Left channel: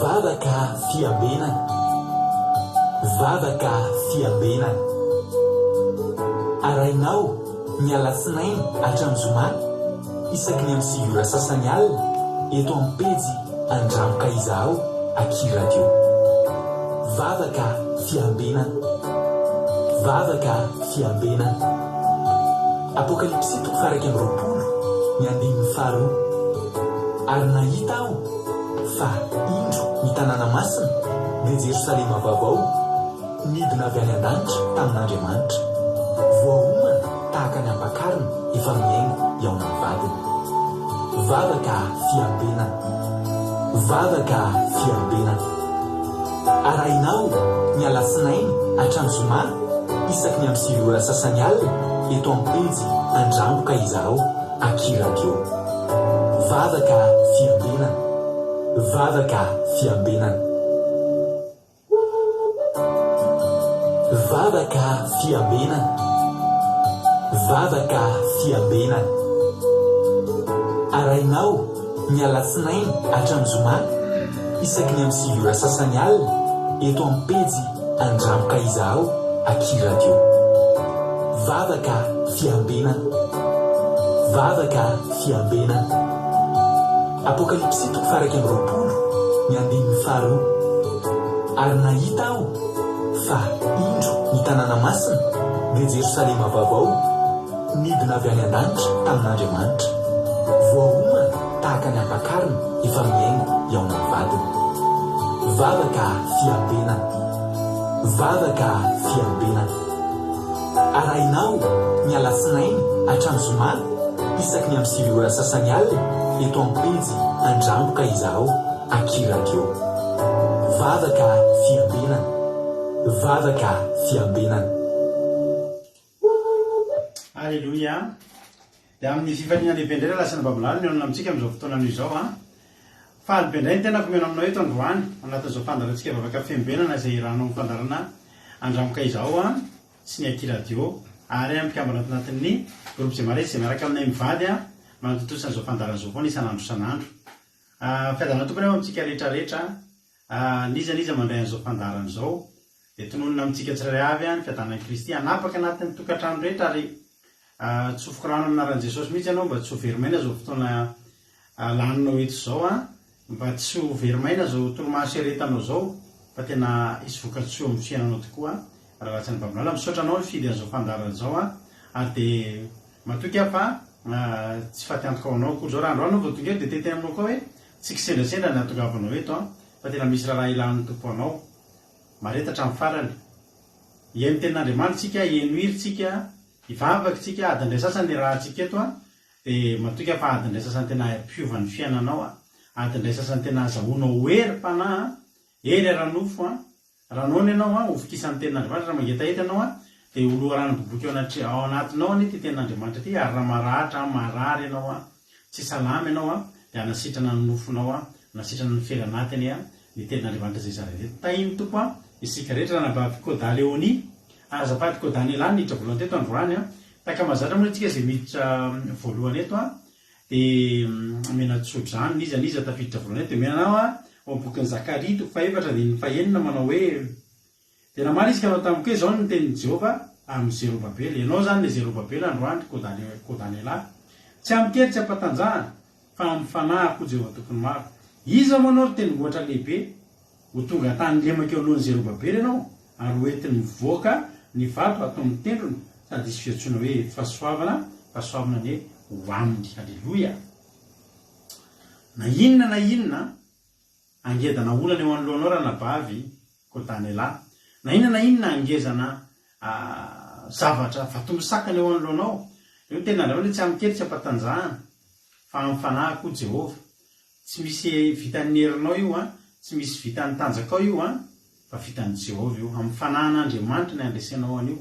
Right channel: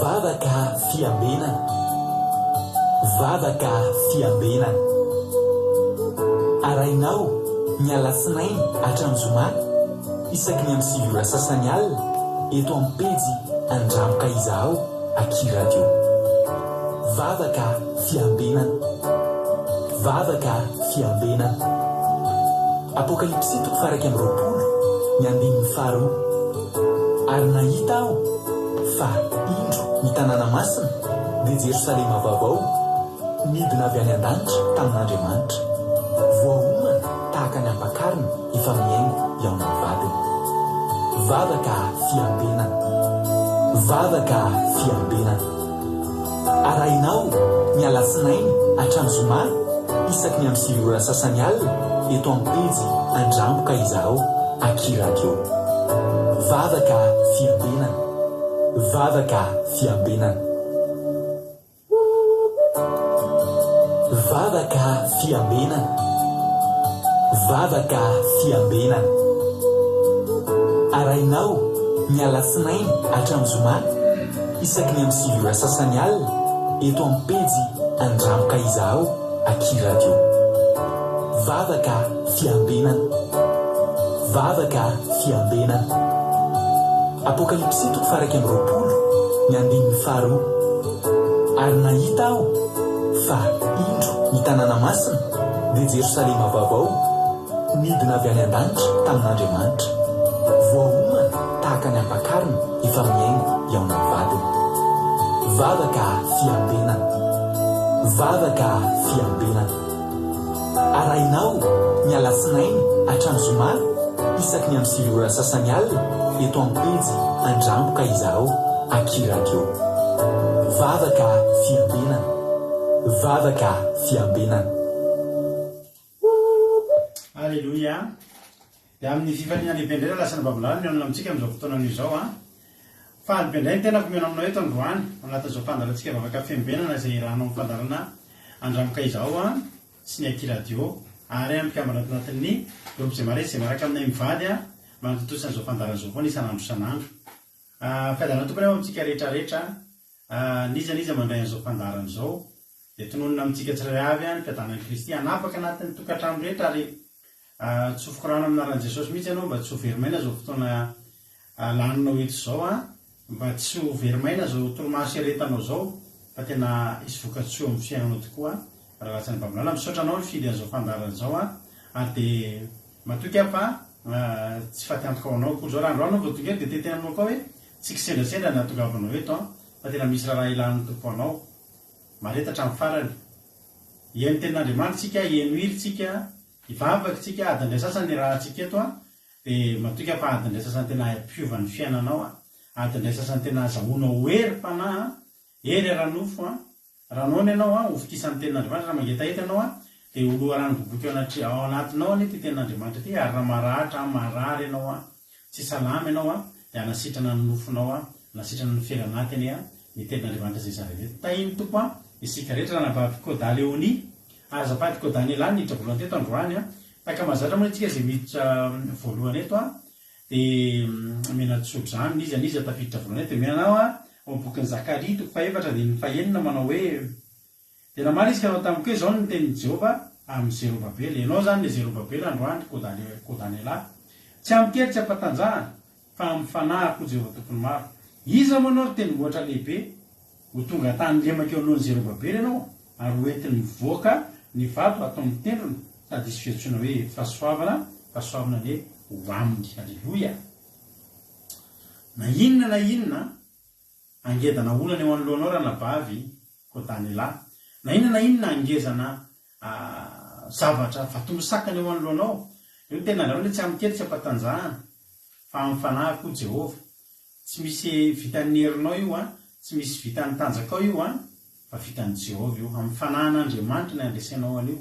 Vavaka fiambenana. Vavaka fiambenana. Arainao ny alatsinainy hatramin'ny zoma isaky ny amin'ny 7 ora sasany alina eto amin'ny pejy Andramoka Izaho Aky Radio. Vavaka fiambenana. Vavaka fiambenana. Apokalipsy 1:20 ny 5. Ary nahita aho fa indro ny tanàna masina dia Jerosalema vaovao midina avy any an-danitra tamin'Andriamanitra, voaomana tahaka ny ampakarina efa miaingo eo amin'ny vadiny. Vavaka fiambenana. Vavaka fiambenana. Arainao ny alatsinainy hatramin'ny zoma isaky ny amin'ny 7 ora sasany alina eto amin'ny pejy Andramoka Izaho Aky Radio. Vavaka fiambenana. Vavaka fiambenana. Vavaka fiambenana. Vavaka fiambenana. Arainao ny alatsinainy hatramin'ny zoma isaky ny amin'ny 7 ora sasany alina eto amin'ny pejy Andramoka Izaho Aky Radio. Vavaka fiambenana. Vavaka fiambenana. Apokalipsy 1:20 ny 5. Ary nahita aho fa indro ny tanàna masina dia Jerosalema vaovao midina avy any an-danitra tamin'Andriamanitra, voaomana tahaka ny ampakarina efa miaingo eo amin'ny vadiny. Vavaka fiambenana. Vavaka fiambenana. Arainao ny alatsinainy hatramin'ny zoma isaky ny amin'ny 7 ora sasany alina eto amin'ny pejy Andramoka Izaho Aky Radio. Vavaka fiambenana. Vavaka fiambenana. Alleluia. Dia amin'ny fifaliana lehibe indray lasana babilany ny onona amintsika amin'izao fotoana izao fa lehibe indray ny tena komena aminao eto androany anatin'izao fandarantsika vavaka fiambenana izay rahanao amin'ny fandarana Andramoka Izaho sy ny Aky Radio, ary amikambana anatin'ny groupe izay mare izay miaraka aminay mivady manatotosana izao fandaran'izao foana isan'andro isan'andro. Fiadana tompony amintsika rehetrarehetra nizaniza mandray an'izao fandarana izao dia tononona amintsika tsirairay avy ny fiadanan'i Kristy hanapaka anatin'ny tokantrano rehetra ary tsy ho fikorana aminaran'i Jesosy mihitsy ianao mba tsy ho verimaina izao fotoana laninao eto izao mba tsy ho verimaina izao toromaso eretanao izao fa tena isy vokatsoa amin'ny fiainanao tokoa raha ratsany babilala misaotra anao ny fidy an'izao fandarana izao ary dia matoky aho fa tsy fatiantoko ao anao koa zao raha androany vao tonga eto dia teteny aminao koa hoe tsy kisendasendra ny atongavanao eto fa tena misy raha ilan'ny tompo anao maretatra amin'ny farany. Ihaino tenin'Andriamanitra tsika, ihaino hiry tsika, ivavaka tsika, adindray sasany raha tsika eto dia matoky aho fa adindray sasany tena ampiovan'ny fiainanao, adindray sasany tena azahoanao hery fanahy, hery aranofo ranony ianao hofokisan'ny tenin'Andriamanitra raha mangeta eto ianao dia oloharany boboky ao anatinao ty tenin'Andriamanitra ty, ary raha maratra marary ianao tsy salama ianao dia anasitrana ny nofonao, anasitrana ny fiainanatiny ny tenin'Andriamanitra izay zarereto. Tahiny tompo isika rehetra raha nabavy Koda Leoni azafady Koda Nela niditra voalohany teto androany taka mazatra moa itsika izay miditra voalohany eto dia menatsotra zany niza tafiditra voalohany eto dia menanao ao bokin'ny Zakaria 4 dia ny 9 manao hoe dia namaly izy ka anao tamiko hoe zao ny tenin'i Jehova amin'ny Zerobabely. Ianao zany ny Zerobabely androany Koda Nela tsy amikery tsy ampatanjahana fa amin'ny fanahiko Jehova tokony maro. Iza moa anao teny goatra lehibe ho tonga tany lemaka eo alohan'ny Zerobabely ianao ary hoentiny mivoaka ny vato atao amin'ny tendrony sady isy fiantsoana hoe fahasoavana ny ho aminy. Alleluia. Na inona angedana olana eo anoloanao raha nabavy Koda Nela, na inona angezana zavatra fatombosakana eo anoloanao, io tena andreo tsy amikery tsy ampatanjahana fa amin'ny fanahiko Jehova. Tsy misy vitan'ny herinao io tsy misy vitan'ny tanjakao io fa vitan'ny Jehova io, amin'ny fanahan'Andriamanitra ny andresenao an'io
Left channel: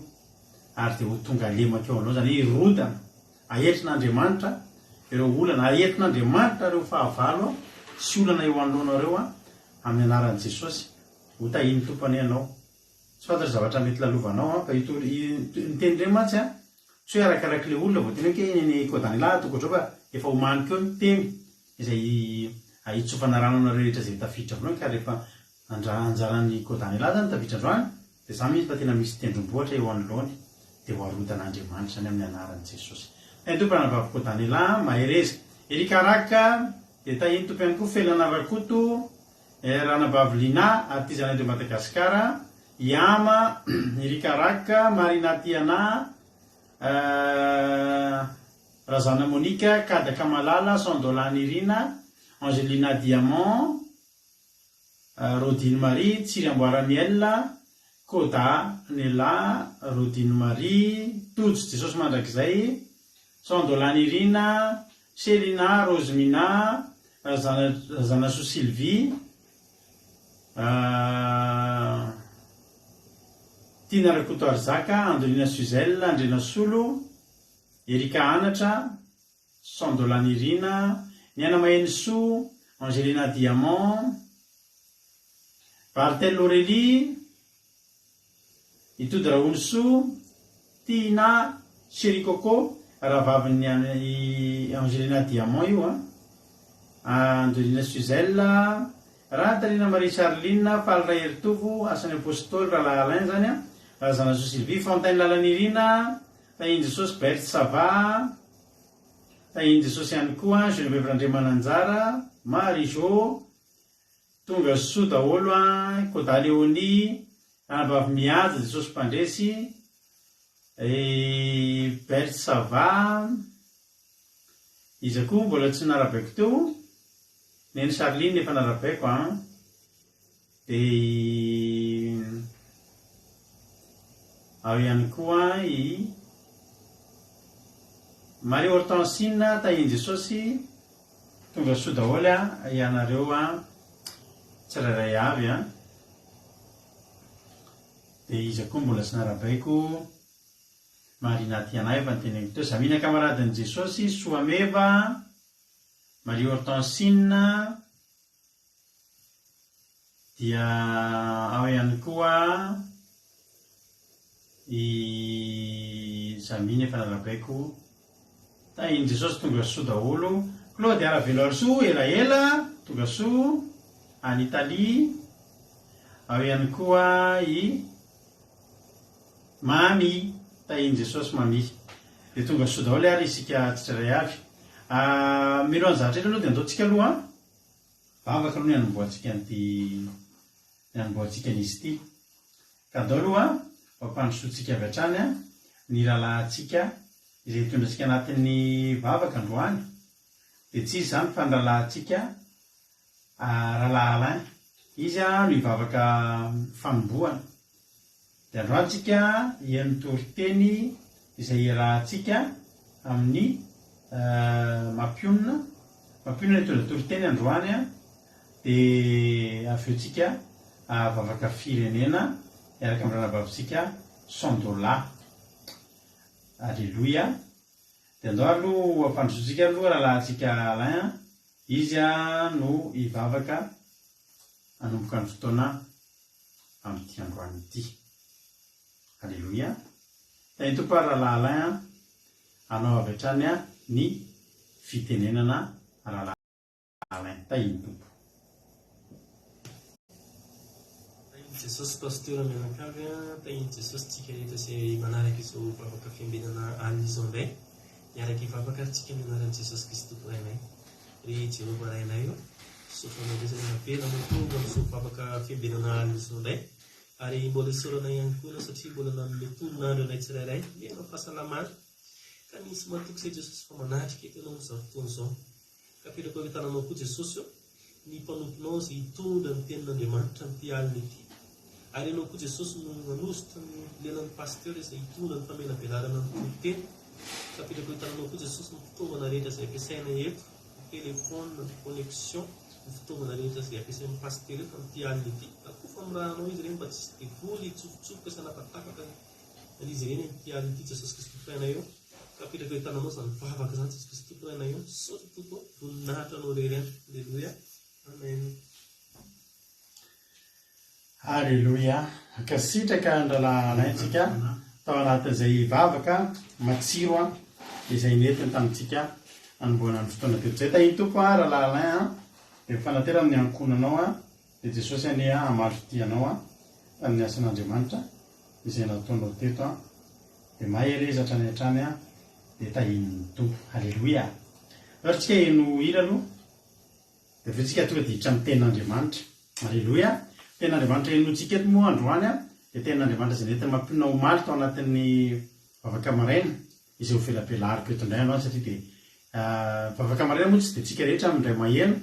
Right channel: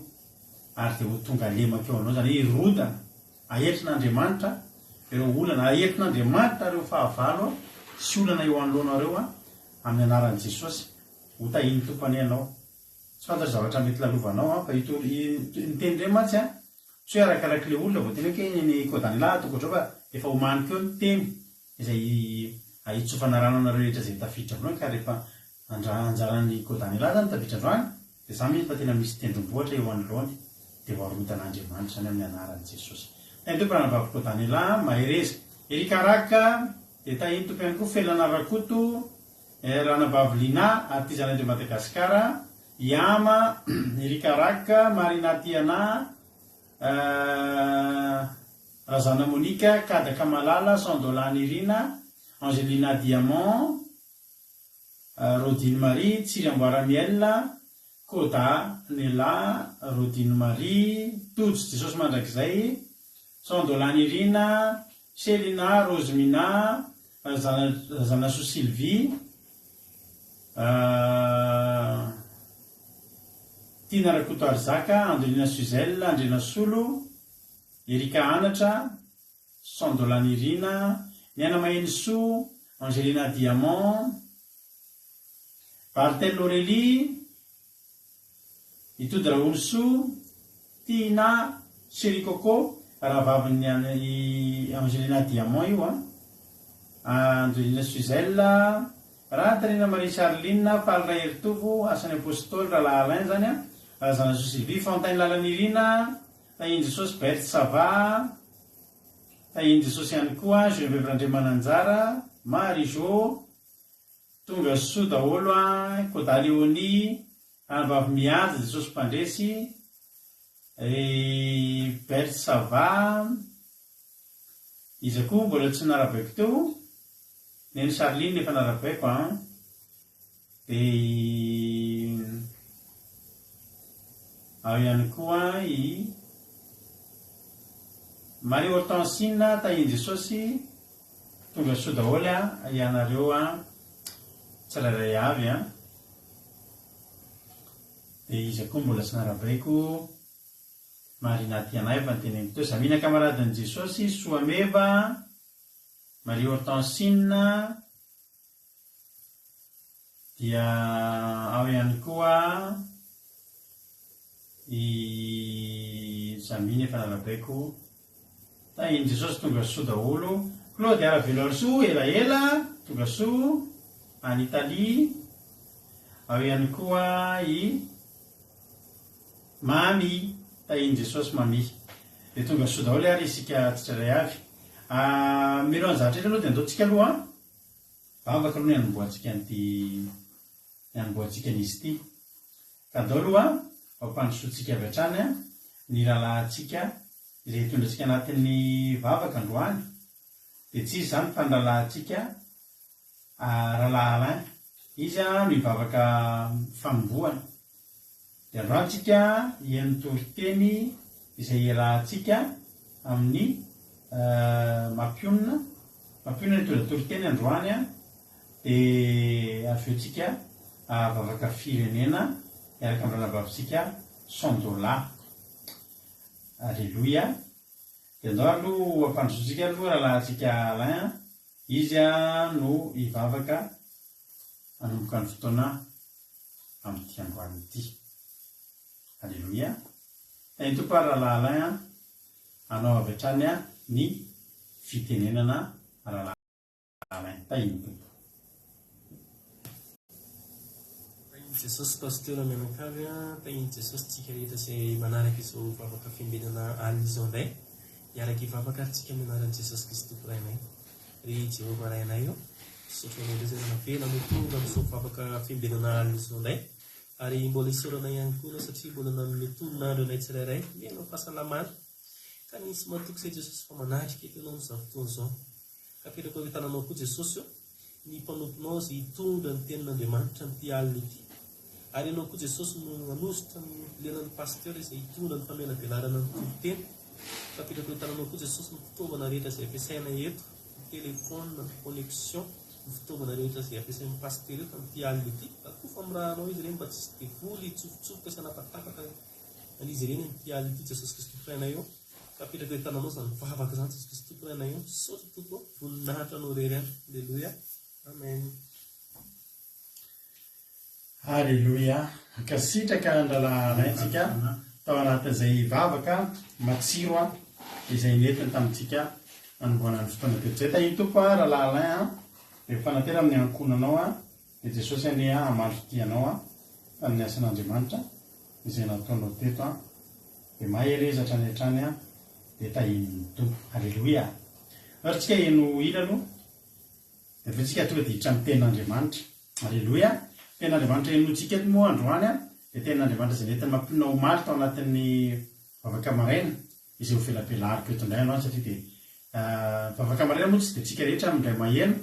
ary dia ho tonga lemaka eo anao zany hirodana ahetrin'Andriamanitra ireo olana, ahetrin'Andriamanitra ireo fahavalo sy olana eo anoloanao reo amin'ny anaran'i Jesosy. Ho tahiny tompany ianao, tsy fantatra zavatra mety lalovanao fa nitendry mantsy tsy hoe arakarak'ilay olona vao tena hoe ny Koda Nela tokotro fa efa homaniko eo ny teny izay ahitsofana rano anareo rehetra zay tafiditra androany ka rehefa anjaran'ny kodany zany tafiditra androany de za mihitsy fa tena misy tendrombohatra eo anoloany de hoarotan'Andriamanitra zany amin'ny anaran'i Jesosy. Tompo anavavy kodany mahereza erikaraka de tahiny tompo ihany koa felana rakoto ranavavy Lina artizan'Andrio Madagasikara Iama erikaraka Marina Tiana Razana Monika Kadaka Malala Sandolany Irina Angelina Diamant Rodine Marie Tsiriamboara Miel Koda Nela Rodine Marie Tojo Jesosy mandrakizay Sandolany Irina Selina Rosemina Zanaso Sylvie Tina Rakoto Arzaka Angelina Suzelle Andrena Solo Erika Anatra Sandolany Irina Niana Mahenso Angelina Diamant Bartel Aurélie Itody Raonso Tina Sherikoko rahavaviny Angelina Diamant io Angelina Suzelle Rahatarina Marie Charline Falra Heritovo Asany Apôstôly Rahalahy Alain zany Zanaso Sylvie Fontaine Lalanirina tahiny Jesosy Berthe Sava tahiny Jesosy ihany koa Geneviève Randriamananjara Marie Jo tonga soa daholo Koda Léonie anavavy mihaja Jesosy Mpandresy Berthe Sava izy koa mbola tsy narabaiko teo neny Charline efa narabaiko de ao ihany koa Marie Hortensine tahiny Jesosy tonga soa daholo ianareo tsirairay avy de izy koa mbola tsy narabaiko Marina Tiana efa nyteneniko teo Zamina Kamaradin'i Jesosy Soameva Marie Hortensine dia ao ihany koa Zamina efa narabaiko tahiny Jesosy tonga soa daholo Claude Aravelo Arsoa elaela tonga soa any Italie ao ihany koa Mami tahiny Jesosy Mami de tonga soa daholo ary isika tsirairay avy milohan'ny zavatra aloha de andaotsika aloha vavaka aloha ny anomboantsika anomboantsika an'izy ity ka andao aloha fampandrosoantsika avy hatrany ny rahalahintsika izay hitondratsika anatin'ny vavaka androany de tsy izy zany fa ny rahalahintsika Rahalahy Alain izy no hivavaka fanomboana de androantsika hihaino toriteny izay iarahantsika amin'ny mampionina hitondra toriteny androany de avy eo tsika vavaka firenena miaraka amin'ny ranavavitsika Sandola Alleluia de andao aloha ampandrosoantsika aloha rahalahintsika Alain izy no hivavaka hanomboka ny fotoana amin'ity androany ity. Alleluia. Tahiny tompo rahalahy Alain anao avy hatrany ny fitenenana rahalahy Alain tahiny tompo. Jesosy pasteur menakavy tahiny Jesosy tsika rehetra izay manaraka izao vavaka fiambenana alina izao indray miaraka hivavaka tsika amin'ny anaran'i Jesosy Kristy Tompolainay ry Jehovah rainay io sotro manao navela mitonga izao vavaka fiambenana alina izao indray ary mbola isorana ihany koa satria mbola nanome tonon'andro anay tsirairay miaina fahasalamana ka misy matoky izay Jesosy fa manatrika eto ianao amin'izao fotoana izao ka firako hoe tananao koa Jesosy io ny mpanomponao izay hitondra ny tenin'Andriamanitra amin'ity alina ity ary ianao koa Jesosy no nanositra ny lenan'ny pasteur izay hitondra ny famelam-pianarana ny tontoteny ka firako hoe tananao koa Jesosy ny fitaovana rehetra izay ampiasaina eto ny telefôna ny connexion ny fitaovana rehetra izay ampiasain'ny pasteur eto amin'ity alina ity akofa amirahanao izy ireny mba tsy devoly tsofotsofoka sanapatapaka izy ireny amin'ity alina ity Jesosy Kristy Tompolainay eo ka firako hoe tananao izany vavaka izany Jesosy Kristy Tompolainay eo sotra tokoa voninahitra anao rery any. Alleluia amen. Alleluia. Kasitraka andralahy Alaintsika tao anatin'izay vavaka matsiro izay nentiny tamintsika anomboana ny fotoana teto zay tahiny tompo rahalahy Alain dia fanatera amin'ny ankonanao a dia jesosy any amalotianao a tamin'ny asan'andriamanitra izay nataonao teto a dia maherezatra ny hatrany a dia tahin'ny tompo. Halleloia. Ary tsika eno hira aloha dia avetsika tonga dia hiditra amin'ny tenin'andriamanitra. Halleloia. Tenin'andriamanitra enontsika eto moa androany a dia tenin'andriamanitra izay nentina mampinona ho maly tao anatin'ny vavaka maraina izay ho felapelariko eto indray androany satria dia vavaka maraina moa tsy dia tsika rehetra amindray maheno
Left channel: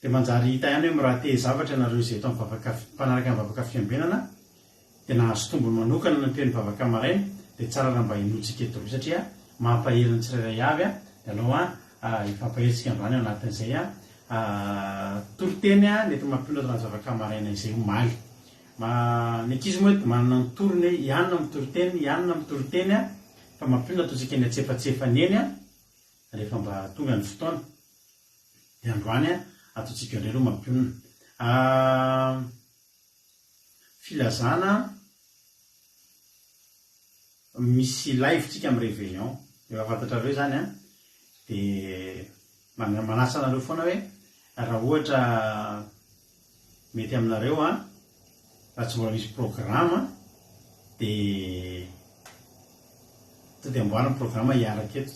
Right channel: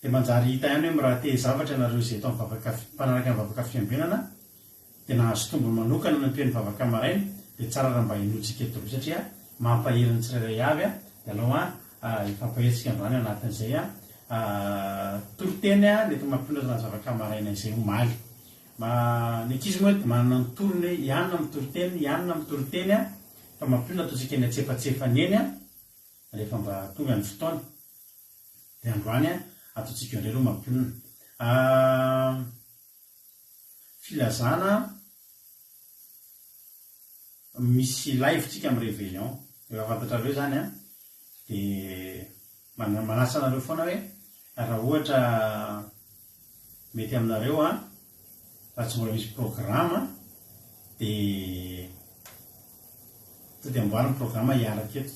dia manjary hita ihany hoe miraha te zavatra ianareo izay eto mpanaraka amin'ny vavaka fiambenana dia nahazo tombony manokana no toen'ny vavaka maraina dia tsara raha mba henotsika eto roa satria mampaheriny tsirairay avy a dia alao a ifampaheritsika androany anatin'izay a toroteny a nety mampinona tana zavaka maraina izay ho maly. Ny ankizy moa hoe manana ny torony hoe ianona amin'ny toroteny ianona amin'ny toroteny a fa mampinona ataontsika ny atsefatsefany eny a rehefa mba tonga ny fotoana dia androany a ataontsika indray aloha mampinona. Filazana misy live-tsika amin'ny réveillon efa fantatrareo zany a dia manasa anareo foana hoe raha ohatra mety aminareo a raha tsy mbola misy programme dia tody amboariny programme hiaraka eto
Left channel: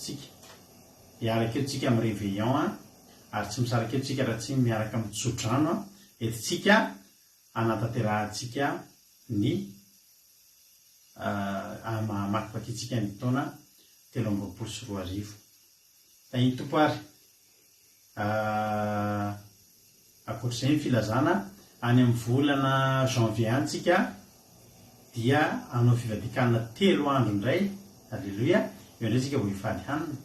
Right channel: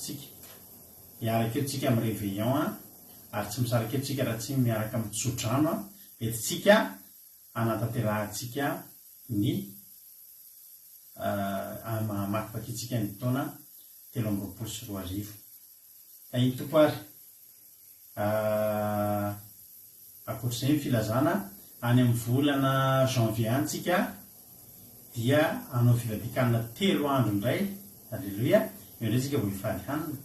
tsika amin'ny réveillon a ary tsy misaraka eto tsika raha tsy miaraka amin'ny tsodrano a etitsika anatanterahitsika ny makivakytsika ny taona 2024. Iny tompo ary akoatr'izay ny filazana any amin'ny volana janvier antsika dia anao fivadikanana 3 andro indray. Halleloia. Eo indray tsika vao hifaly hanina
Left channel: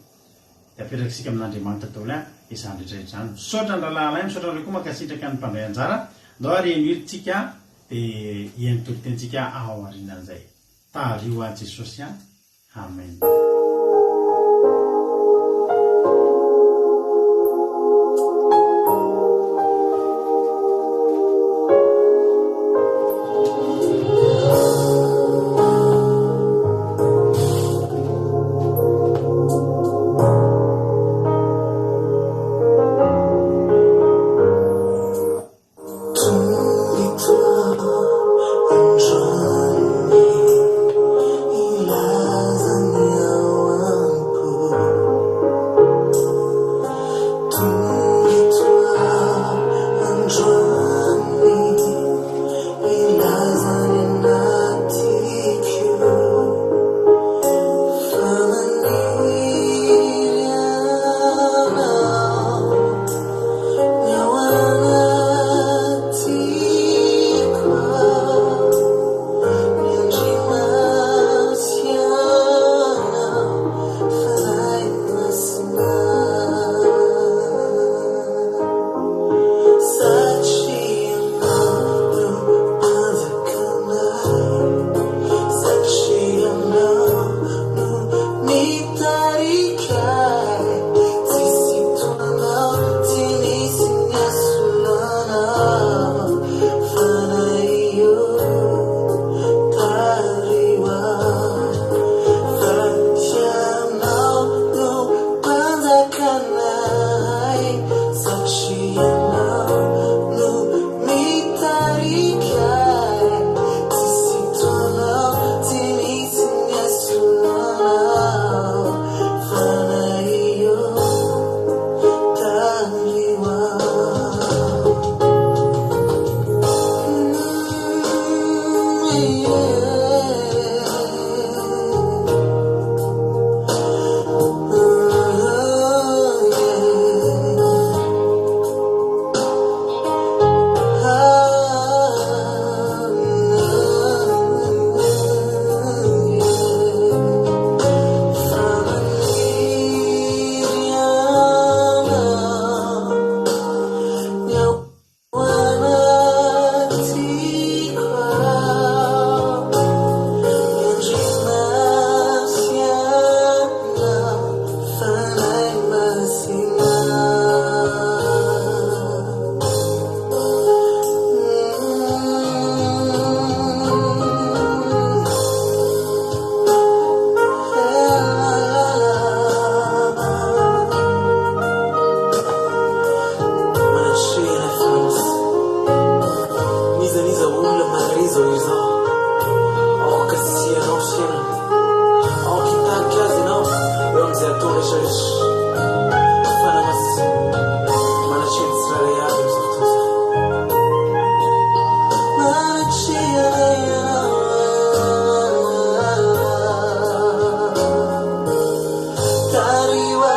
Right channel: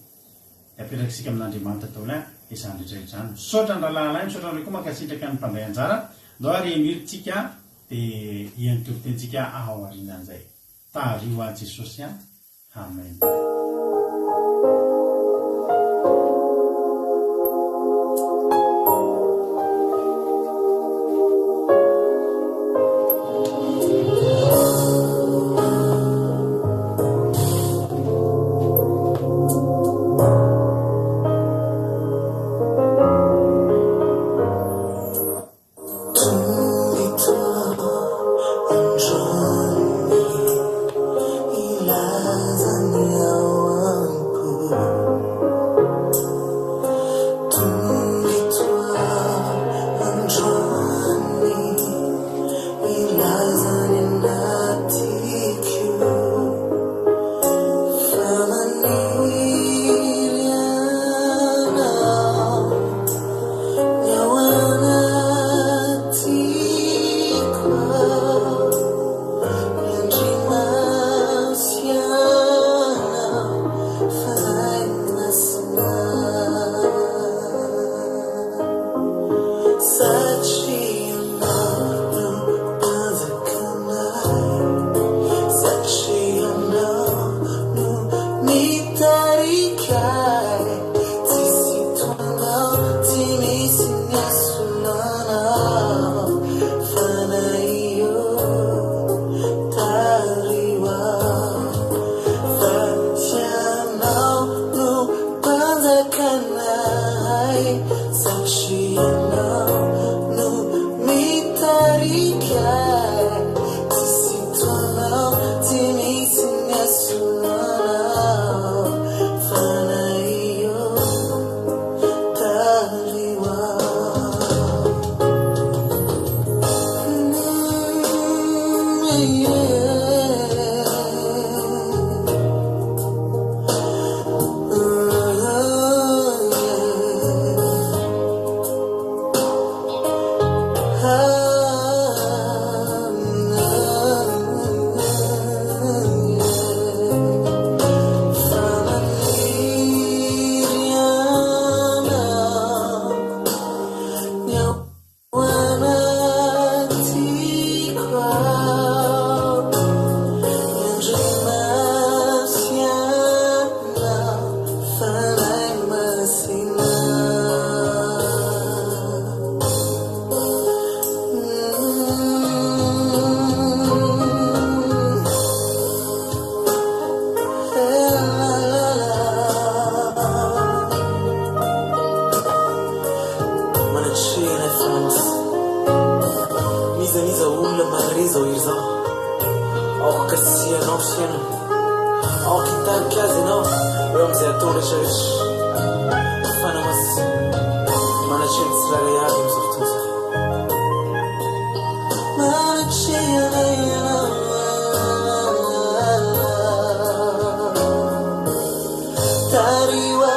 dia aperakitsika amin'Andriamanitra daholo izany rehetrarehetra izany. Saotra ny rahalahy saotra anareo koa mankasitraka ny mpandray anjara ndao ary enirytsika dia ientoritentsika ao aorianan'izay. Tario a Jesosy a. Amen. Ilaza Sanatria France Niza olona marizo izao Okasianao sena Okitaritra azy ianao eo amizay ataona rehetrarehetra Fanamasy Manatreha tsirairay avy amizao fotoana izao Manatreha ianao Tariwa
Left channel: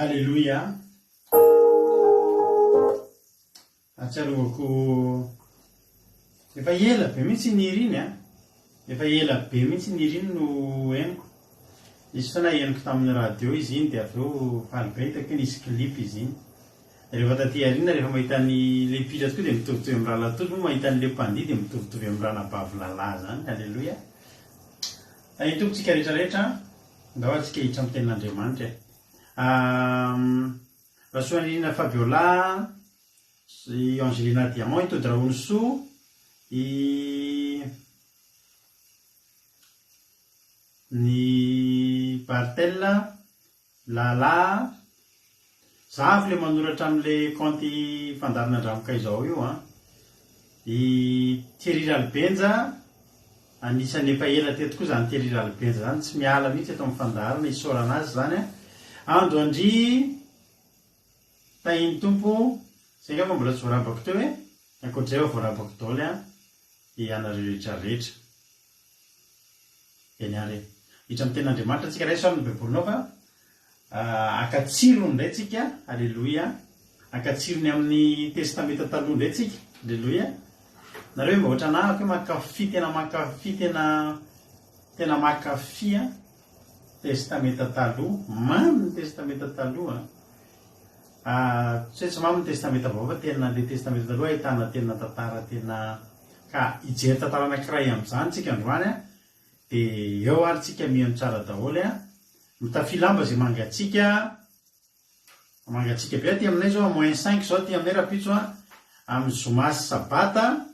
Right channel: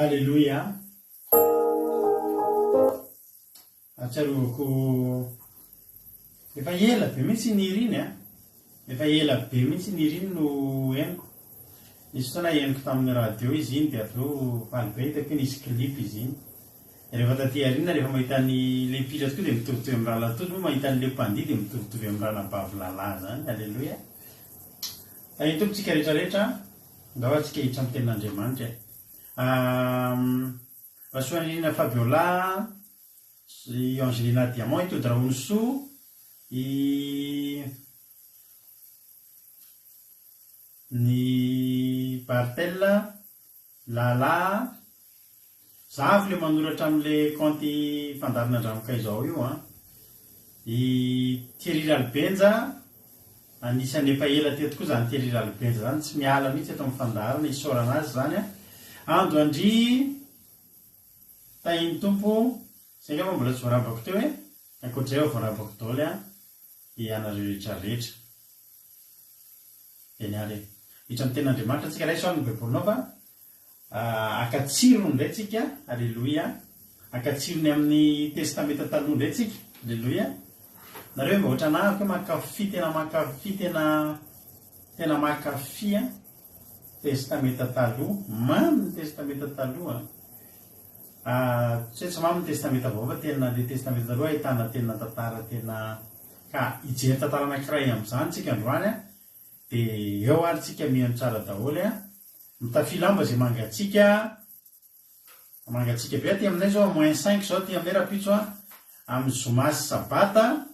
Alléluia. Atsarovako efa ela be mihitsy niriny a. Efa ela be mihitsy niriny no henoko. Nisy fotoana henoko tamin'ny radio izy iny dia avy eo faly be hitako hoe nisy clip izy iny. Rehefa taty arina rehefa mahita ny le mpila tokoa dia mitovitovy amin'ny raha latoto moa mahita ny le mpandihy dia mitovitovy amin'ny raha nabavy lalahy zany. Alléluia. Ay tompontsika rehetrarehetra mba ho antsika hiditra amin'ny tenin'Andriamanitra. Rasoanina Fabiola, Angelina Diamant, ito Draonso, ny Bartella, Lala, zavy le manoratra amin'ile compte fandarina andramoka izao io a. I Thierry Ralbenja, anisan'ny efa ela teto koa zany Thierry Ralbenja zany, tsy miala mihitsy eto amin'ny fandarina, isaorana azy zany a. Ando Andry, tahiny tompo, izay angamba mbola tsy voarabako teo hoe ankoatr'izay efa voarabako daoly a ianareo rehetrarehetra. Eny ary hiditra amin'ny tenin'Andriamanitra antsika ray saon'ny baibolinao fa akatsirony indray tsika, alleloia. Akatsirony amin'ny testamenta taloha indray tsika, alleloia. Nareo mba ohatra anahako hoe makafy tena makafy a testamenta taloha, mamy ny testamenta taloha. Tsy mamy ny testamenta vaovao fa tena le testamenta taloha ahitana tena tantara tena ka hijery tantara anankiray amin'izany tsika androany a. Dia eo ary tsika miheno tsara daholo a. Mitafilamba izay mangatsika be aty aminay zao -5 zao aty aminay rapitso a. Amin'ny zoma sy sabata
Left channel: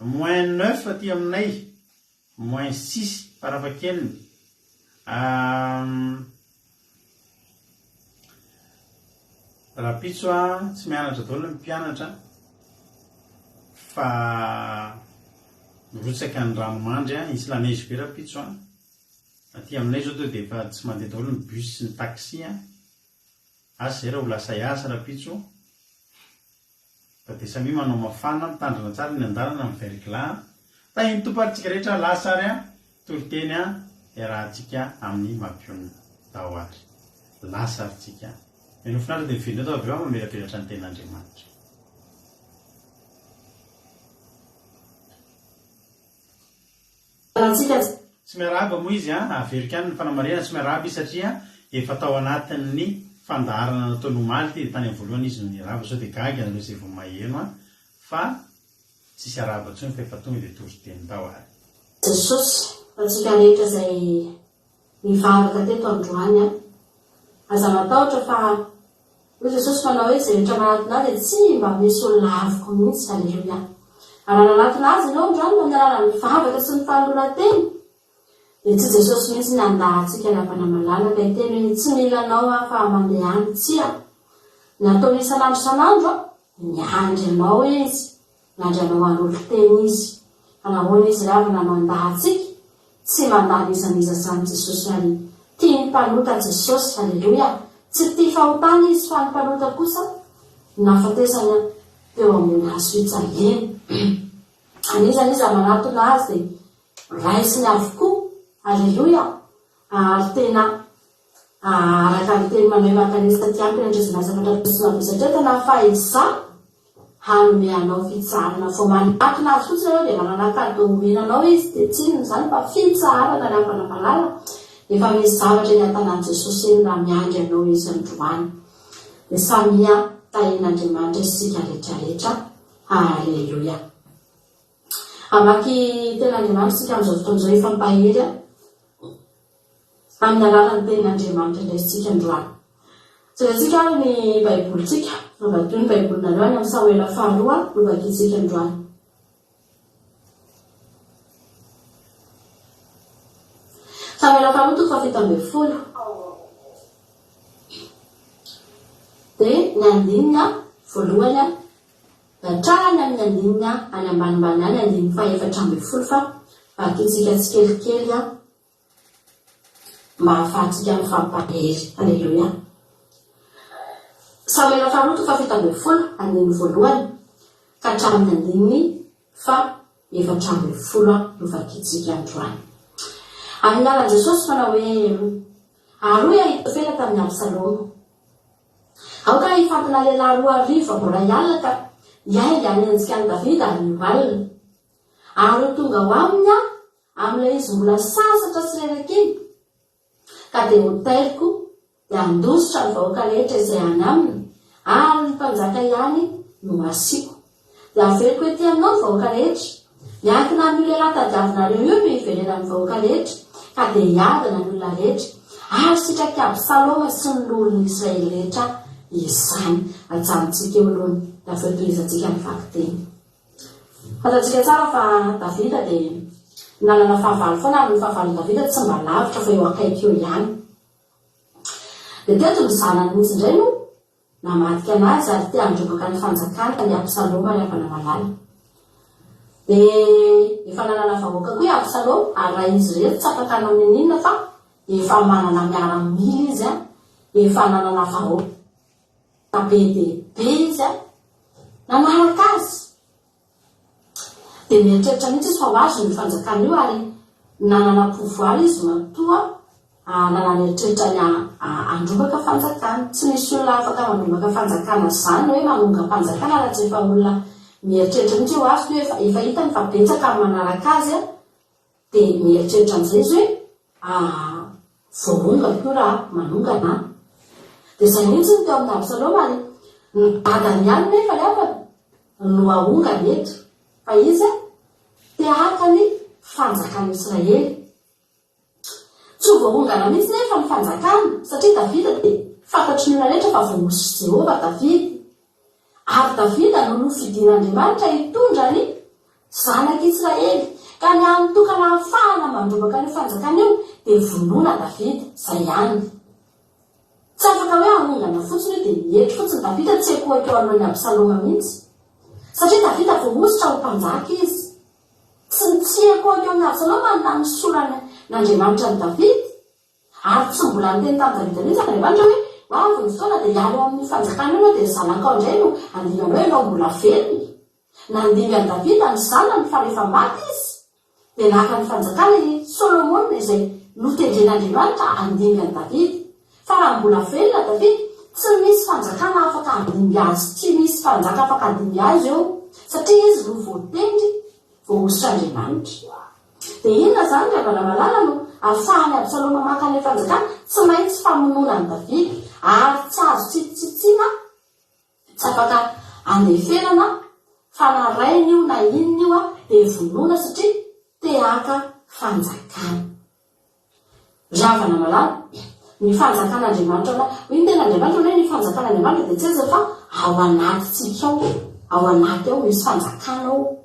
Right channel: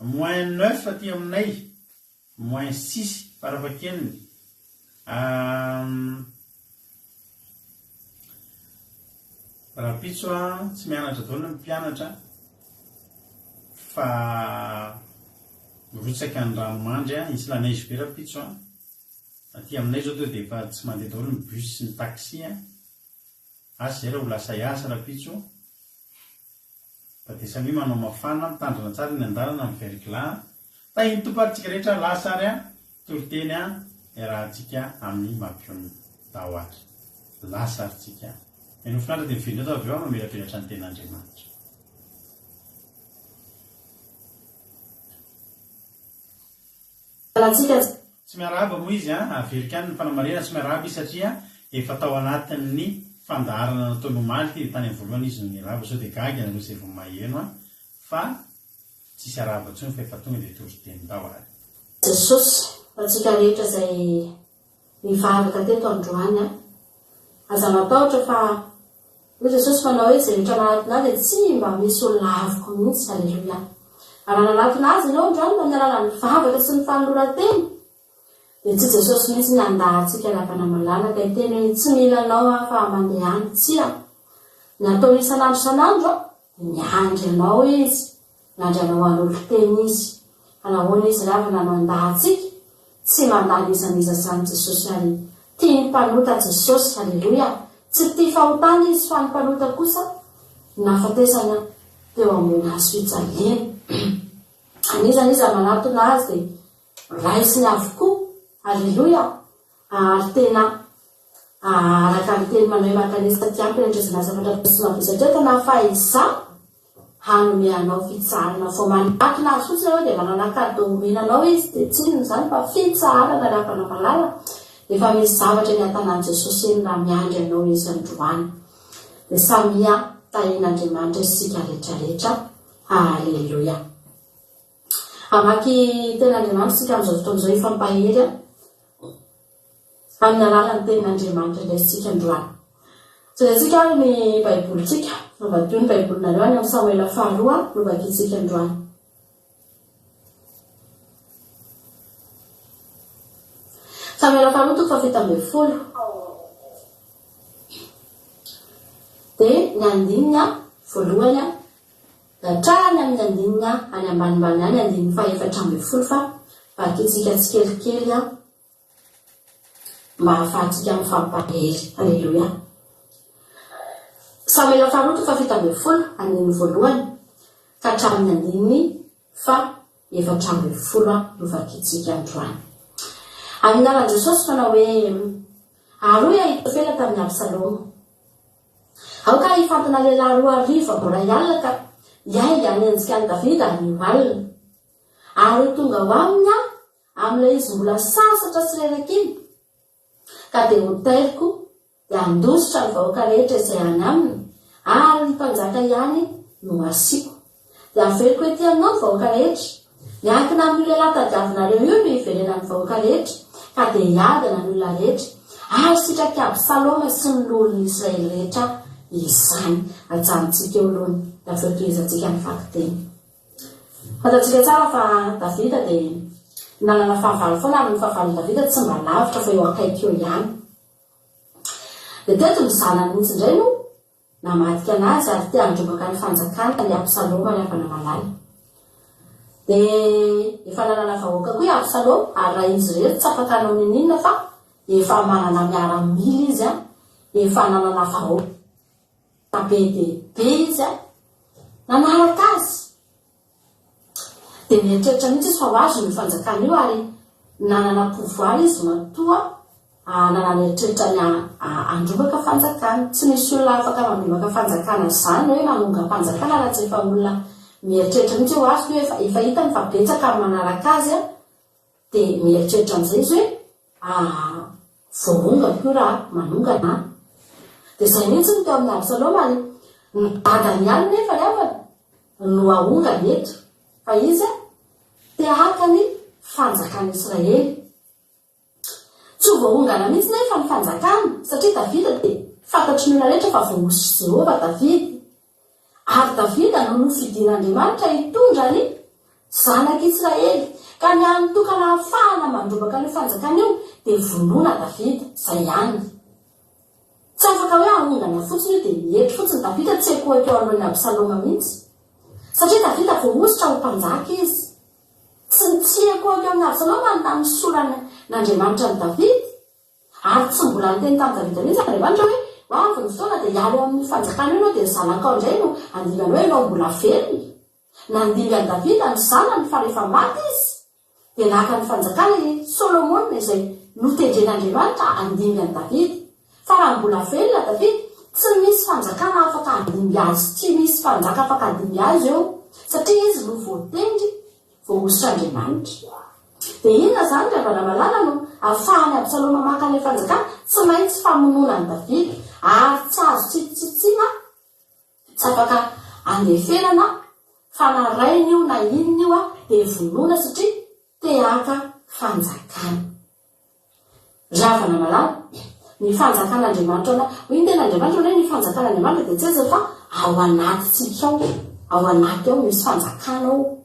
-9 aty aminay, -6 farafahakeliny. Rapitso a tsy mianatra daholo ny mpianatra fa mirotsaka ny ranomandry a, isy la neige be rapitso a. Aty aminay zao dia efa tsy mandeha daholo ny bus sy ny taxi a. Asa zay raha ho lasa hiasa rapitso. Dia samy manao mafana, mitandrina tsara ny andalana amin'ny verglas. Tahiny tomparitsika rehetra lasa ary a, toriteny a, rahantsika amin'ny mampiona dahoary. Lasa ary tsika. Eny ho finaritra dia mivinona atao avy eo mamelapelatra ny ten'Andriamanitra. Antsika tsy miarahaba moa izy averika any ny fanamarena tsy miarahaba izy satria efa tao anatin'ny fandaharana nataonomaly ty tany amin'ny voalohany izy niraba sao dia gagy anareo izay vao maheno fa tsisy arahaba ntsony fa efa tonga dia tory-teny tao ary Jesosy antsika rehetra izay mivavaka teto androany aza matahotra fa hoy Jesosy manao hoe izay rehetra manatona azy tsy mba misy olona avoko mihitsy. Alleluia. Anananatona azy ianao androany manarana mivavaka sy ny fanoloran-teny dia tsy Jesosy mihitsy ny andahantsika lavana malalaka iteny hoe tsy milanao fa mandeha any tsia ny atao isan'andro isan'andro miandry anao izy miandry anao an'olo-teny izy anahoana izy ravina mandahantsika tsy mandany izaniza zany Jesosy ary tia ny mpanota Jesosy. Alleluia. Tsy tia fahotana izy fa ny mpanota kosa nafatesana teo amin'ny hazo fijaliana anizany izy manatona azy dia raisiny avokoa. Alleluia. Ary tena araka ny teny manome makanisa taty ampy andrezana zavatratosina visatria tena fahaiza hanome anao fitsarana fo manatona azy fotsiny anao dia manana kado omenanao izy dia tsinony zany fa fitsarana ravana malala efa misy zavatra eny an-tanàn Jesosy eny na miandry anao izy androany dia samia tahin'Andriamanitra isika rehetrarehetra. Alleluia. Amaky tena Andriamanitra sika amin'izao fotoan'izao efa mpahery amin'ny alalan'ny tenin'Andriamanitra indraisitsika androany. Tsika ny baibolitsika novatio ny baibolinareo any amin'ny Samuela faharoa novakitsika androany. Samuela faharoa toko fafito ambin'ny folo dia ny andininy voalohany hatrany amin'ny andininy any ambanimbany any andininy fahaefatra ambin'ny folo fa vakitsika tsikelikely mba ahafahantsika ny fampahery. Alleluia. Samuela faharoa toko fafito ambin'ny folo andininy voalohany ka hatramin'ny andininy fahaefatra ambin'ny folo no vakitsika androany. Amin'ny alalan'i Jesosy manao hoe aroy Ahitofela tamin'ny Absalomo. Aoka hifantana lehilahy roa arivo mbola hialina ka hiainga ny endrika an'i Davida ary nivalina. Ary tonga ho aminy amin'ilay izy mbola sasatra sy reraka iny ka dia hoteliko dia andositra ny vahoaka rehetra izay any aminy ary ny mpanjaka ihany no asiako. Dia averiko ety aminao ny vahoaka rehetra miankina amin'ny lehilahy tadiavinareo io no hiverena ny vahoaka rehetra ka dia hiadana ny olona rehetra ary sitraka Absaloma sy ny olona Israely rehetra izany. Ajanontsika eo aloha dia averitoizantsika ny fakiteny. Fantatsika tsara fa Davida dia nanana fahavalo foana ary ny fahavalon Davida tsy mba lavitra fa eo akaiky eo ihany. Dia teto ny zanany mihitsy indray no namadika anazy ary tia androbaka ny fanjakana ny Absaloma ny avana malala. Dia efa nanana vahoaka koa i Absaloma ary raha izy rehetra tsy afaka hanao ninina fa efa manana miaramila izy efa nanana vahoaka be dia be izy nanaraka azy. Dia mieritreritra mihitsy izy fa ho azy ny fanjakana io ary nanana pouvoir izy matoa nanana eritreritra ny androbaka fanjakana. Tsy misy olona afaka mandrobaka fanjakana zany hoe mamonga mpanjakana raha tsy efa olona mieritreritra mihitsy ho azy hoe efa hitany fa betsaka ary manaraka azy dia mieritreritra amin'izay izy hoe voaonga koa raha manongana. Dia izay mihitsy ny teo amin'ny Absaloma ary ny dadany ihany nefa rehefa no ahonga eto fa izy tia haka ny fanjakana Israely. Tsy voaongana mihitsy nefa ny fanjakana satria Davida dia fantatry ny olona rehetra fa vonosy Jehova Davida ary Davida no nofidian'Andriamanitra hitondra ny zanak'Israely ka ny anitokana ahafahana mandrobaka ny fanjakana io dia vonoina Davida izay ihany. Tsy afaka hoe ahongana fotsiny dia mihetry fotsiny Davida tsy ekoeko alohan'ny Absaloma mihitsy satria Davida voaositra ho mpanjaka izy. Tsy ekoeko amin'ny Absaloma na nisorana n'Andriamanitra ny Davida ary tsy mbola niteny tamin'ny Davida mihitsy Andriamanitra hoe hoavy ny fotoana dia hialo amin'ny fanjakana io dia zanatao indray no andingana hoe ianao mbola velona. Nandingany Davida ny zanany fa rehefa maty izy dia naka ny fanjakana i Solomona izay notendren'Andriamanitra andingany Davida. Fa raha mbola velona Davida tsy misy fanjakana afaka handinga azy, tsy misy fanjaka afaka handinga azy eo satria izy no voatendry voaositra Andriamanitra. dia inona zany rehefa malala no ahafahany Absaloma maka ilay fanjakana tsy maintsy famonona ny Davida ary tsy azo tsitsitsiana tsy afaka andeferana fanarainy io na inona io dia vonona satria te-haka fanjakana. Ravana malala ny fanjakan'Andriamanitra hoy ny ten'Andriamanitra hoe ny fanjakan'Andriamanitra dia tsy aza fa ao anatintsika ao anaty ao misy fanjakana ao.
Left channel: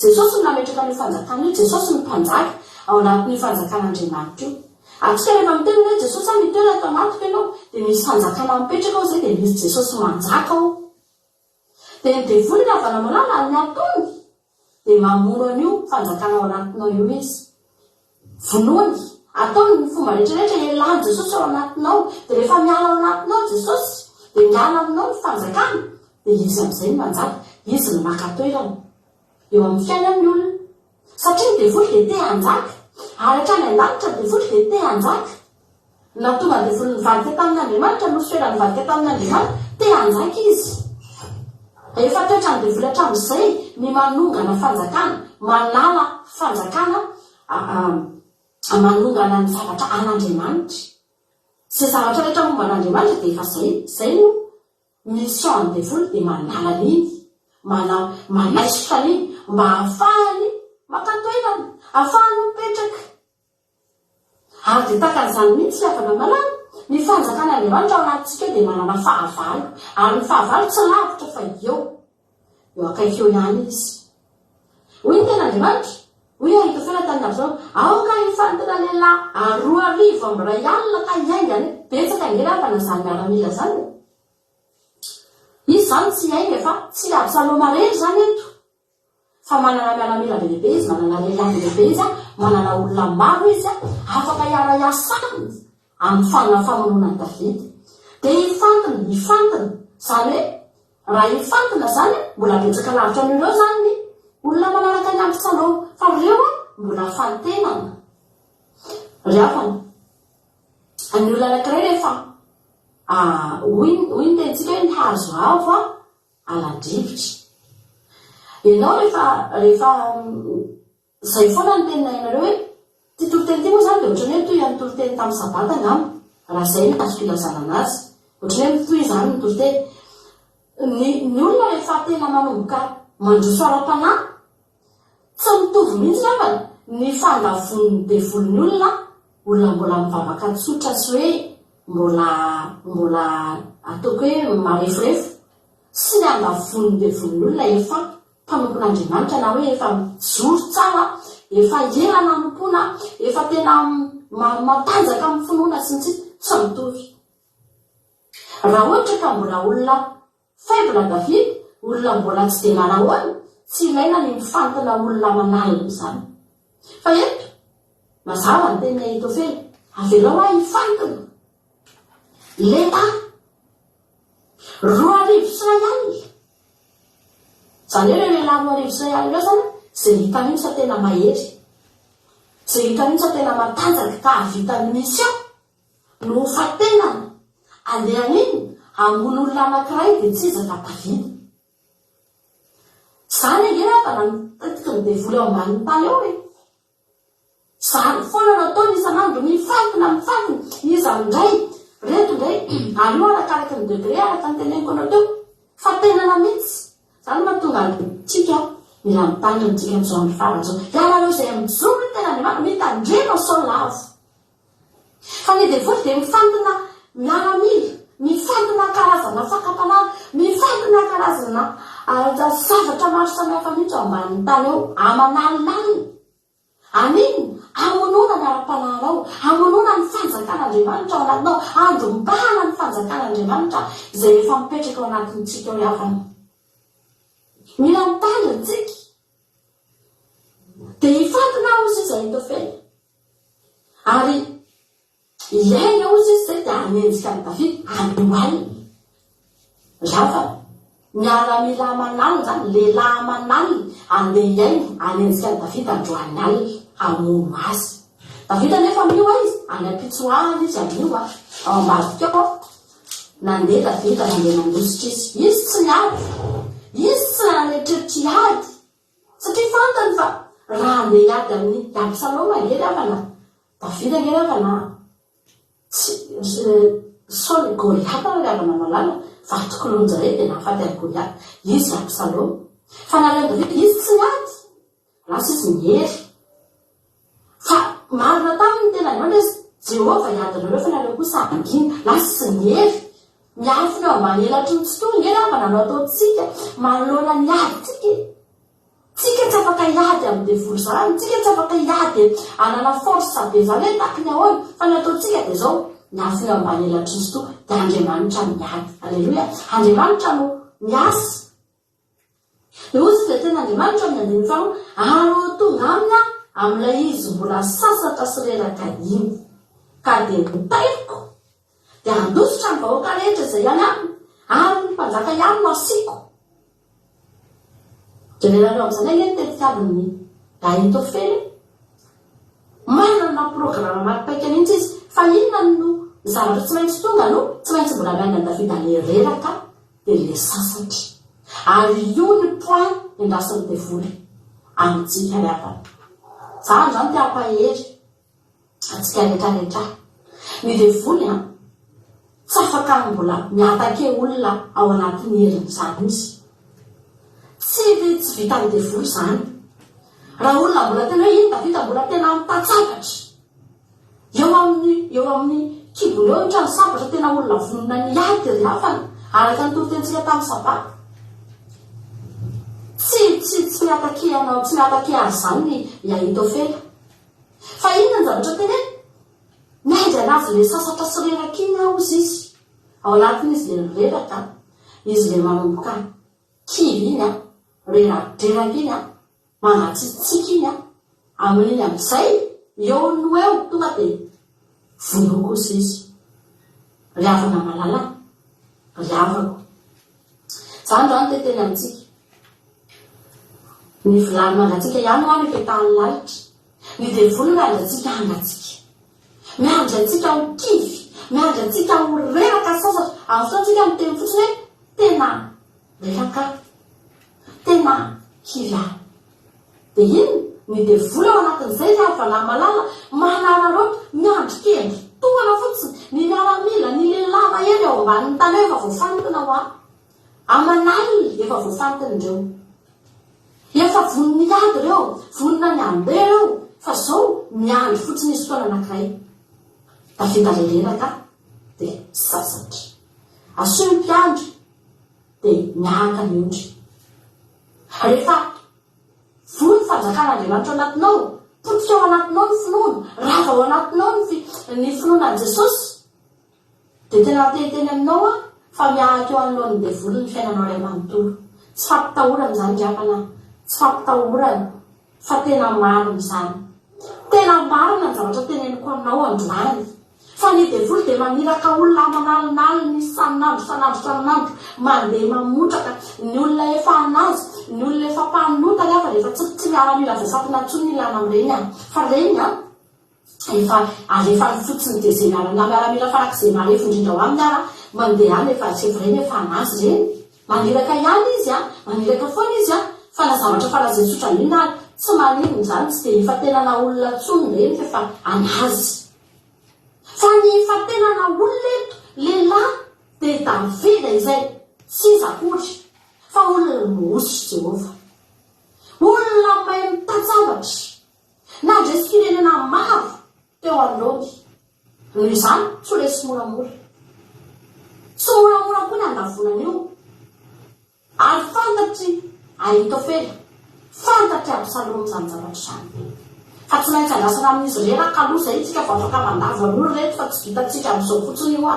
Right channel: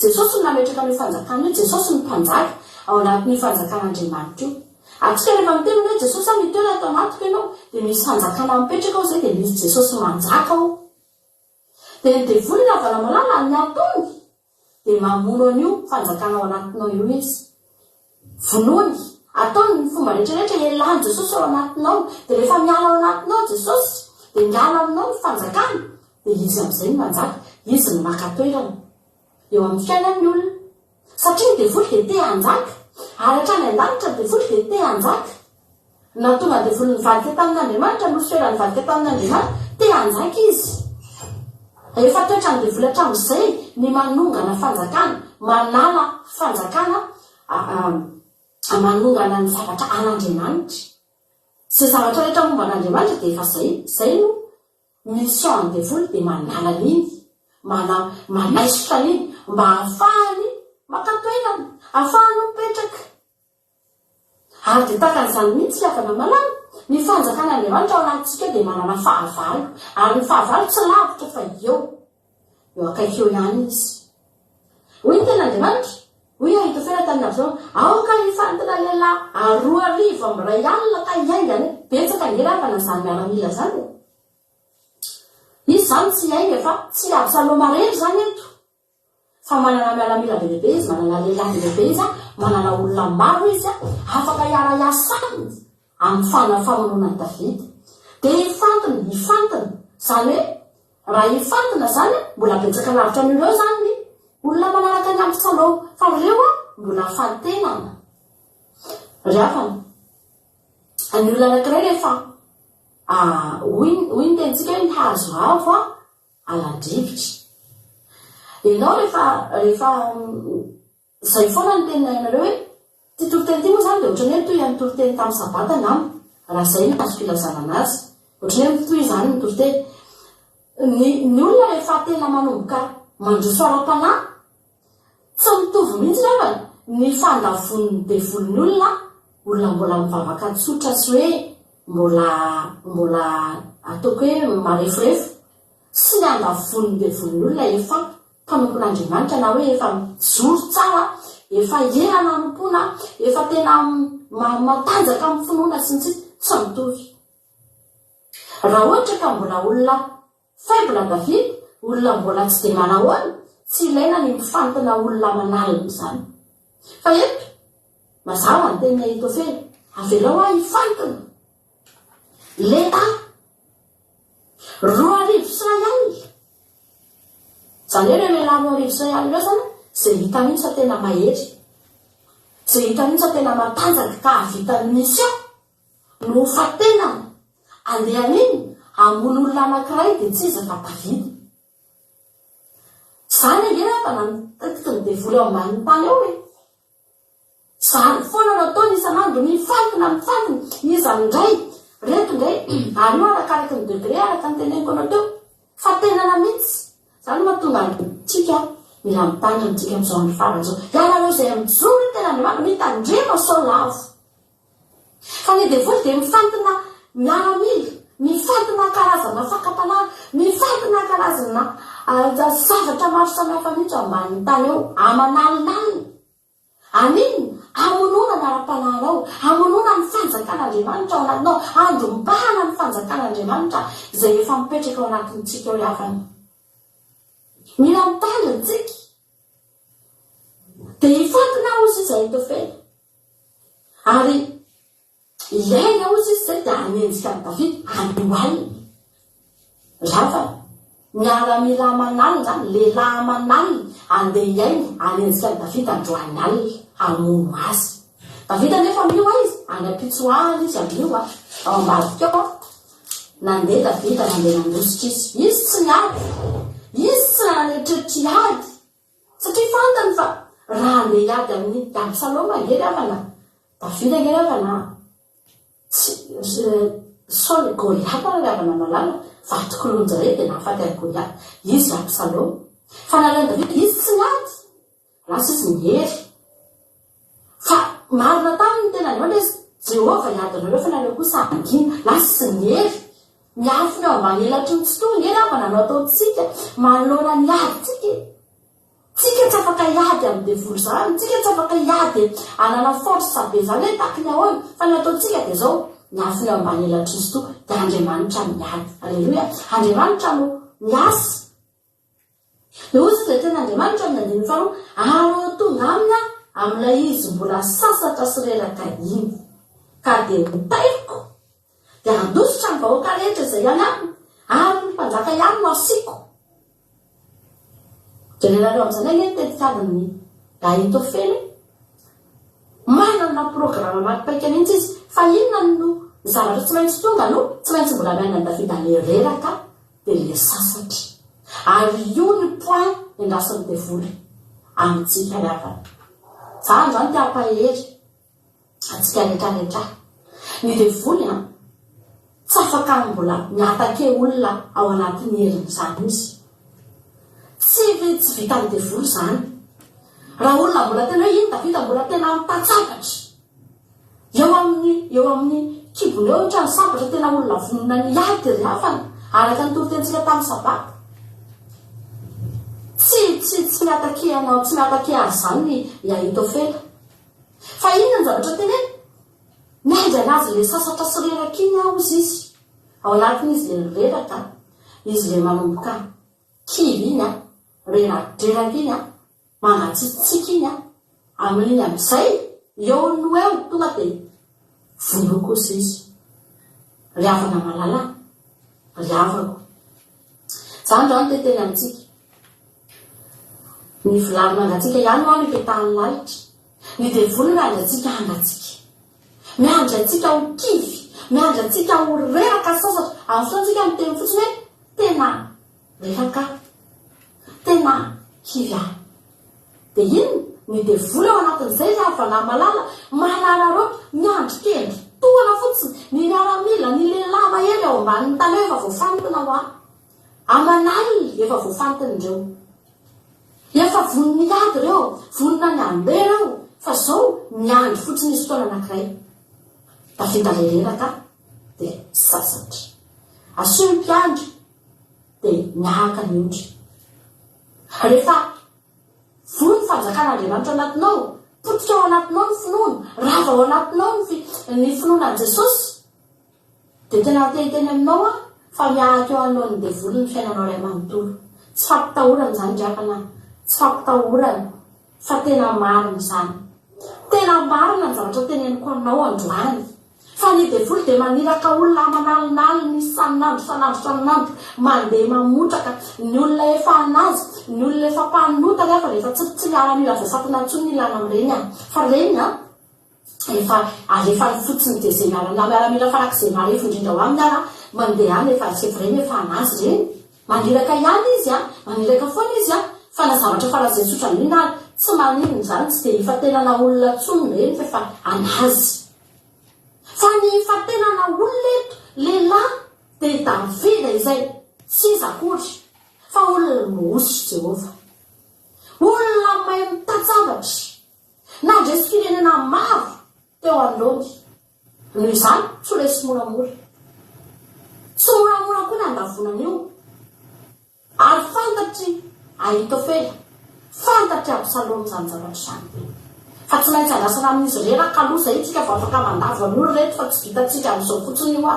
Jesosy no nametraka ny fanjakana io, Jesosy ny mpanjaka ao anatin'ny fanjakan'Andriamanitra io. Atsika rehefa miteny hoe Jesosy any toerana ato anatiko ianao dia misy fanjakana mipetraka ao zay dia misy Jesosy manjaka ao. Dia ny devoly ravana malala ny ataony dia mamono an'io fanjakana ao anatinao io izy. Vonoany ataony ny fomba rehetrarehetra ialany Jesosy ao anatinao dia rehefa miala ao anatinao Jesosy dia miala aminao ny fanjakana dia izy amin'izay ny manjaka, izy ny maka toerana eo amin'ny fiainan'ny olona satria ny devoly dia te hanjaka ary hatrany an-danitra ny devoly dia te hanjaka. Na tonga devoly nivadika tamin'Andriamanitra no soera nivadika tamin'Andriamanitra te hanjaka izy. Efa toetra ny devoly hatramin'izay ny manongana fanjakana, manala fanjakana, manongana ny zavatra an'Andriamanitra. Izay zavatra rehetra momba an'Andriamanitra dia efa zay no mission ny devoly dia manala n'iny, manaisotra iny mba ahafahany maka toerana, ahafahany mipetraka. Ary dia tahaka an'izany mihitsy ravana malala ny fanjakan'Andriamanitra ao anatintsika dia manana fahavalo, ary ny fahavalo tsy lavitra fa eo akaiky eo ihany izy. Hoy ny ten'Andriamanitra, hoy Ahitofela tamin'ny Absaloma, aoka hifantina lehilahy 2,000 amin'ny ray alina ka hiaingany. Betsaka ny ravana izany miaramila zany. Izy zany tsy hiainga fa tsy Absaloma rery zany eto, fa manana miaramila be lehibe izy, manana lehilahy be lehibe izy, manana olona maro izy afaka hiara-iasany amin'ny famonona ny Davida. Dia ifantina zany hoe raha ifantina zany mbola betsaka lavitra amin'ireo zany ny olona manaraka ny Absaloma, fa ireo mbola fantenana. Ravana ny olona anankiray rehefa hoy ny tentsika hoe ny hazo avo alan-drivitra. Ianao rehefa izay foana ny tenina ianareo hoe ty toro-teny ty moa zany dia ohatrany hoe toy amin'ny toro-teny tamin'ny sabata angamba, raha izay no azo filazana anazy, ohatrany hoe toy izany ny toro-teny. Ny olona rehefa tena manomboka mandroso ara-panahy tsy mitovy mihitsy ravana ny fandavon'ny devolin'ny olona mbola mivavaka tsotra sy hoe mbola ataoko hoe marefurefo sy ny andavon'ny devolin'ny olona efa mpanompon'Andriamanitra na hoe efa zoro tsara, efa ela nanompoana, efa tena matanjaka amin'ny finoana sy tsy mitovy. Raha ohatra ka mbola olona faible Davida, olona mbola tsy dia manahoana, tsy ilaina ny mifantina olona manalina izany. Fa eto mazava ny teny Ahitofela, avelao hifantina lehilahy 2,000 sy ray alina. Zany hoe lehilahy 2,000 sy ray alina ireo zany izay hita mihitsy fa tena mahery, izay hita mihitsy fa tena matanjaka ka havitan'ny mission no fatenana andehan'iny ambony olona anankiray dia tsy izy fa Davida. Zany angena fa namitetika ny devoly ao ambanin'ny tany eo hoe zany foana nataony isan'andro mifantina izy amindray reto indray ary io arakaraka ny degré araka ny teneniko anao teo fa tenana mihitsy. Zany mahatonga tsika mila mitandrina tsika amin'izao andro faran'izao. Ianareo izay mijoro ny ten'Andriamanitra mitandrema sao lavo. Fa ny devoly dia mifantina miaramila, mifantina karazana fakapanahy, mifantina karazana zavatra maro samihafa mihitsy ao ambanin'ny tany eo amanalonalina. Aniny amonona ny ara-panahynao, amonona ny fanjakan'Andriamanitra ao anatinao, andrombahana ny fanjakan'Andriamanitra izay efa mipetraka ao anatintsika eo havana. Mila mitandrina tsika dia hifantina ozy izy Ahitofela ary ilaina ozy izy zay dia hanenjika ny Davida andohalina. Ravana miaramila amanalina zany, lehilahy amanalina andeha hiaina hanenjika ny Davida androhalina alina hamono azy. Davida nefa mioa izy any ampitsoahana izy amio ao ambadika ao nandeha Davida nandeha nandositra izy tsy niady, izy tsy nanetreritry ady satria fantany fa raha andeha iady amin'ny Absaloma ngery avana Davida ngery avana Saoly Goliath ary avana malala vatokolonjare dia nahafaty ary Goliath izy Absaloma fa nalay Davida izy tsy niady lasa izy ngery fa marina taminy tena andro Jehova iadinareo fa nareo kosa angina lasa sy ngery miafina eo ambany elatry ny tsitoa ngery avana no ataotsika manoloana ny ady tsika tsy afaka iady amin'ny devoly zany tsika tsy afaka iady anana force be zany hoe taky ny ahoana fa ny ataotsika dia zao miafina eo ambany elatry ny tsitoa dia Andriamanitra miady alleloia Andriamanitra no miasa dia ozy izay tena Andriamanitra ny andiny fano arao tonga aminy amin'ilay izy mbola sasatra sy reraka iny ka dia mitaiko dia andositra ny vahoaka rehetra izay ihany aminy ary ny mpanjaka ihany no asiako dia lerareo amin'izany eny tetikadiny Ahitofely manana programa maripaika mihitsy izy fa inona no zavatra tsy maintsy tonga no tsy maintsy mbola mianany Davida le reraka dia le sasatra ary io ny point endrasiny devoly amintsika miavana zany zany tia ampahery atsika rehetrarehetra ny devoly tsy afaka mbola miatake olona ao anatin'ny herin'izany izy tsy vita ny devoly zany raha olona mbola tena hoe iny Davida mbola tena mitatsapatra eo amin'ny kibony eo trano sabatra tena olona vonona ny ady ry hafana araka ny torotentsika tamin'ny sabata tsy miatake anao tsy miatake azy zany ny Ahitofely fa inona ny zavatra tena miaindry anazy le sasatra sy reraka iny ao izy ao anatin'izy le reraka izy le manomboka kivy iny reradraraka iny mangatsitsika iny amin'iny amin'izay eo no eo tonga dia vono kosa izy riavana malalana riavako zany zany teteny amintsika ny vilany mangatsika ihany ao mipetahany lalitra ny devoly miandratsika angatsika miandratsika ho kivy miandratsika ho reraka sasatra amin'ny fotoantsika miteny fotsiny hoe tena reraka tena kivy ahy dia iny ny devoly ao anatin'izay ravalay malala manarareo miandrikendry toana fotsiny ny miaramila ny lelava ely ao ambaniny tany efa voafantona ho ahy amanaliny efa voafantony ireo efa vonony ady ireo vonona ny andeha ireo fa zao miandry fotsiny izy fotoana anankiray Davida le reraka dia sasatra asio ny mpiandry dia miaraka miondry rehefa voly fanjakan'Andriamanitra anatinao potika ao anatinao ny finoana rava ao anatinao ny finoanan'i Jesosy dia tena teniteny aminao fa miaraka eo anoloan'ny devoly ny fiainanao ray manontolo tsy fampitahorana zany drakana tsy fampitahorana fa tena marina zany tena marina ny zavatra teneniko aminao androany fa ny devoly dia maniraka olona manalinaliny sanandro mandeha mamotraka ny olona efa anazy ny olona efa mpanota rehefa rehefa tsy miaramila voafatana ntsony ilana amin'ireny fa reny efa alefa fotsiny dia zay miaramila farak'izay marefo indrindra ho aminy mandeha any efa sevoreny efa anazy reny maniraka ihany izy maniraka foana izy fa na zavatra farazay tsotra mihina tsy maninony zany tsy dia ifatenana olona tsony reny fa anazy fa ny ifatenana olona eto lehilahy dia Davida izay tsy izy akory fa olona mosy Jehova olona mahay mitatsavatra na ndresy-pirenena maro teo anoloany noho izany tsy ho resy moramora tsy moramora koa ny andavonana io ary fantatry Ahitofely fantatry Absaloma zany zavatra zany fa tsy maintsy andrasana amin'izy reraka aloha zay tsika vao afaka mandava an'olo reto fa tsy vitatsika amin'izao fotsiny io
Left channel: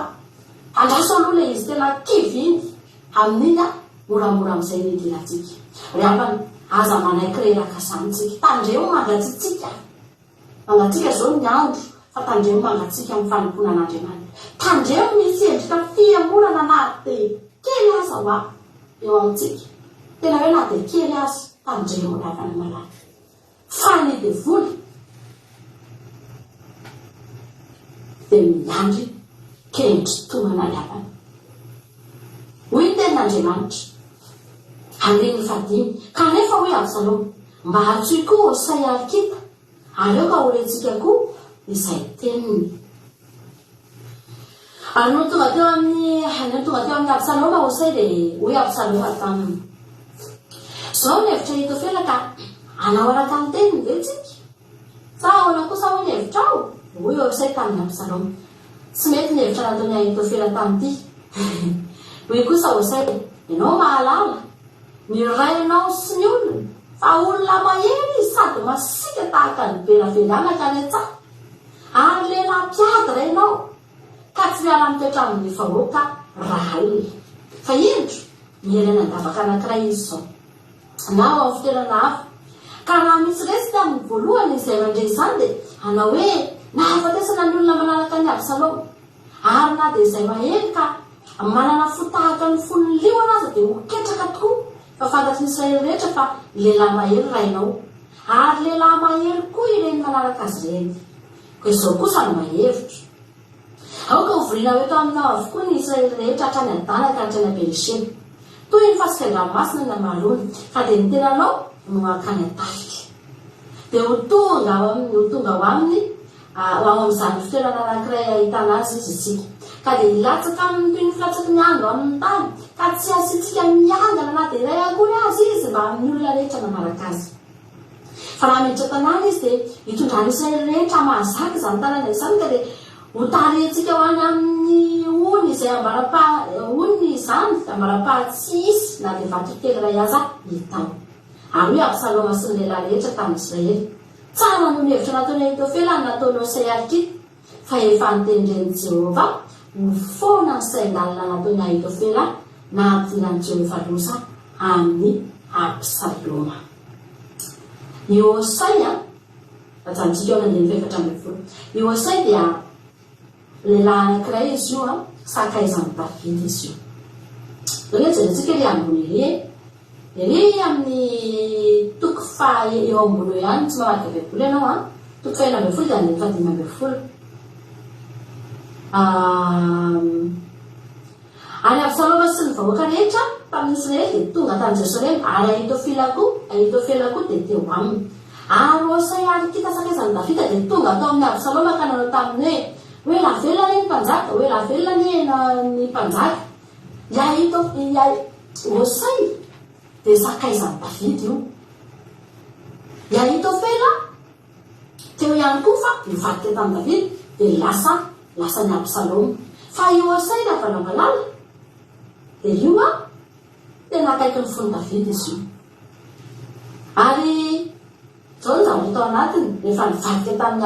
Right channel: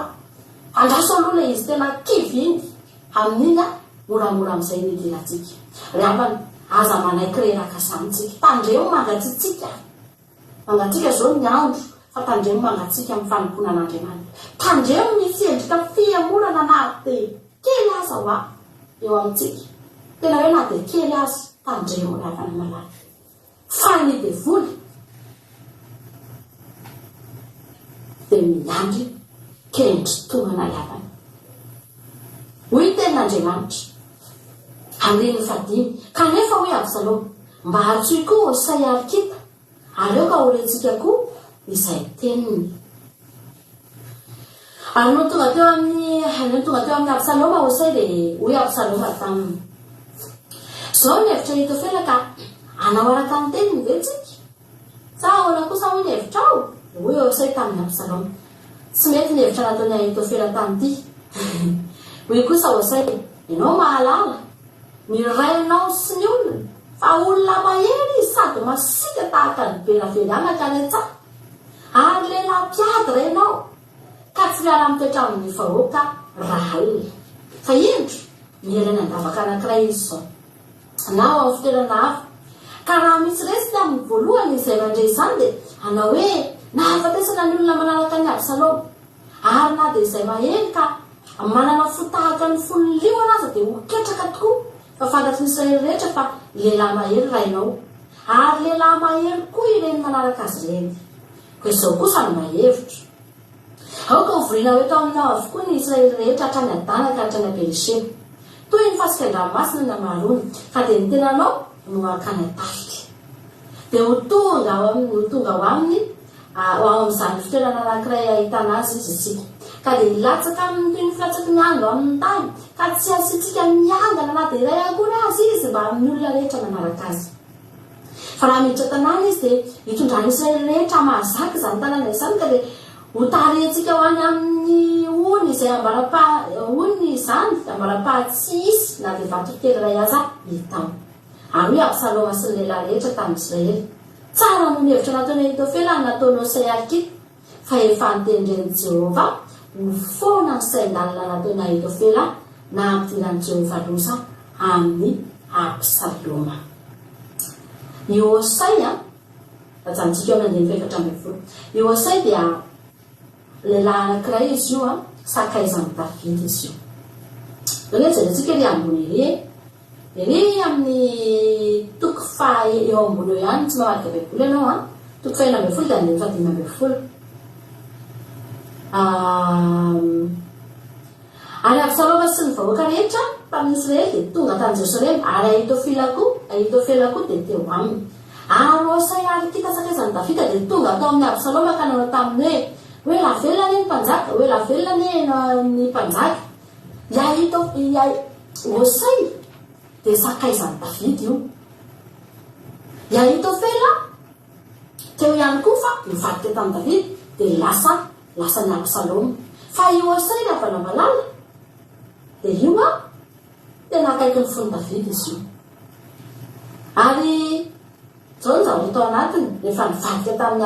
andrasana aloha izy tena kivy iny amin'iny moramora amin'izay nedilatsika riavana aza manaiky reraka zanytsika tandreo mangatsitsika zao ny andro fa tandreo mangatsika amin'ny fanomponan'Andriamanitra tandreo misy endrika fiamorana na dia kely aza ho eo amintsika tena hoe na dia kely azy tandreo riavana malala fa ny devoly dia miandry kendry tonana riavana hoy ny tenin'Andriamanitra andiny fadiny kanefa hoe Absaloma mba hatsoy koa say arkita ary eo ka horentsika koa izay teniny. Ary no tonga teo amin'ny Absaloma Hosea dia hoe Absaloma taminy zao ny hevitra Ahitofela ka anao araka amin'ny teniny ve tsika sa ahoana kosa hoe ny hevitra ao hoe Hosea tamin'ny Absaloma tsy mety ny hevitra nataony Ahitofela tamity hoe kosa Hosea ianao mahalala miray anao sy ny olona fa olona mahery sady masika tahaka ny beraverana ka retsa ary lehilahy mpiady ianao ka tsy miala mitoetra amin'ny vahoaka raha olona fa indro mielana andavaka anankiray izy zao na ao amin'ny fitoerana hafa ka raha misy resy tamin'ny voalohany izay mandre izany dia anao hoe nahafatesana ny olona manaraka ny Absaloma ary na dia izay mahery ka manana fotahaka ny fololiona aza dia hoketraka tokoa fa fantatry ny Israely rehetra fa lehilahy mahery rainao ary lehilahy mahery koa ireny manaraka azy ireny ko izao kosa no mahevitra aoka hovoriana hoe tao aminao avokoa ny Israely rehetra hatrany Adana ka hatrany Beeriseba toy ny fasika-dranomasina na marony ka dia ny tenanao no akany atarika dia ho tonga ao aminy ao amin'izany fitoerana anankiray ahitana azy izy isika ka dia hilatsaka amin'ny toy ny filatsaky ny andro amin'ny tany ka tsy asitsika miangana na dia iray akory azy izy mba amin'ny olona rehetra manaraka azy fa raha miditra tanàna izy dia hitondrany Israely rehetra mahazaka izany tanàna izany ka dia ho tarentsika ho any amin'ny ony izay ony izany ambara-pahatsisy na dia vato telo iray aza hitao ary hoe Absaloma sy ny lehilahy rehetra tamin'ny Israely tsara no ny hevitra nataony Ahitofela nataony Hosea arkita fa efa nitendren'i Jehova ho foana ny sain-dalina nataony Ahitofela na ampidirany Jehova losa amin'ny Absaloma. Ny Hosea ajantsika eo amin'ny 24 ny Hosea dia lehilahy anankiray izy io sakaizan'ny David izy io. Ilay jerentsika ilay ambony ery amin'ny toko eo ambony eo ihany tsy mamarika baiboly ianao toko 4 dia 5. Ary Absaloma sy ny vahoaka rehetra tamin'ny Israely dia tonga tany Jerosalema ary Ahitofela koa dia teo aminy ary Hosea arkita sakaizan'ny Davida dia tonga tao amin'ny Absaloma ka nanao taminy hoe lavelona ny mpanjaka hoe lavelona ny mpanjaka Hosea dia sakaizan'ny Davida io Ahitofela teo ihany koa fa nivadika tamin'ny Davida dia lasa ny Absaloma fa io Hosea na valavalala dia io tena akaiky ny fony Davida izy io ary zao ny zavatra tao anatiny rehefa nivadika tamin'ny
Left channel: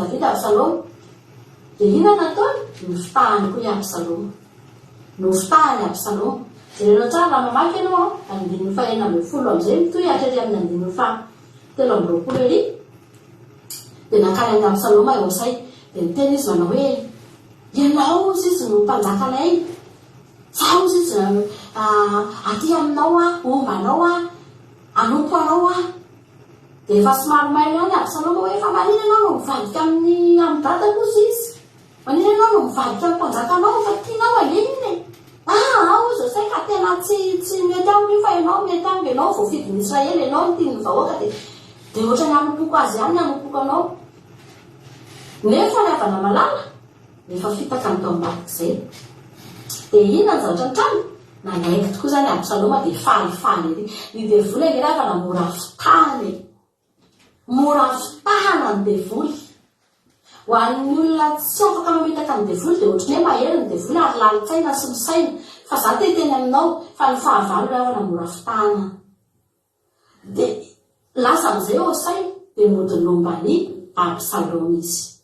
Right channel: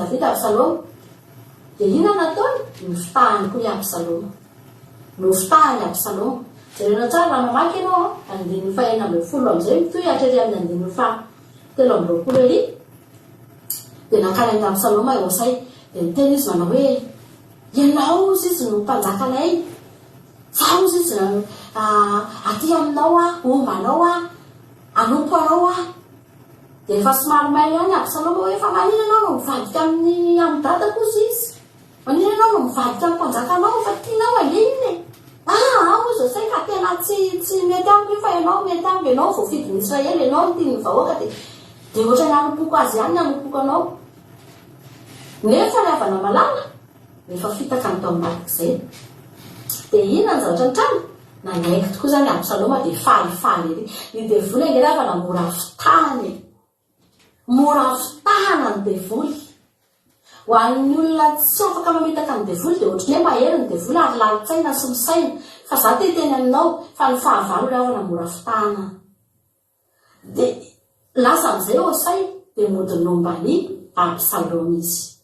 Davida Absaloma dia ina nataony nofitahany koa i Absaloma jerena tsara raha mamaky ianao 140 amin'izay mitoy hatrety amin'ny 120 ery dia nakany amin'ny Absaloma Hosea dia niteny izy manao hoe ianao izy no mpanjakanay zaho izy aty aminao ombanao anompo anao dia efa somary maina ihany Absaloma hoe fa manina ianao no mivadika amin'ny dadako izy manina ianao no mivadika mpanjakanao fa tianao alininy ao izy Hosea ka tena tsy mety aminy fa ianao mety aminy ianao voafidin'ny Israely ianao tiany vahoaka dia ohatra ny anompoko azy ihany anompoko anao nefa ny avana malala nefa fitaka ny tao ambadik'izay dia inona ny zavatra ny trano nanaiky tokoa izany Absaloma dia falifaly ery ny devoly angerafa na mora fitahana ny devoly ho an'ny olona tsy afaka mamitaka ny devoly dia ohatrany hoe mahery ny devoly ary lalitsaina sy misaina fa za teny aminao fa ny fahavalo raha na mora fitahana dia lasa amin'izay Hosea dia modinomba-ny Absaloma izy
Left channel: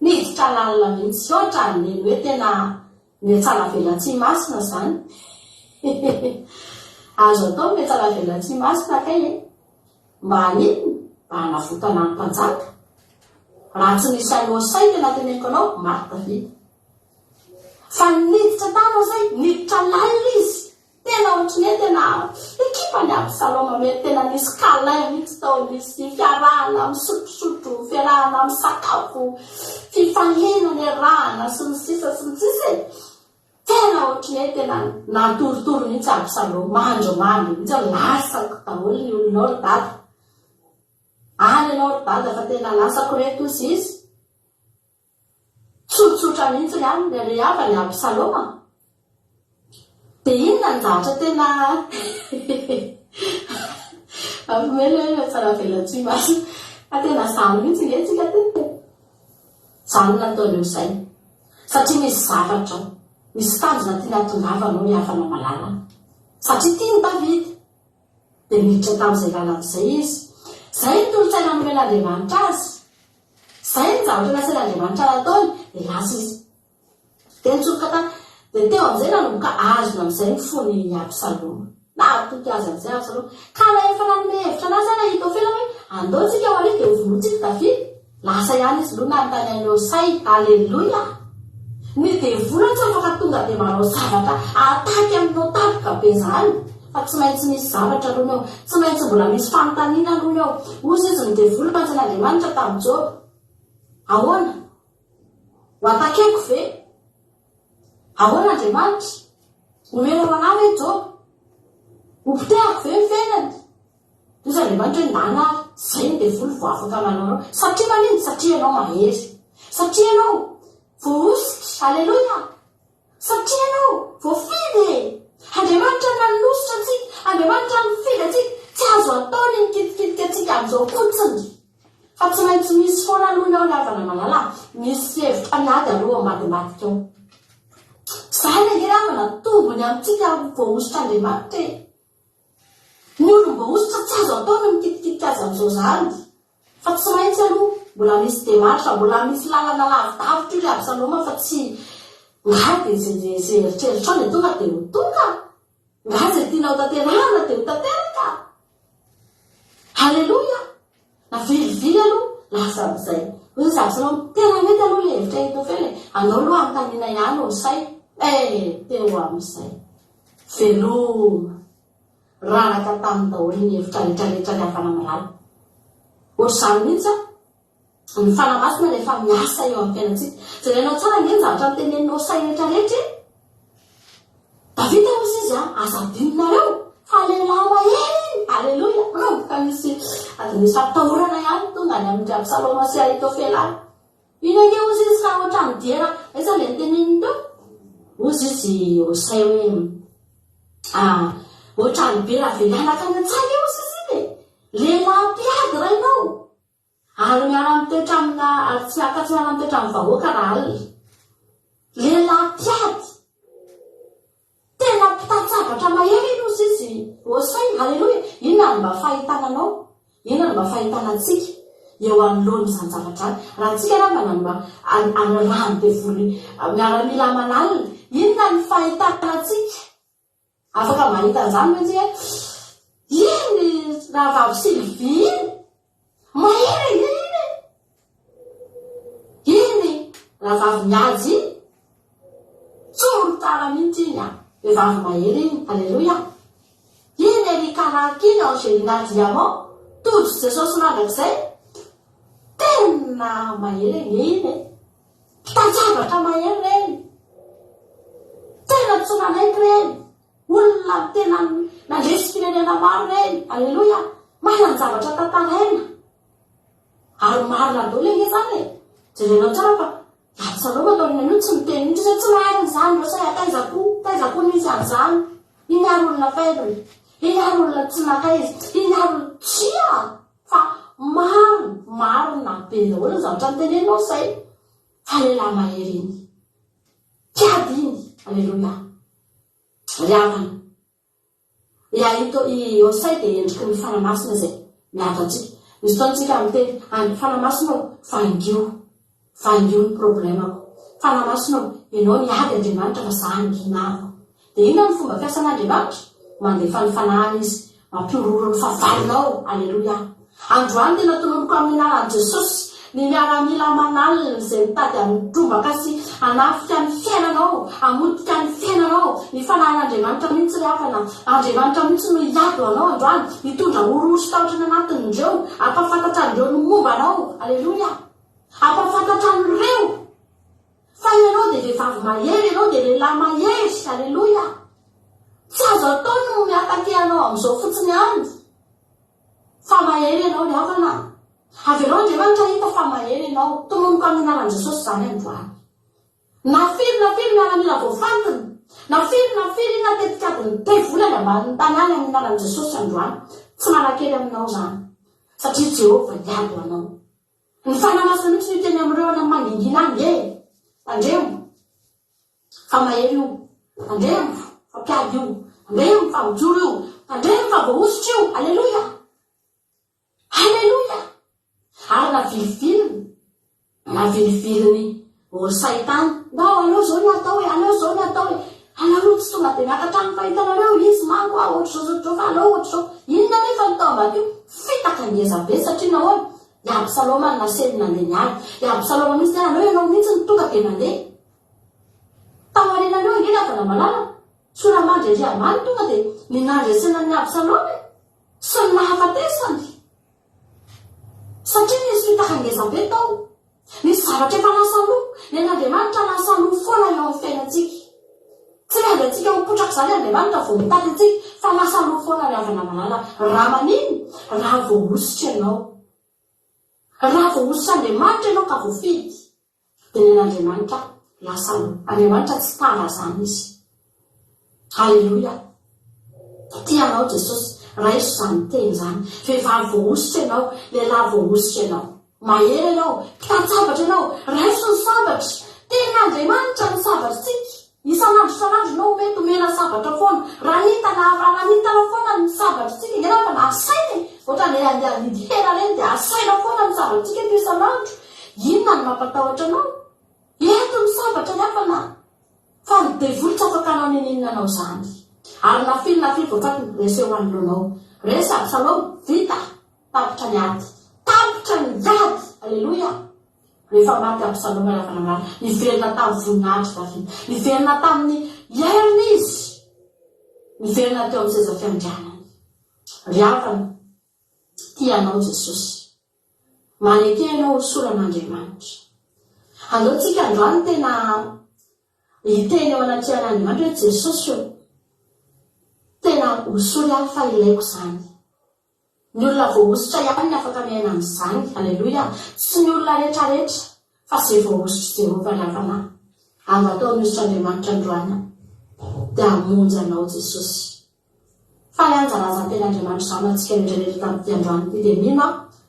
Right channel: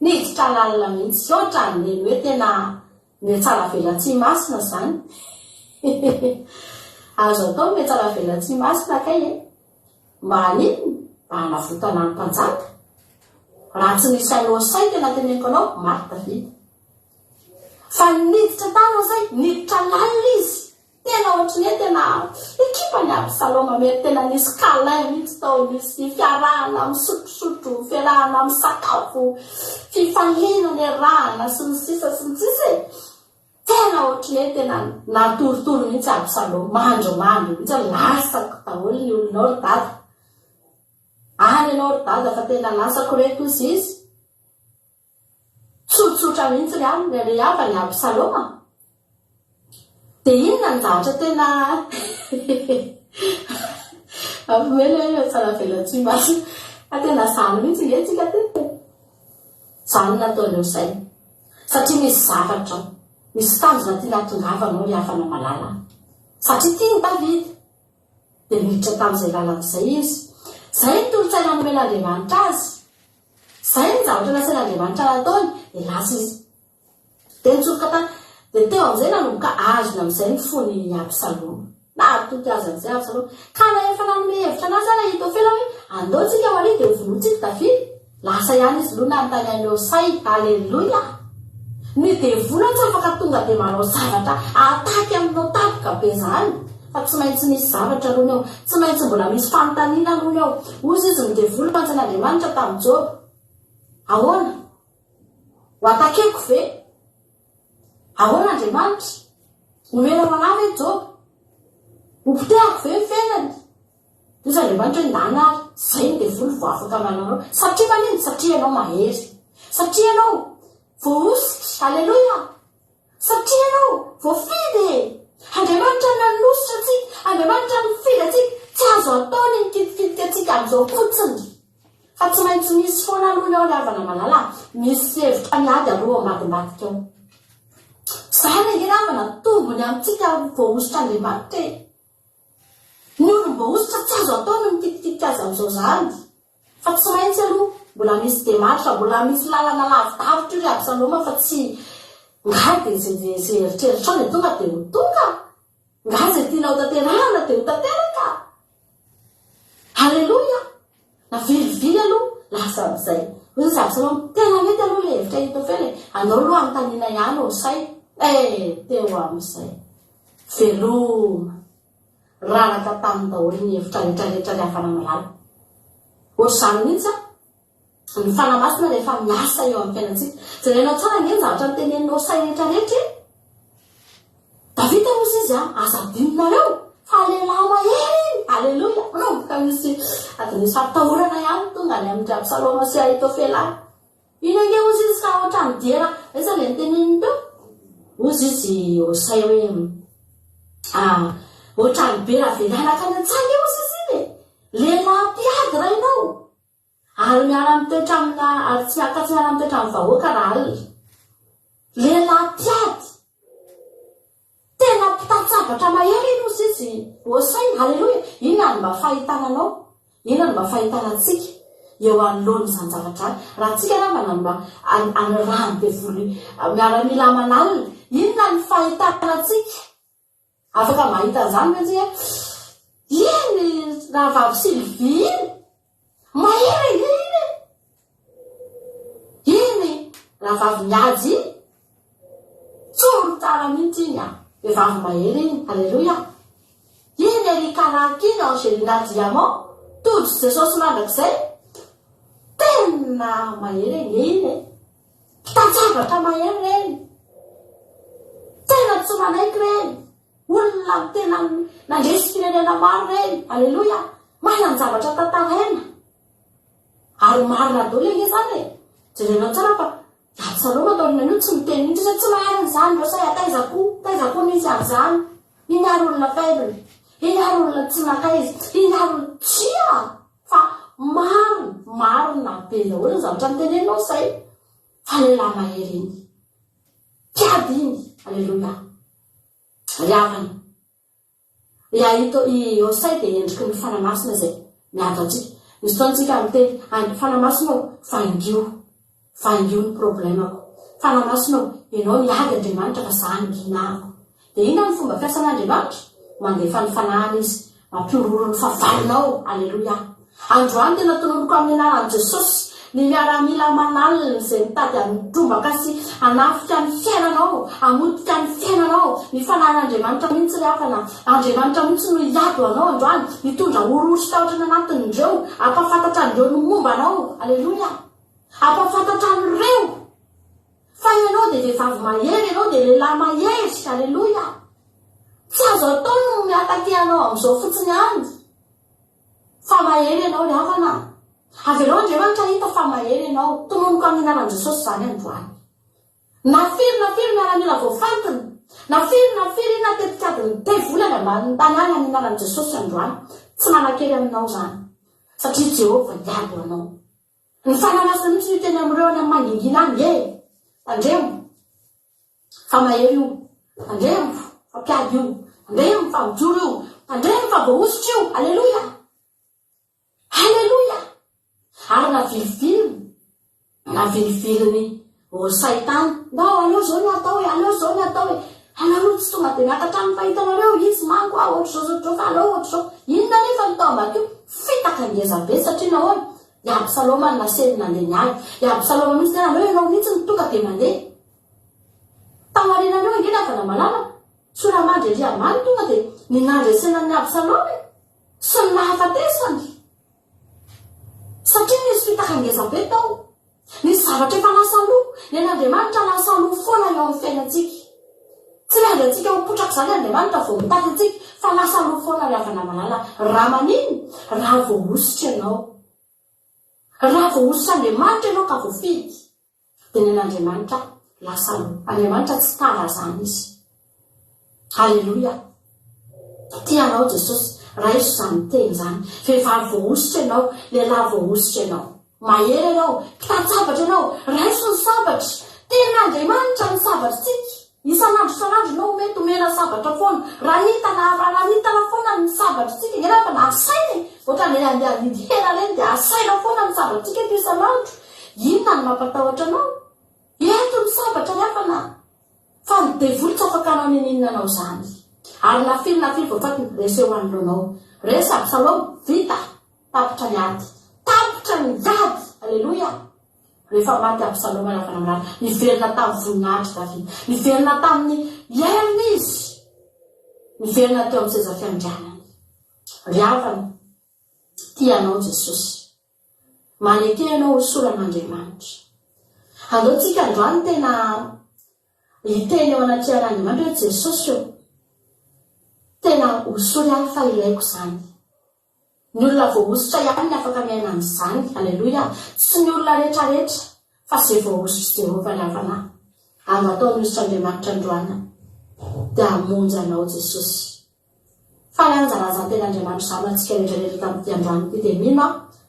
niditra lalina mihitsy ohatra ny hoe tena metsala velan-tsy masina zany azo atao metsala velan-tsy masina kay mba aniny mba hanavotana ny mpanjaka raha tsy nisy any Hosea tena teneniko anao maty Davida fa niditra tany Hosea miditra laila izy tena ohatrany hoe tena ekipa ny Absaloma mety tena nisy kalin mihitsy tao nisy fiarahana misotrosotro fiarahana misakafo fifaliana ny rahana sy ny sisa tena ohatrany hoe tena natorotoro mihitsy Absaloma mahandro mamy mihitsy lasako daholo ny olonao ry dada any ianao ry dada fa tena lasako reto izy izy tsotsotra mihitsy ny aminy rehava ny Absaloma dia inona ny zavatra tena ampomely hoe faravelan-tsy masy fa tena zany mihitsy netsika tena zany nataon'eo zay satria misy zavatra ao misy tanjona tiana tongavanao ny havana malala satria tia ny Davida dia miditra tamin'izay lalàn'izay izy zay ny tolotsaina nomen'Andriamanitra azy zay ny zavatra nasain'Andriamanitra nataony dia lasa izy dia nitsofoka tany dia teo amin'izay nanomboka azony amin'izay ny fony Absaloma natoky azy amin'izay Absaloma ka na efa nanome hevitra anazy any Ahitofela hoe andeontsika ho ary dia hovonotsika Davida lasa ihany izy loha nanontany an'io say aleloia ny devola tsy afaka tonga dia manao zavatra ataky aminao tapika be zany fa tsy maintsy misy zavatra aloha eo tsy maintsy mbola misy fanontaniana aloha eo ozy izy ny devola panjan'Andriamanitra tamin'ny Joba ahoana ho atakeko ve ahoana Andriamanitra omenao anahy hoe Joba hopitehako ve fenany izy Andriamanitra hoe ndanary zay ny devola vo afaka mananao satria maniny satria ianao mahery satria ianao voositra aleloia satria ianao voafidy Andriamanitra nanositra atsika Andriamanitra mifidy atsika tsy azo ataony ny kitikity atsika amin'izao fotsiny fa tsy maintsy misy foana aloha iao ny havana malala misy hevitra miady aloha madimadika ao zany hiravana tombony amintsika voaositra Andriamanitra ny olom-boositra tsy azo ataony mikitikitika azy amin'izao zany fa tsy maintsy aloha mbola misy demaritra mbola misy lalana lavidavitra io ry Absaloma fa tsy ngady zay eritreritrao ny tonga dia ho tonga nga zay tianao tanterahana dia ho tanteraka halleloia na vilivily aloha lasa amin'izay ozy Absaloma tena mety aloha le hevitra Ahitofela anao aloha anontaniana ihany ho say teo amin'izay veloma ranaka tamin'ny daholo ny hevitra rehetrarehetra ny havana malala ohatr'izany mihitsy ny fanamasina rehefa miasa eo amin'ny fiainantsika zay ilainao tsara ngeny zavatra miteneninao say rehetrarehetra Davida moa izy azadinonareo fa lehilahy mahery aleloia ka misy misy fampitahorana ihany tonga any amin'ny Absaloma sy Ahitofela iny ake ozy izy ka ohatra midera iza le nitenenindreo ozy izy osay hoe ohatra nybe raha velanaka any an-tsaka ozy izy iny lehilahy mpiady rainao ary miara mitoetra amina ary tsy akatsy miara mitoetra amin'ny vahoaka raha alina lehilahy mpiady tena mpitatsabatra mahery iny ozy izy osay halleloia inona no mba fahitananao inona no mba fahitanantsika eo anoloany zany zavatra raha tsika raha anarahany devoly miaramila manalina inona ny fahitanantsika afaka mahita an'izany mihitsy hoe iny raha vavy Silvy iny mahery iny raha vavy miady iny tsoro tsara mihitsy iny vehivavy mahery iny halleloia iny Erikaraka iny Angelina Diamant todro Jesosy mandrakizay tena mahery iny mpitatsabatra mahery reny tena tsy manaiky reny olona tena nandresy firenena maro reny halleloia manana zavatra tantaraina ary marina daholo iny zany jerenao tsara fa Absaloma ataony aloha tsy miteny mihitsy hoe tsy marina zany losay taizako nisy an'izany iny ary olona fairony iny ary olona tsy naka izy iny ary tsia fa marina be daholo ny zavatra mitenenao zay fa lehilahy mahery iny mpiady iny halleloia riavana Osay dia endriky ny fanamasina zay miady atsika misy fotoantsika miteny fanamasinao vaingio ny problemako fanamasinao ianao miady Andriamanitra fa zany ginako dia ino ny fomba fiasan'Andriamanitra mandefa ny fanahany izy mampiroro ny favalinao alleloia androany tena tonomboka amin'ny anaran'i Jesosy ny miaramila manalina zay mitady amidrombaka sy anafika ny fiainanao amodika ny fiainanao ny fanan'Andriamanitra mihitsy reafana Andriamanitra mihitsy no iado anao androany hitondra orosy tahotrany anatin'ireo apafantatra an'ireo ny mombanao alleloia apafantatra an'ireo fa ianao dia vehivavy mahery ianao dia lehilahy mahery. Alleloia. Tsy azo atao no miataky anao amin'izao fotsiny any fa mahery ianao le havana. Avy aloha Andriamanitra hita fa mahery ianao. Tononoka amin'ny anaran'i Jesosy izany androany. Na firy mialamila voafantiny, na firy natetika adiny tevolana ambanin'ny tany any amin'ny anaran'i Jesosy androany, tsy manakery aminao izany satria Jehova diabo anao. Ny fananasany mihitsy ny teny amin'ireo any amin'ny mangingina any tandremo fa mahery io, tandremo fa mpiady io, tandremo fa mijoro io, tandremo fa voaositra io. Alleluia. Alleluia. Ary navilifiliny Saitany mba aleo zao ny atao aleo tsy tonga dia miakatra amin'ny fahitanareo izy manko ohatr'izao aleo ohatr'izao. Inona nefa ny tao ambadika fitaka ngeza be satria nahoana i Absaloma no naselina andeha nialy. I Absaloma mihitsy tena hoe ianao mihitsy ny tonga dia mandeha tamarinaneo angena fa namalala soramandry ery amany tonga dia ninandresena ny Absaloma sy ny nahafatesany satria nisy fitaka ngeza be tao. Nisy zavatra efa lasaloha ny Andriamanitra lasaloha foana eo amin'ny fiainantsika. Tsy miandry antsika ho potraka izany Andriamanitra vao mitady antsika fa lasaloha foana ny avana malala. Raha manino? Raha voaositra ianao. Raha voaositra Andriamanitra ianao ka voafidy dia ny Andriamanitra lasaloha. Andriamanitra tsy tara izany izy. Alleluia. Tianao Jesosy. Raha iso izany teny izany. Vehivavy voaositra ianao, lehilahy voaositra ianao. Mahery ianao, mpitan-tsabatra ianao, raiso ny sabatra. Tena Andriamanitra ny sabatritsika. Isanandro ianao mety omena sabatra foana. Raha hitana foana ny sabatritsika. Ngena fa nasainy. Ohatran'ny andeha hidy hena reny dia asaina foana ny sabatritsika eto isanandro. Inona no mampatahotra anao? Eto ny sabatra ny hafana. Fa ny devoly tsy afaka anao ninina anao izany. Ary na firy voafatiny reseho anoloanao. Resa Absaloma vita tapitra ny ady. Tapitra ny vady. Alleluia. Rehefa maty Absaloma ny avana malala, niverina tamin'ny voninahitra Davida, niverina tamin'ny iainana izy, niverina teo amin'ny seza fiandrianany. Ry havana, tianao Jesosy. Maneke ianao ho soran'Andriamanitra. Andaontsika androany tena hiteny eo anaty an'Andriamanitra hoe Jesosy io tena hosory ahy fa ilaiko izany. Ny olona voaositra ihany ny afaka miaina amin'izany. Alleluia. Tsy ny olona rehetrarehetra fa izay voaositra Jehova ny havana. Angatao ny Andriamanitra androany dia hamonjy anao Jesosy. Fa lanjalazan-ten'Andriamanitra izany antsika rehetrarehetra tamin'ity androany ity dia mino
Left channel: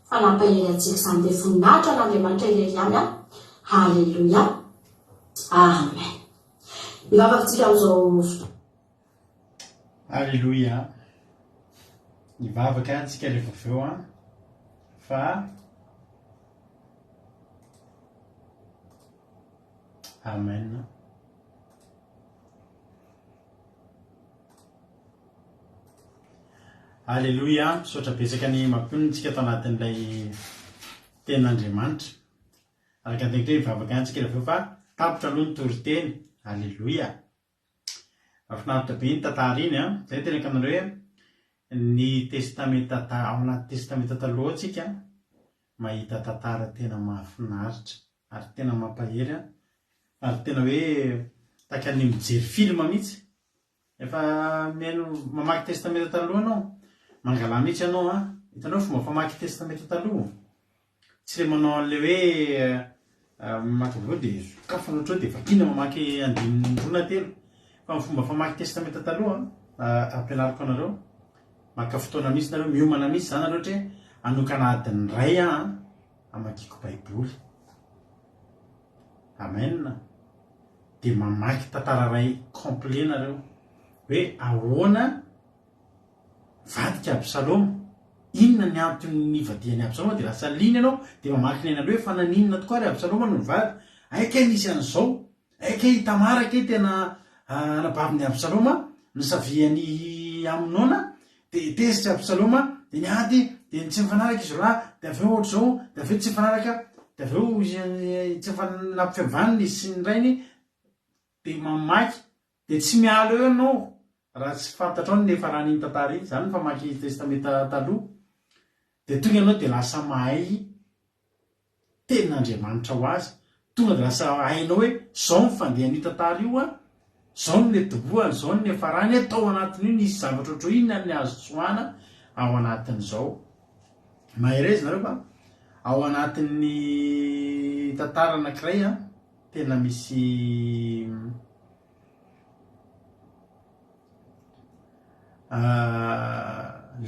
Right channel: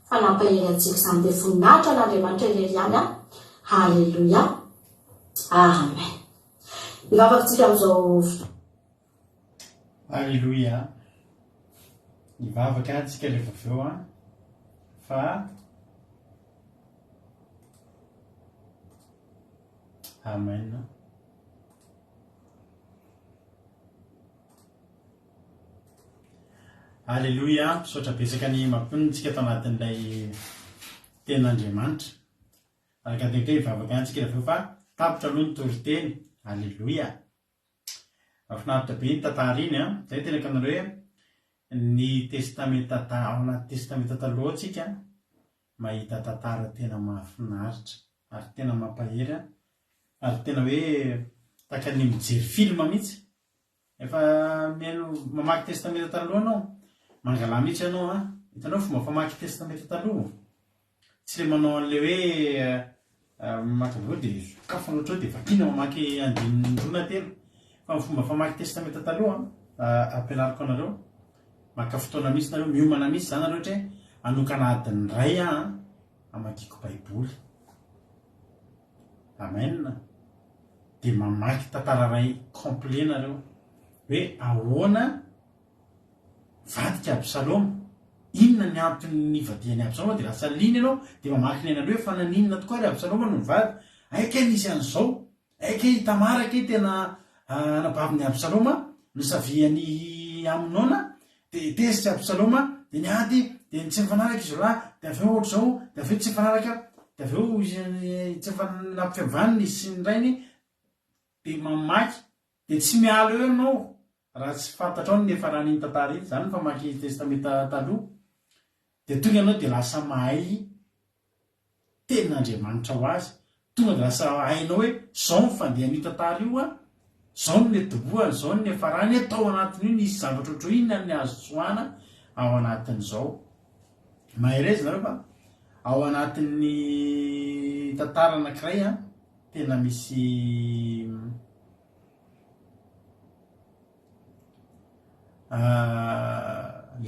fa nampahery antsika izany dia voninahitra n'Andriamanitra irery ihany. Alleluia. Amen. Ivavakantsika amin'izao. Alleluia. Nivavaka antsika rehefa avy eo fa amen. Alleluia. Misaotra betsaka ny mampitonitsika tao anatin'ilay tenin'Andriamanitra. Araka antegitra hivavaka antsika rehefa eo fa tapitra aloha ny toriteny. Alleluia. Mahafinaritra be ny tantara iny zay tena kanareo hoe ny testamenta ao anaty testamenta taloha antsika mahita tantara tena mahafinaritra ary tena mampahery ary tena hoe taka ny mijery filma mihitsy. Efa mihaino mamaky testamenta taloha anao, mangala mihitsy ianao hitanao fomba famaky testamenta taloha. Tsy le manao an'le hoe mamaky avao dia sokafana ohatrao dia vakina mamaky andinindrona telo. Fa ny fomba famaky testamenta taloha ampianariko anareo. Maka fotoana misy nareo, miomana misy izany nareo ohatra hoe anokana adiny ray amakiko baiboly. Amen. Dia mamaky tantara ray complet nareo hoe ahoana vadika Absaloma, inona ny antony nivadiany Absaloma, dia lasa liny ianao dia mamaky ny ainaloha hoe fa naninona tokoa ry Absaloma no nivady. Aika nisy an'izao, aika Tamara ke tena anabaviny Absaloma nisaviany Aminona. Dia tesitra Absaloma dia niady dia tsy mifanaraka izy lahy dia avy eo ohatr'izao dia avy eo tsy mifanaraka dia avy eo tsy nampifiavaniny izy sy ny rainy dia mamaky dia tsy miala eo ianao raha tsy fantatra ao nefa raha niny tantara iny izany famaky testamenta taloha dia tonga ianao dia lasa mahay tenin'Andriamanitra ho azy, tonga de lasa hainao hoe zao mifandehan'io tantara io a zao ny netoboany zao ny afarany tao anatin'io nisy zavatra ohatro inona ny azo soana ao anatin'izao maherezy nareo fa ao anatin'ny tantara anankiray a tena misy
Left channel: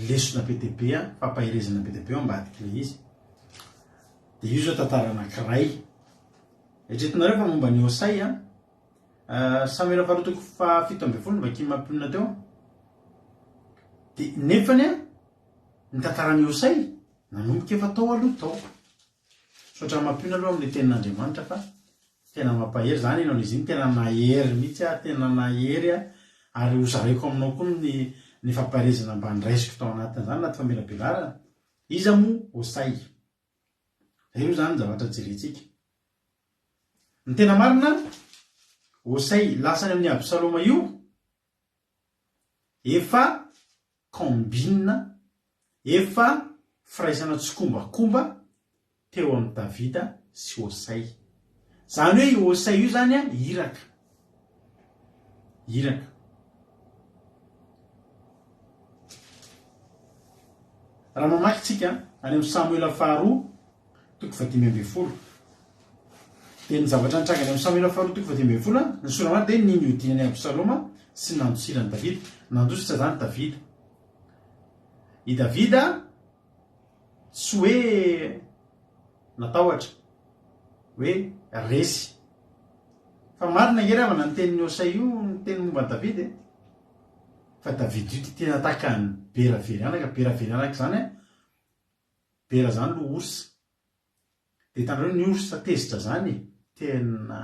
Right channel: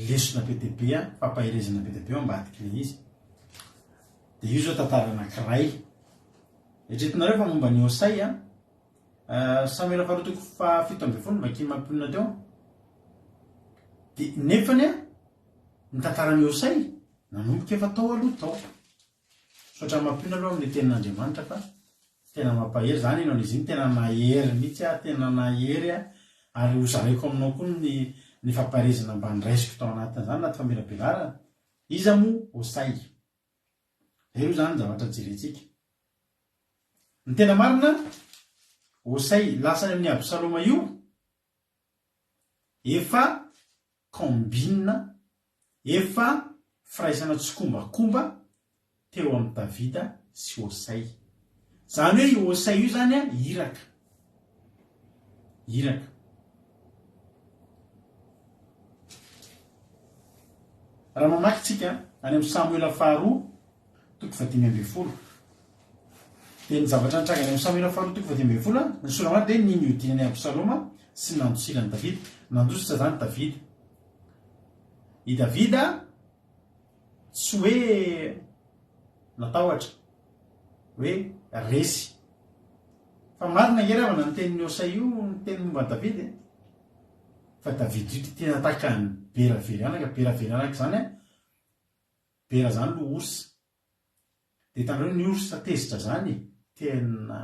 lesona be dia be a fampaherezana be dia be ao ambadika le izy de io zao tantara anankiray etretinareo fa momba ny Osay a Samuel faharotoko fahafito amby folo makiny mampionina teo de nefany a ny tantarany Osay nanomboka efa tao aloha tao sotra mampionina aloha amin'ny tenin'Andriamanitra fa tena mampahery zany ianao izy iny tena nahery mihitsy a tena nahery a ary hozaraiko aminao koa ny fampaherezana mba niraisiko tao anatin'izany anaty famelabelarana iza moa Osay zay io zany zavatra jerentsika ny tena marina Osay lasany amin'ny Absaloma io efa kombina efa firaisana tsokombakomba teo amin'ny Davida sy Osay zany hoe io Osay io zany a iraka raha mamakitsika any amin'ny Samuel faharoa toko 10:10 de ny zavatra nitranga any amin'ny Samuel faharoa toko 10:10 ny soramana de ny niodinany Absaloma sy nandosirany Davida nandositra zany Davida i Davida tsy hoe natahotra hoe resy fa marina ngerevana ny tenin'ny Osay io ny teny momba Davida fa Davida io tena takany beraverianaka zany a bera zany lo orsa de tanareo ny orsa tezitra zany tena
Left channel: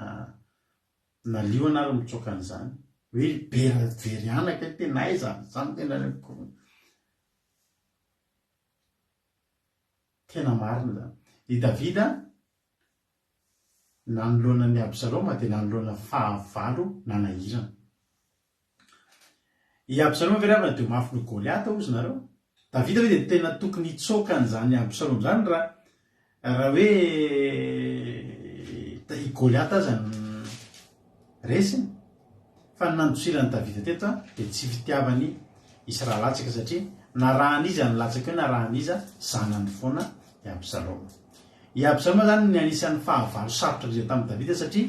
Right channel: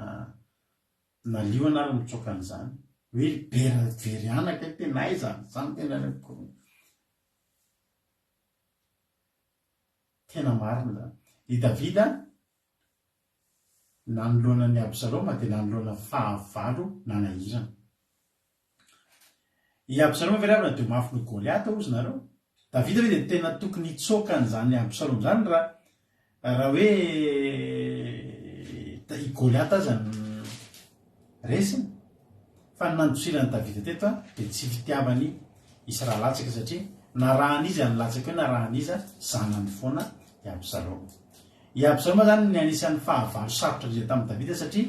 nalio ary mitsoka an'izany hoe beraverianaka tena aiza zany tena marina zany i Davida nanoloana ny Absaloma de nanoloana fahavalo nanahirana i Absaloma veravana de mafy ny Goliata ozy nareo Davida hoe de tena tokony hitsoka an'izany Absaloma zany raha hoe i Goliata aza ny resiny fa nandosirany Davida teto de tsy fitiavany Israelatsika satria narahan'izy any latsaka hoe narahan'iza zanany foana i Absaloma zany ny anisan'ny fahavalo sarotra indrindra tamin'ny Davida satria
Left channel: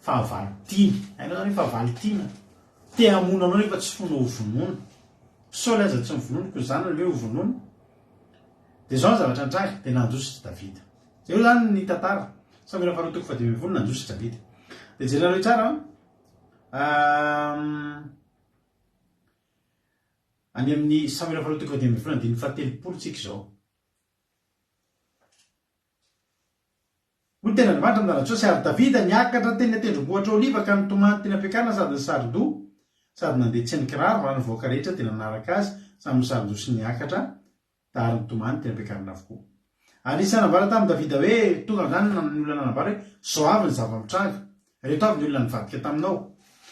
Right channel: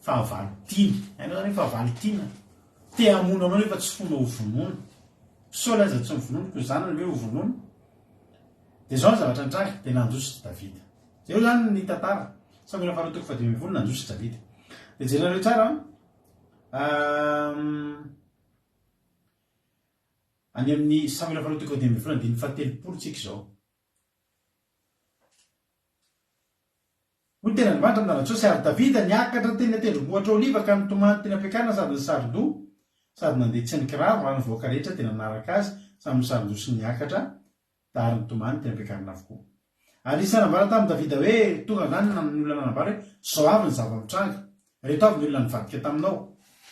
fahavalo tiana hainao zany hoe fahavalo tiana te hamono anao nefa tsy fona ho vonono Saoly aza tsy mivonono ko zanany hoe ho vonono de zao ny zavatra nitranga de nandositra Davida zay io zany ny tantara Samuel faharoa toko 10:10 nandositra Davida de jerenareo tsara any amin'ny Samuel faharoa toko 10:10 andiny 7 tsika zao hoy tena Andriamanitra amin'n'anatsoa sy ary Davida niakatra teny tendrombohitra oliva ka nitomany teny am-piakarana sady ny sardo sady nandeha ny kiraro raha ny voaka rehetra tena nanaraka azy samy ny sardo sy niakatra da ary nitomany teny am-piakarana avokoa anisy nanambara tamin'ny Davida hoe tonga zany ny olona nanambara hoe zao avy ny zava-mitranga reto avy ny olona nivadika taminao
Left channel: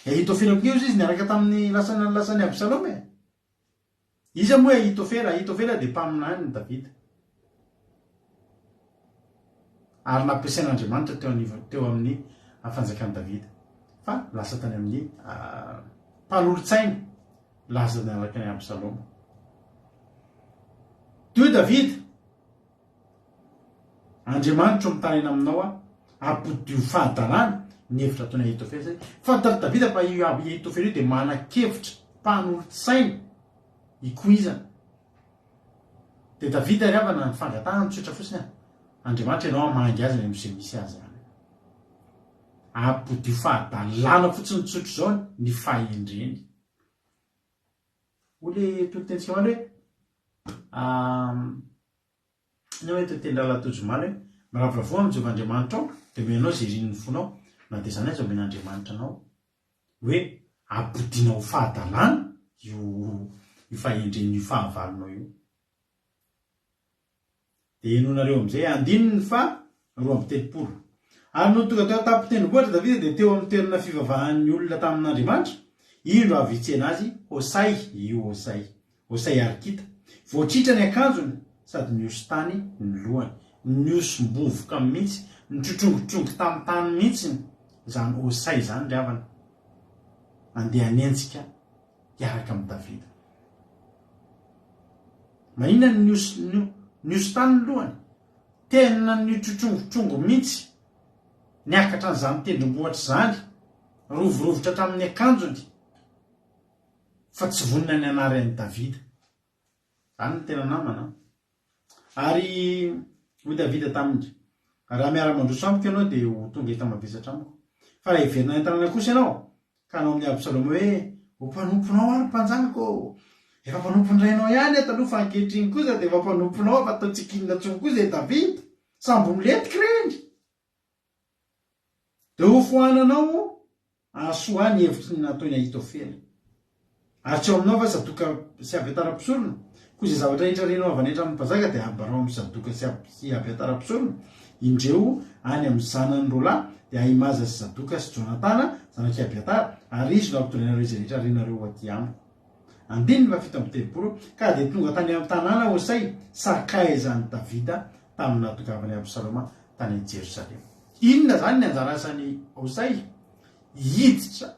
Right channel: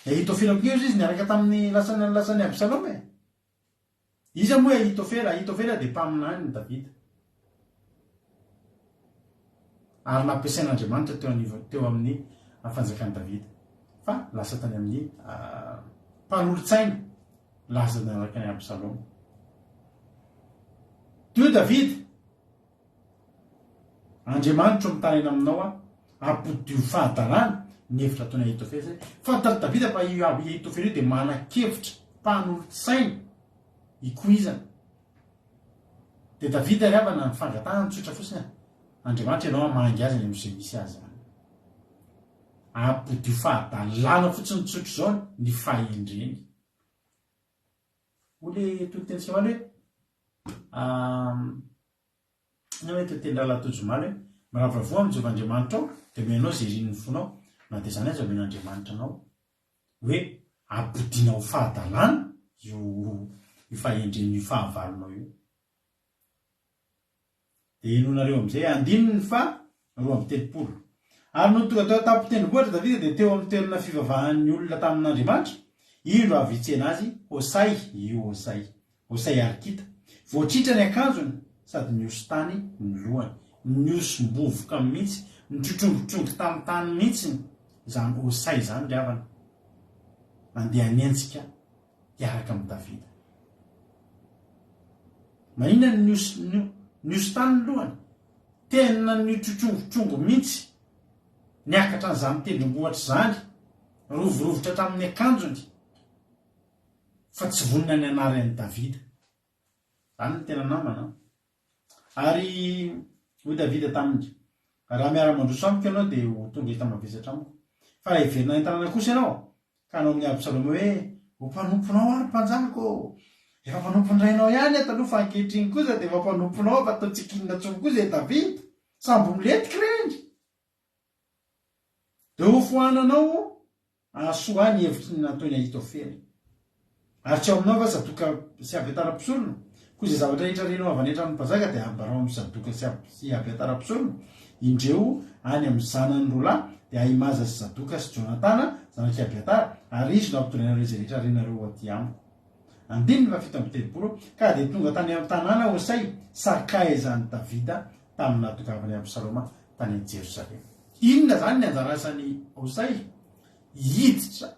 Ahitofela koa izy niaraka tamin'ny lasany Absaloma iza moa Ahitofela de mpaminany ny Davida ary nampiasain'Andriamanitra teo amin'ny fanjakan'i Davida fa lasa tany amin'ny mpanolotsaina lasa niaraka ny Absaloma teo Davida Andriamanitra mitaraina aminao apodio fahadarana ny hevitra ataony Ahitofela zay fantary Davida fa Ahitofela io de manan-kevitra mpanolotsaina ikoizana de Davida riavana ny fangatahana tsotra fotsiny Andriamanitra ianao amangy azy ny amin'izay misy azy zany apodio fahadalana fotsiny tsotro zao ny fahendreny ole totentsika hoe ny hoe toteny lalatojomany hoe miravoravoa amin'ny Jehovahandriamanitra ao de menao zay rin'ny fonao na de zany aza omen'Andriamanitra anao hoe apodinao fahadalana io fahendreny io fahavalonao io de enonareo am'izay andininy fa 2:30 ary no tonga teo tapitendrombohitra Davida de teo amin'ny toerana fivavahan'ny olona tamin'Andriamanitra io avitsena azy Osay arkita voatritra ny akanjony sady niosy tany ny lohany niosy mbovoka mihitsy nitrotrongotrongoko tamin'ny tany mihitsiny zany Osay zany ry havana mandeha anentsika hiaraka amin'ny Davida. Maninona nioso tany ny lohany tena nitrotrongotrongoko mihitsy niakatra n'izany tendrombohatra zany rovorovotra tamin'ny akanjony fa tsy vonina ny anaran'ny Davida. Zany ny tena namana. Ary hoy Davida taminy, raha miara-mandroso amiko ianao dia ho tonga eto mavesatra amiko. Fa raha hiverina ny tanàna kosa ianao ka anao amin'ny Absaloma hoe ho mpanomponao ary mpanjanako, efa mpanompondrainao ihany taloha fa ankehitriny kosa dia efa mpanomponao fa atao tsikinina tsony kosa zay Davida sambo miletika reny. Dia ho fohananao asoa ny hevitry ny nataony Ahitofela. Ary tsy ao aminao fa sadoka sy Abiatara-pisolona. Koa izay zavatra rehetra renao avy hanetra amin'ny mpanjaka dia ambarao amin'ny sadoka sy Abiatara-pisolona. Indreo any amin'ny zanany roalahy dia Ahimaza sy Sadoka sy Jonatana zanaky Abiatara, ary izy no ampitondraina rehetra rehetra renareo aty amiko. 17 ka dia tonga tany amin'ny tanàna Osay sarkaizany Davida tamin'ny natokavany Absaloma tany amin'ny Jerosalema. Inona zany ny anjara asany Osay? Hiditra,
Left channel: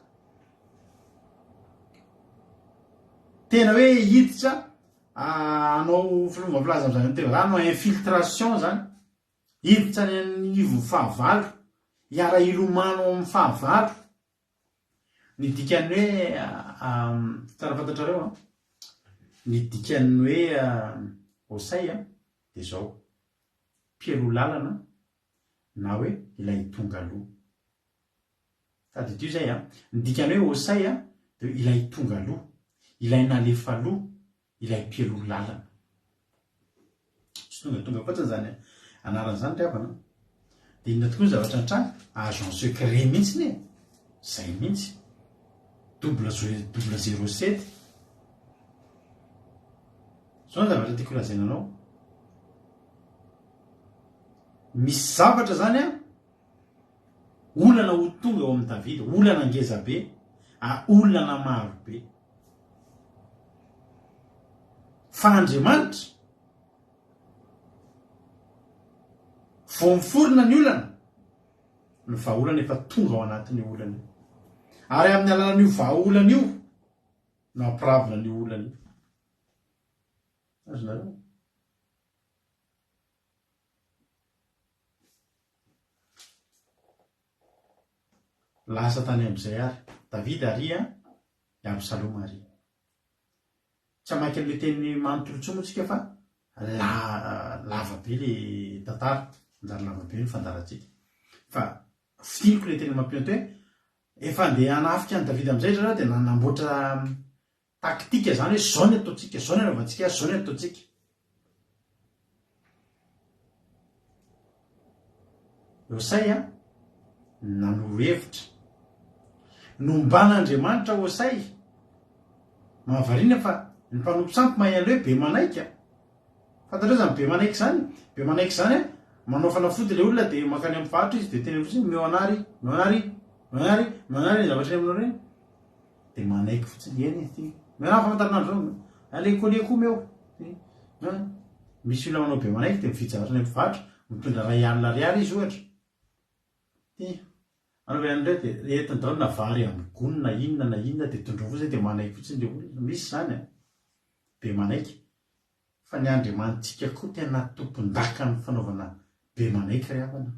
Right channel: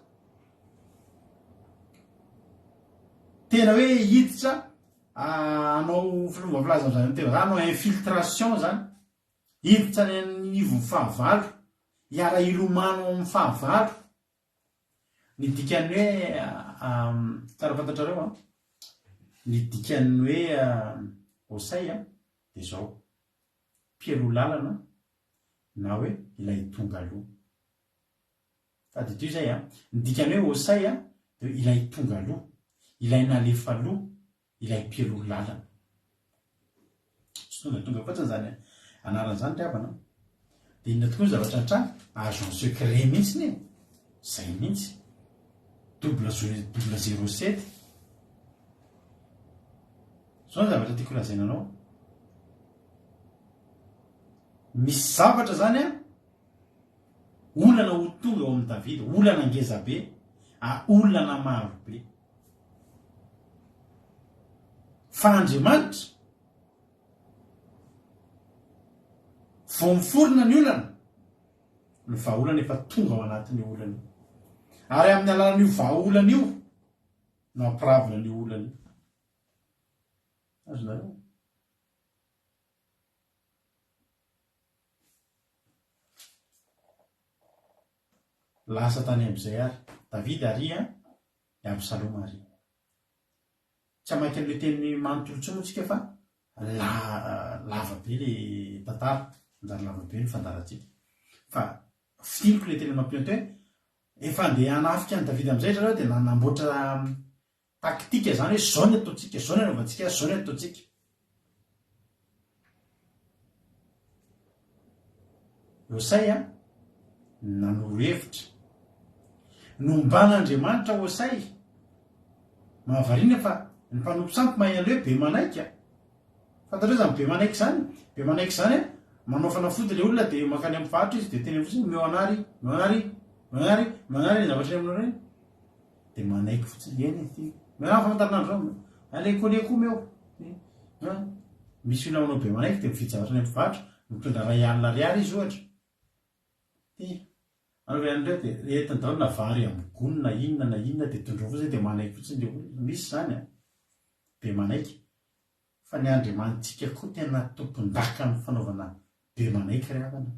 tena hoe hiditra anao filombafilaza amin'izany tena zany, anao infiltration zany, hiditra ny anivo fahavalo, hiara ilomano amin'ny fahavalo. Ny dikany hoe tsara fantatrareo ny dikany hoe Osay dia zao mpielo lalana na hoe ilay tonga aloha. Sady ity zay ny dikany hoe Osay dia ilay tonga aloha, ilay nalefa aloha, ilay mpielo lalana. Tsy tonga fotsiny zany anaran'izany ry havana. Dia inona tokoa ny zavatra antrany agent secret mihitsy ny zay mihitsy 007. Zao ny zavatra tiako lazaina anao. Misy zavatra zany olana ho tonga ao amin'ny Davida, olana ngeza be, olana maro be. Fa Andriamanitra vao miforona ny olana ny vahaolana efa tonga ao anatin'ny olana. Ary amin'ny alalan'io vahaolana io no ampiravina ny olana io. Azonareo? Lasa tany amin'izay ary Davida ary Absaloma ary. Tsy hamaky an'ilay teny manontolo moa tsika fa lava be le tantara, anjara lava be ny fandarantsika. Fa fitiniko ilay teny mampinoto hoe efa andeha hanafika ny Davida amin'izay zao dia nanamboatra taktika zany hoe zao ny ataontsika, zao ny anaovantsika, zao ny ataontsika. Osay nanoro hevitra nomban'Andriamanitra Osay mahavariana fa ny mpanompo sampy mahay an'ilay hoe be manaika. Fantatreo zany be manaiky zany? Be manaiky zany manao fanafody ilay olona dia makany amin'ny faritra izy dia teny fotsiny meoanary ny zavatra aminao reny dia manaiky fotsiny eny ity. Meoana famantarinandro zao aleko meo. Misy olona manao be manaiky dia mividy zavatra ny amin'ny faritra mitondra R1,00 izy ohatra. Anaovy an'ireo dia rehetra ndao na vary amin'ny gony na inona dia tondro fotsiny dia manaiky fotsiny ilay olona. Misy zany be manaiky. Fa ny Andriamanitsika koa tena tompon-daka ny fanaovana be manaiky ry havana.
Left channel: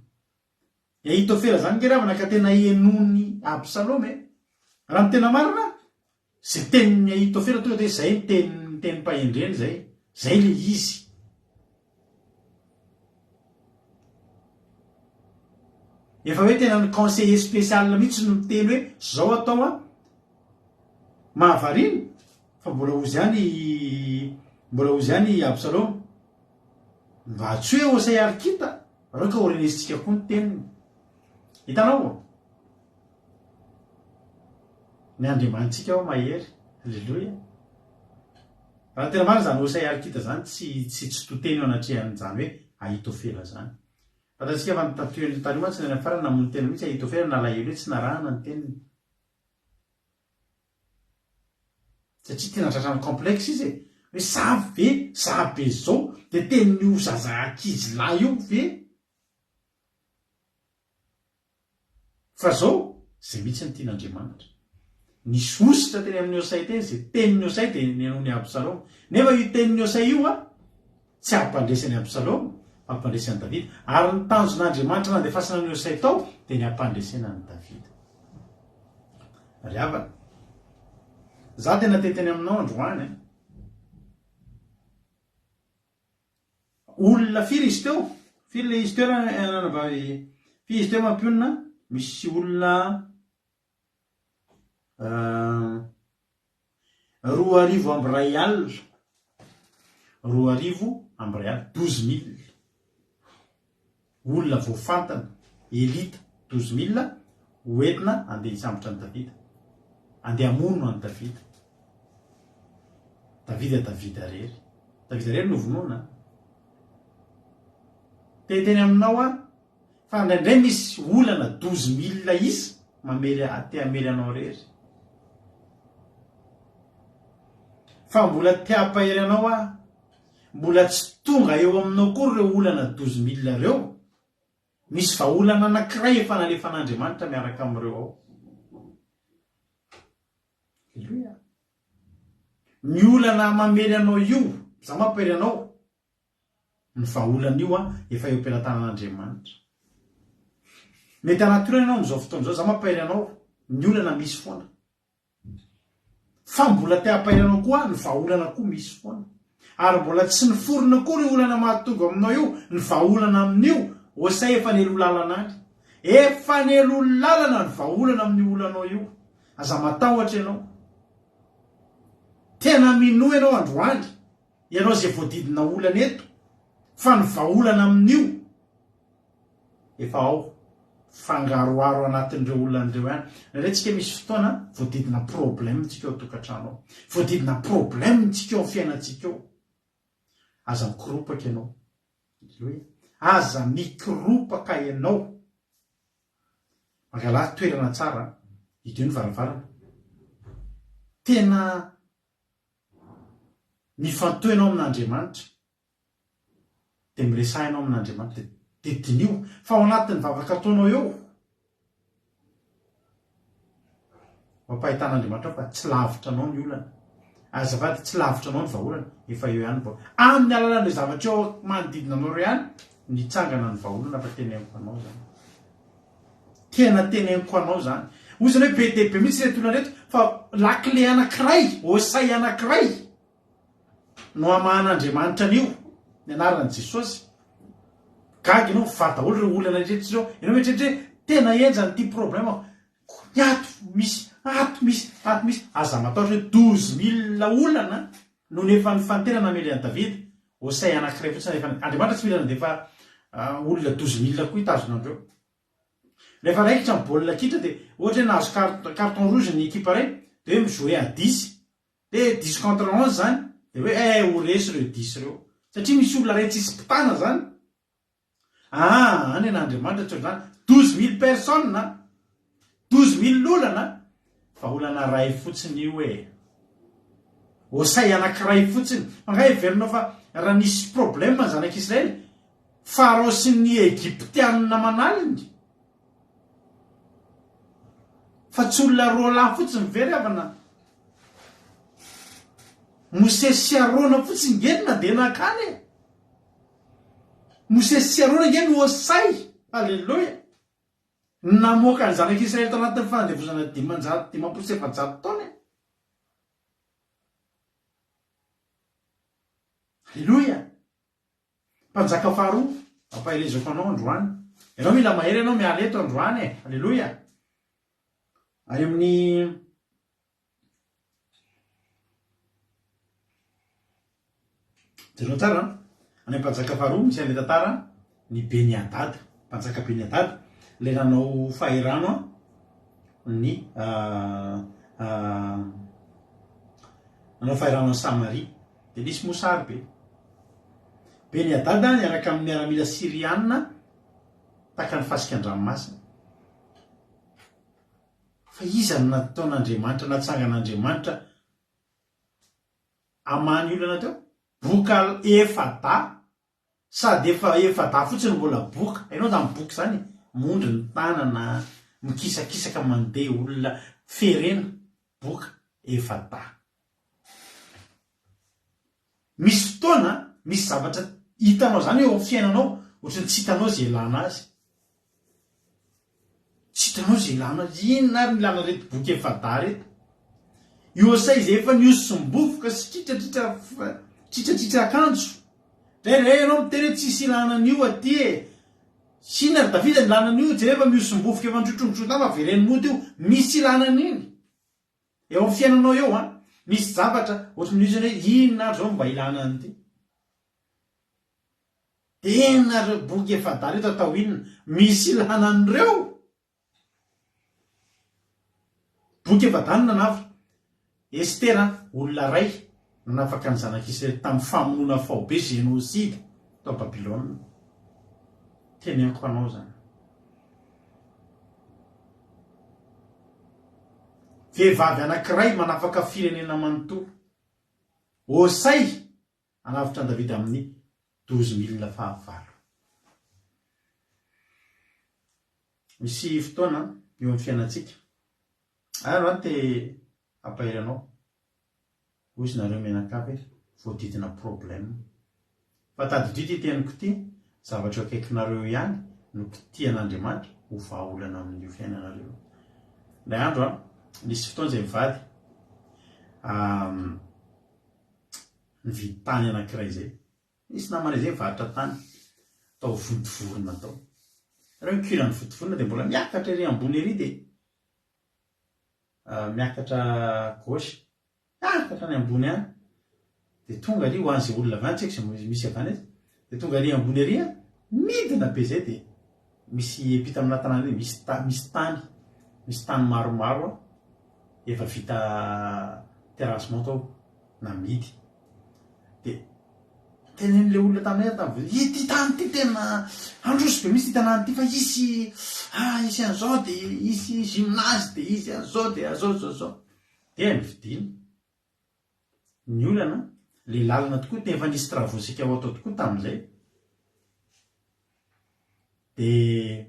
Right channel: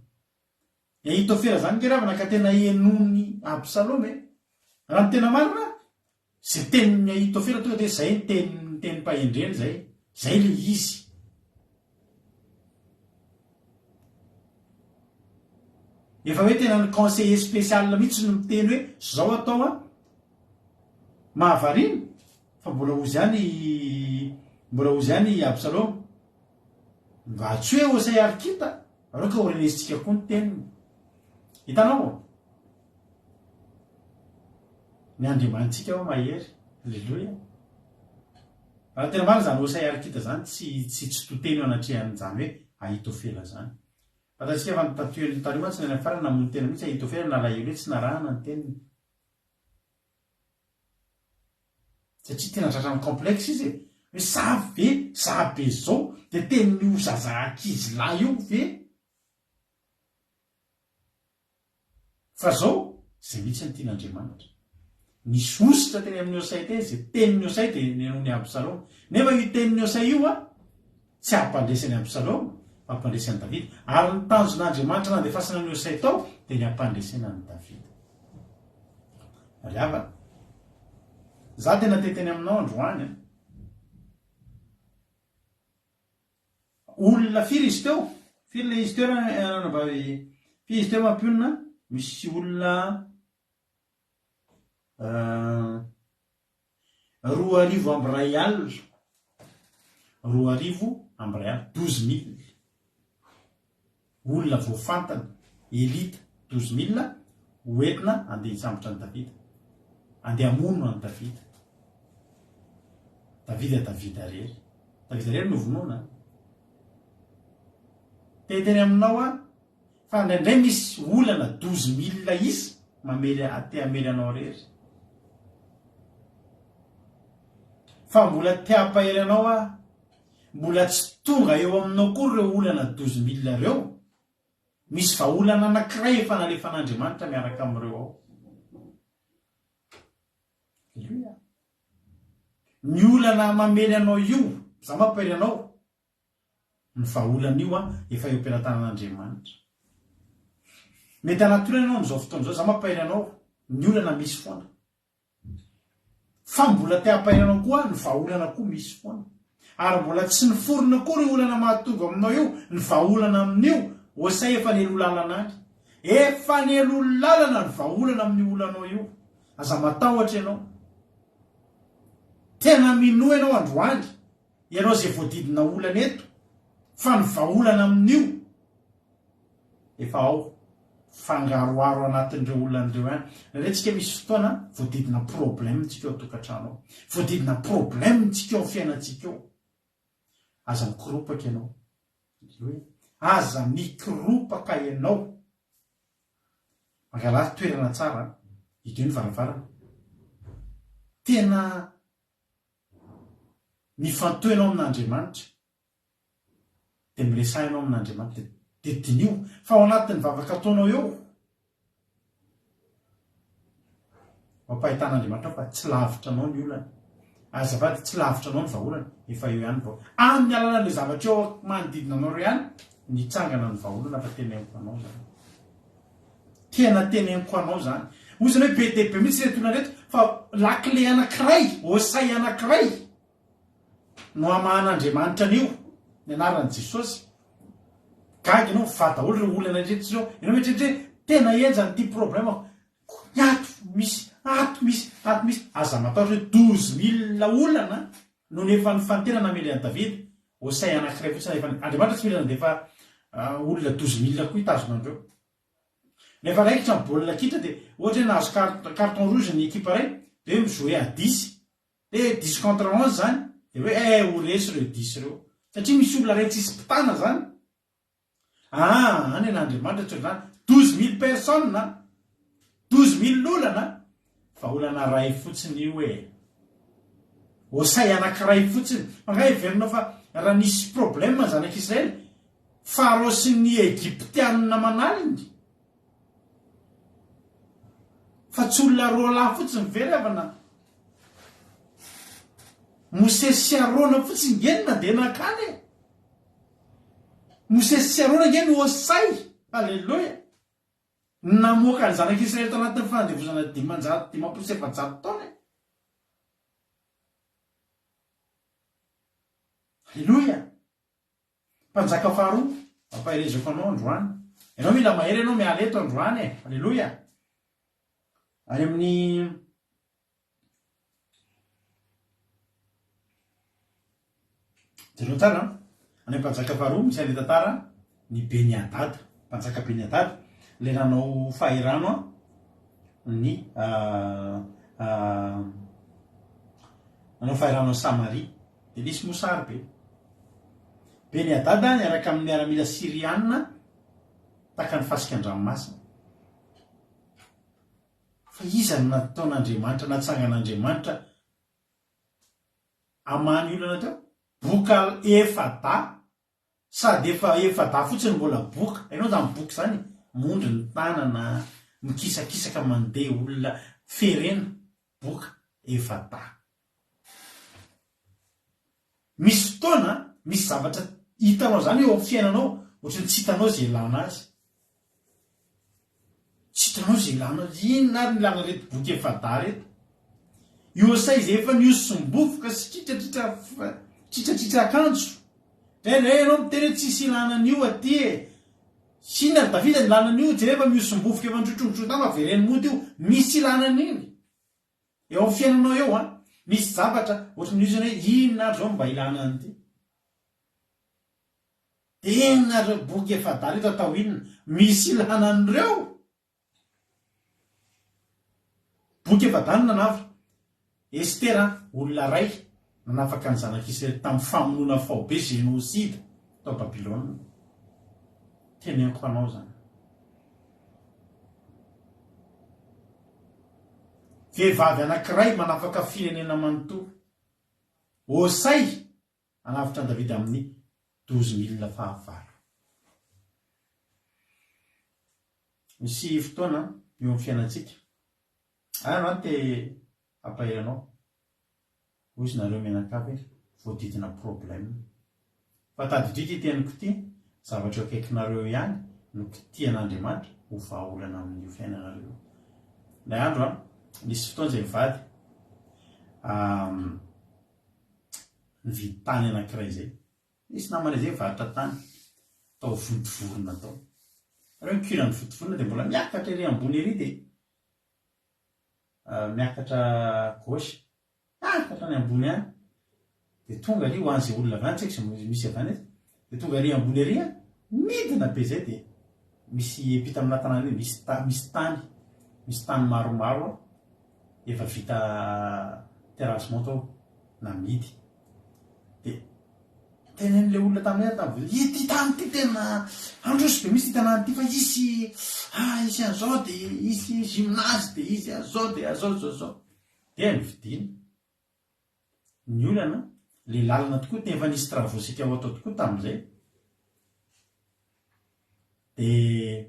Ahitofela zany ke ry havana ka tena henony Absaloma. Raha ny tena marina zay tenin'ny Ahitofela tonga dia zay ny teny mpahendreny zay le izy. Efa hoe tena ny conseiller spécial mihitsy no miteny hoe zao atao mahavariana fa mbola ozy ihany Absaloma mba tsy hoe Osay arikita areo ka orenesitsika koa ny teniny. Hitanao ny Andriamanitsika ao mahery. Alleluia. Raha tena marina zany Osay arikita zany tsy toteny anatrehan'izany hoe Ahitofela zany. Fantatsika fa nytatoeny tany moa tsy nany farany namono tena mihitsy Ahitofela nalahelo hoe tsy narahana ny teniny. Satria tena tratrany complexe izy hoe zavy be zao dia tenin'io zaza ankizy lahy io ve? fa zao zay mihitsy ny tian'Andriamanitra. Nisy ositra teny amin'ny Osay teny zay tenin'ny Osay dia nenony Absaloma. Nefa io tenin'ny Osay io tsy hampandresany Absaloma, hampandresany Davida. Ary ny tanjon'Andriamanitra nandefasana ny Osay tao dia ny hampandresana ny Davida. Ry havana, za tena teteny aminao androany. Olona firy izy teo? Firy le izy teo firy izy teo mampionina? Misy olona 2,000 amby ray alina. 2,000 amby ray alina, 12,000. Olona voafantana, elita 12,000 hoentina andeha hisambotra ny Davida. Andeha hamono any Davida. Davida rery. Davida rery no vonoana. Teny aminao fa indraindray misy olana 12,000 izy te hamely anao rery. Fa mbola te hampahery anao mbola tsy tonga eo aminao koa ireo olana 12,000 reo. Misy fa olana anankiray efa nalefan'Andriamanitra miaraka amin'ireo ao. Alleluia. Ny olana mamely anao io, za mampihery anao, ny vaolana io efa eo am-pelatanan'Andriamanitra. Mety anaturana ianao amin'izao fotoana izao, za mampihery anao, ny olana misy foana. Fa mbola te hampahery anao koa ny vaolana koa misy foana. Ary mbola tsy niforona koa ny olana mahatonga aminao io, ny vaolana amin'io, Osay efa nelo lalana any. Efa nelo lalana ny vaolana amin'ny olanao io. Aza matahotra ianao. Tena mino ianao androany, ianao izay voadidina olana eto, fa ny vaolana amin'io efa ao fangaroaro anatin'ireo olonan'ireo ihany. Rehetratsika misy fotoana voadidina problème tsika eo an-tokantrano, voadidina problème tsika eo amin'ny fiainantsika eo. Aza mikiropaka ianao. Aza mikiropaka ianao. Mangala toerana tsara, idio ny varavarana. Tena mifantoy ianao amin'Andriamanitra. Dia miresahinao amin'Andriamanitra. Dia dinio fa ao anatin'ny vavaka ataonao eo. Mampahitan'Andriamanitra fa tsy lavitra anao ny olana. Azafady tsy lavitra anao ny vaholana, efa eo ihany vao. Amin'ny alalan'ilay zavatra eo manodidina anao ihany, nitsangana ny vaholana fa teneniko anao zany. Tena teneniko anao zany. Osana hoe be dia be mihitsy ireto olana reto, fa lakile anankiray, Osay anankiray no amahan'Andriamanitra an'io, ny anaran'i Jesosy. Gaga ianao fa daholo ireo olana rehetra zao. Ianao mieritreritra tena enjany ity problème. Ny ato misy. Aza matahotra hoe 12,000 olana no nefa nifantena namely an'i Davida. Osay anankiray fotsiny nefa Andriamanitra tsy mila nandefa olona 12,000 koa hitazonandreo. Rehefa raikitra ny baolina kitra dia ohatra hoe nahazo carton rouge ny équipe ray, dia hoe mijouer à 10. Dia 10 contre 11 zany. Dia hoe ho resy ireo 10 ireo. Satria misy olona ray tsisy mpitana zany. Any an'Andriamanitra tsy zany 12,000 personnes, 12,000 olana, fa olana ray fotsiny io Osay anankiray fotsiny. Manga heverinao fa raha nisy problème ny zanak'Israely, Farao sy ny Egyptianina manaliny. Fa tsy olona roa lahy fotsiny very avana. Mosesy sy Arona fotsiny ngenina dia nakany. Mosesy sy Arona nge no Osay. Alleluia. Namoaka ny zanak'Israely tao anatin'ny fanadevozana 500 taona. Alleluia. Mpanjaka faharoa, ampahirezako anao androany. Ianao mila mahery, ianao miala eto androany. Alleluia. Any amin'ny jereo tsara, any mpanjaka faharoa misy an'ilay tantara ny Beni-Hadad, mpanjaka Beni-Hadad, ilay nanao fahirano ny nanao fahirano ny Samaria. Dia nisy mosary be. Beni-Hadad niaraka amin'ny miaramila Siriana taka ny fasikan-dranomasina. Fa iza no nataon'Andriamanitra, natsangan'Andriamanitra amany olana teo? Boka efada, sady efa efada fotsiny mbola boka. Hainao zany boka zany, mondry ny tanana, mikisakisaka mandeha olona ferena boka efata. Misy fotoana misy zavatra hitanao zany eo amin'ny fiainanao ohatrany tsy hitanao zay ilana azy, tsy hitanao zay ilana azy. Inona ary ilana reto boky efata reto? Iosay izay efa niosombofoka sy tritratritra akanjo. Dre anao miteny hoe tsisy ilana an'io aty e. Sina ry Davida ny ilana an'io tsy rehefa miosombofoka efa nitrotrongotrona fa vereny mody io. Misy ilana an'iny eo amin'ny fiainanao eo misy zavatra ohatrany misy hoe inona ary zao mba ilana an'ity. Inona ry boky efata reto atao inona? Misy ilana an'ireo. Boky efadanina navy Estera, olona ray nanafaka ny zanak'Israely tamin'ny famonoana faobe génocide tao Babilôna. Teneniko anao zany. Vehivavy anankiray manafaka firenena manontolo. Osay anavitra ny Davida amin'ny 12,000 fahavalo. Misy fotoana eo amin'ny fiainantsika. Ary te ampahiranao hoy izy nareo mianakavy voadidina problème. Fa tadidito iteniko ity zavatra eo akaikinareo ihany no kitian'Andriamanitra ho vahaolana amin'io fiainanareo. Ilay andro nisy fotoana izay mivady nividy tany anankiray izay. Nisy namana izay mivarotra tany tao votovorona tao. Reo mikirany votovorona dia mbola miakatra ery ambony ery dia miakatra gauche, miakatra ny ambony any dia tonga ary ho an'izay olona avy any tsy haiko izay misy avy any dia tonga ary ambony ery midina be izay dia misy epita amina tanàna misy tany maromaro efa vita terrassement tao namidy. Dia tenen'ilay olona tamin'ny ity tany ity tena androso be misy tanàna ity fa isy an'izao dia isy gymnase dia isy an'izao dia azao. Dia nividiana. Ny olana le lalana tokoa dia efa nisy travaux ao atao tokoa tamin'izay. Dia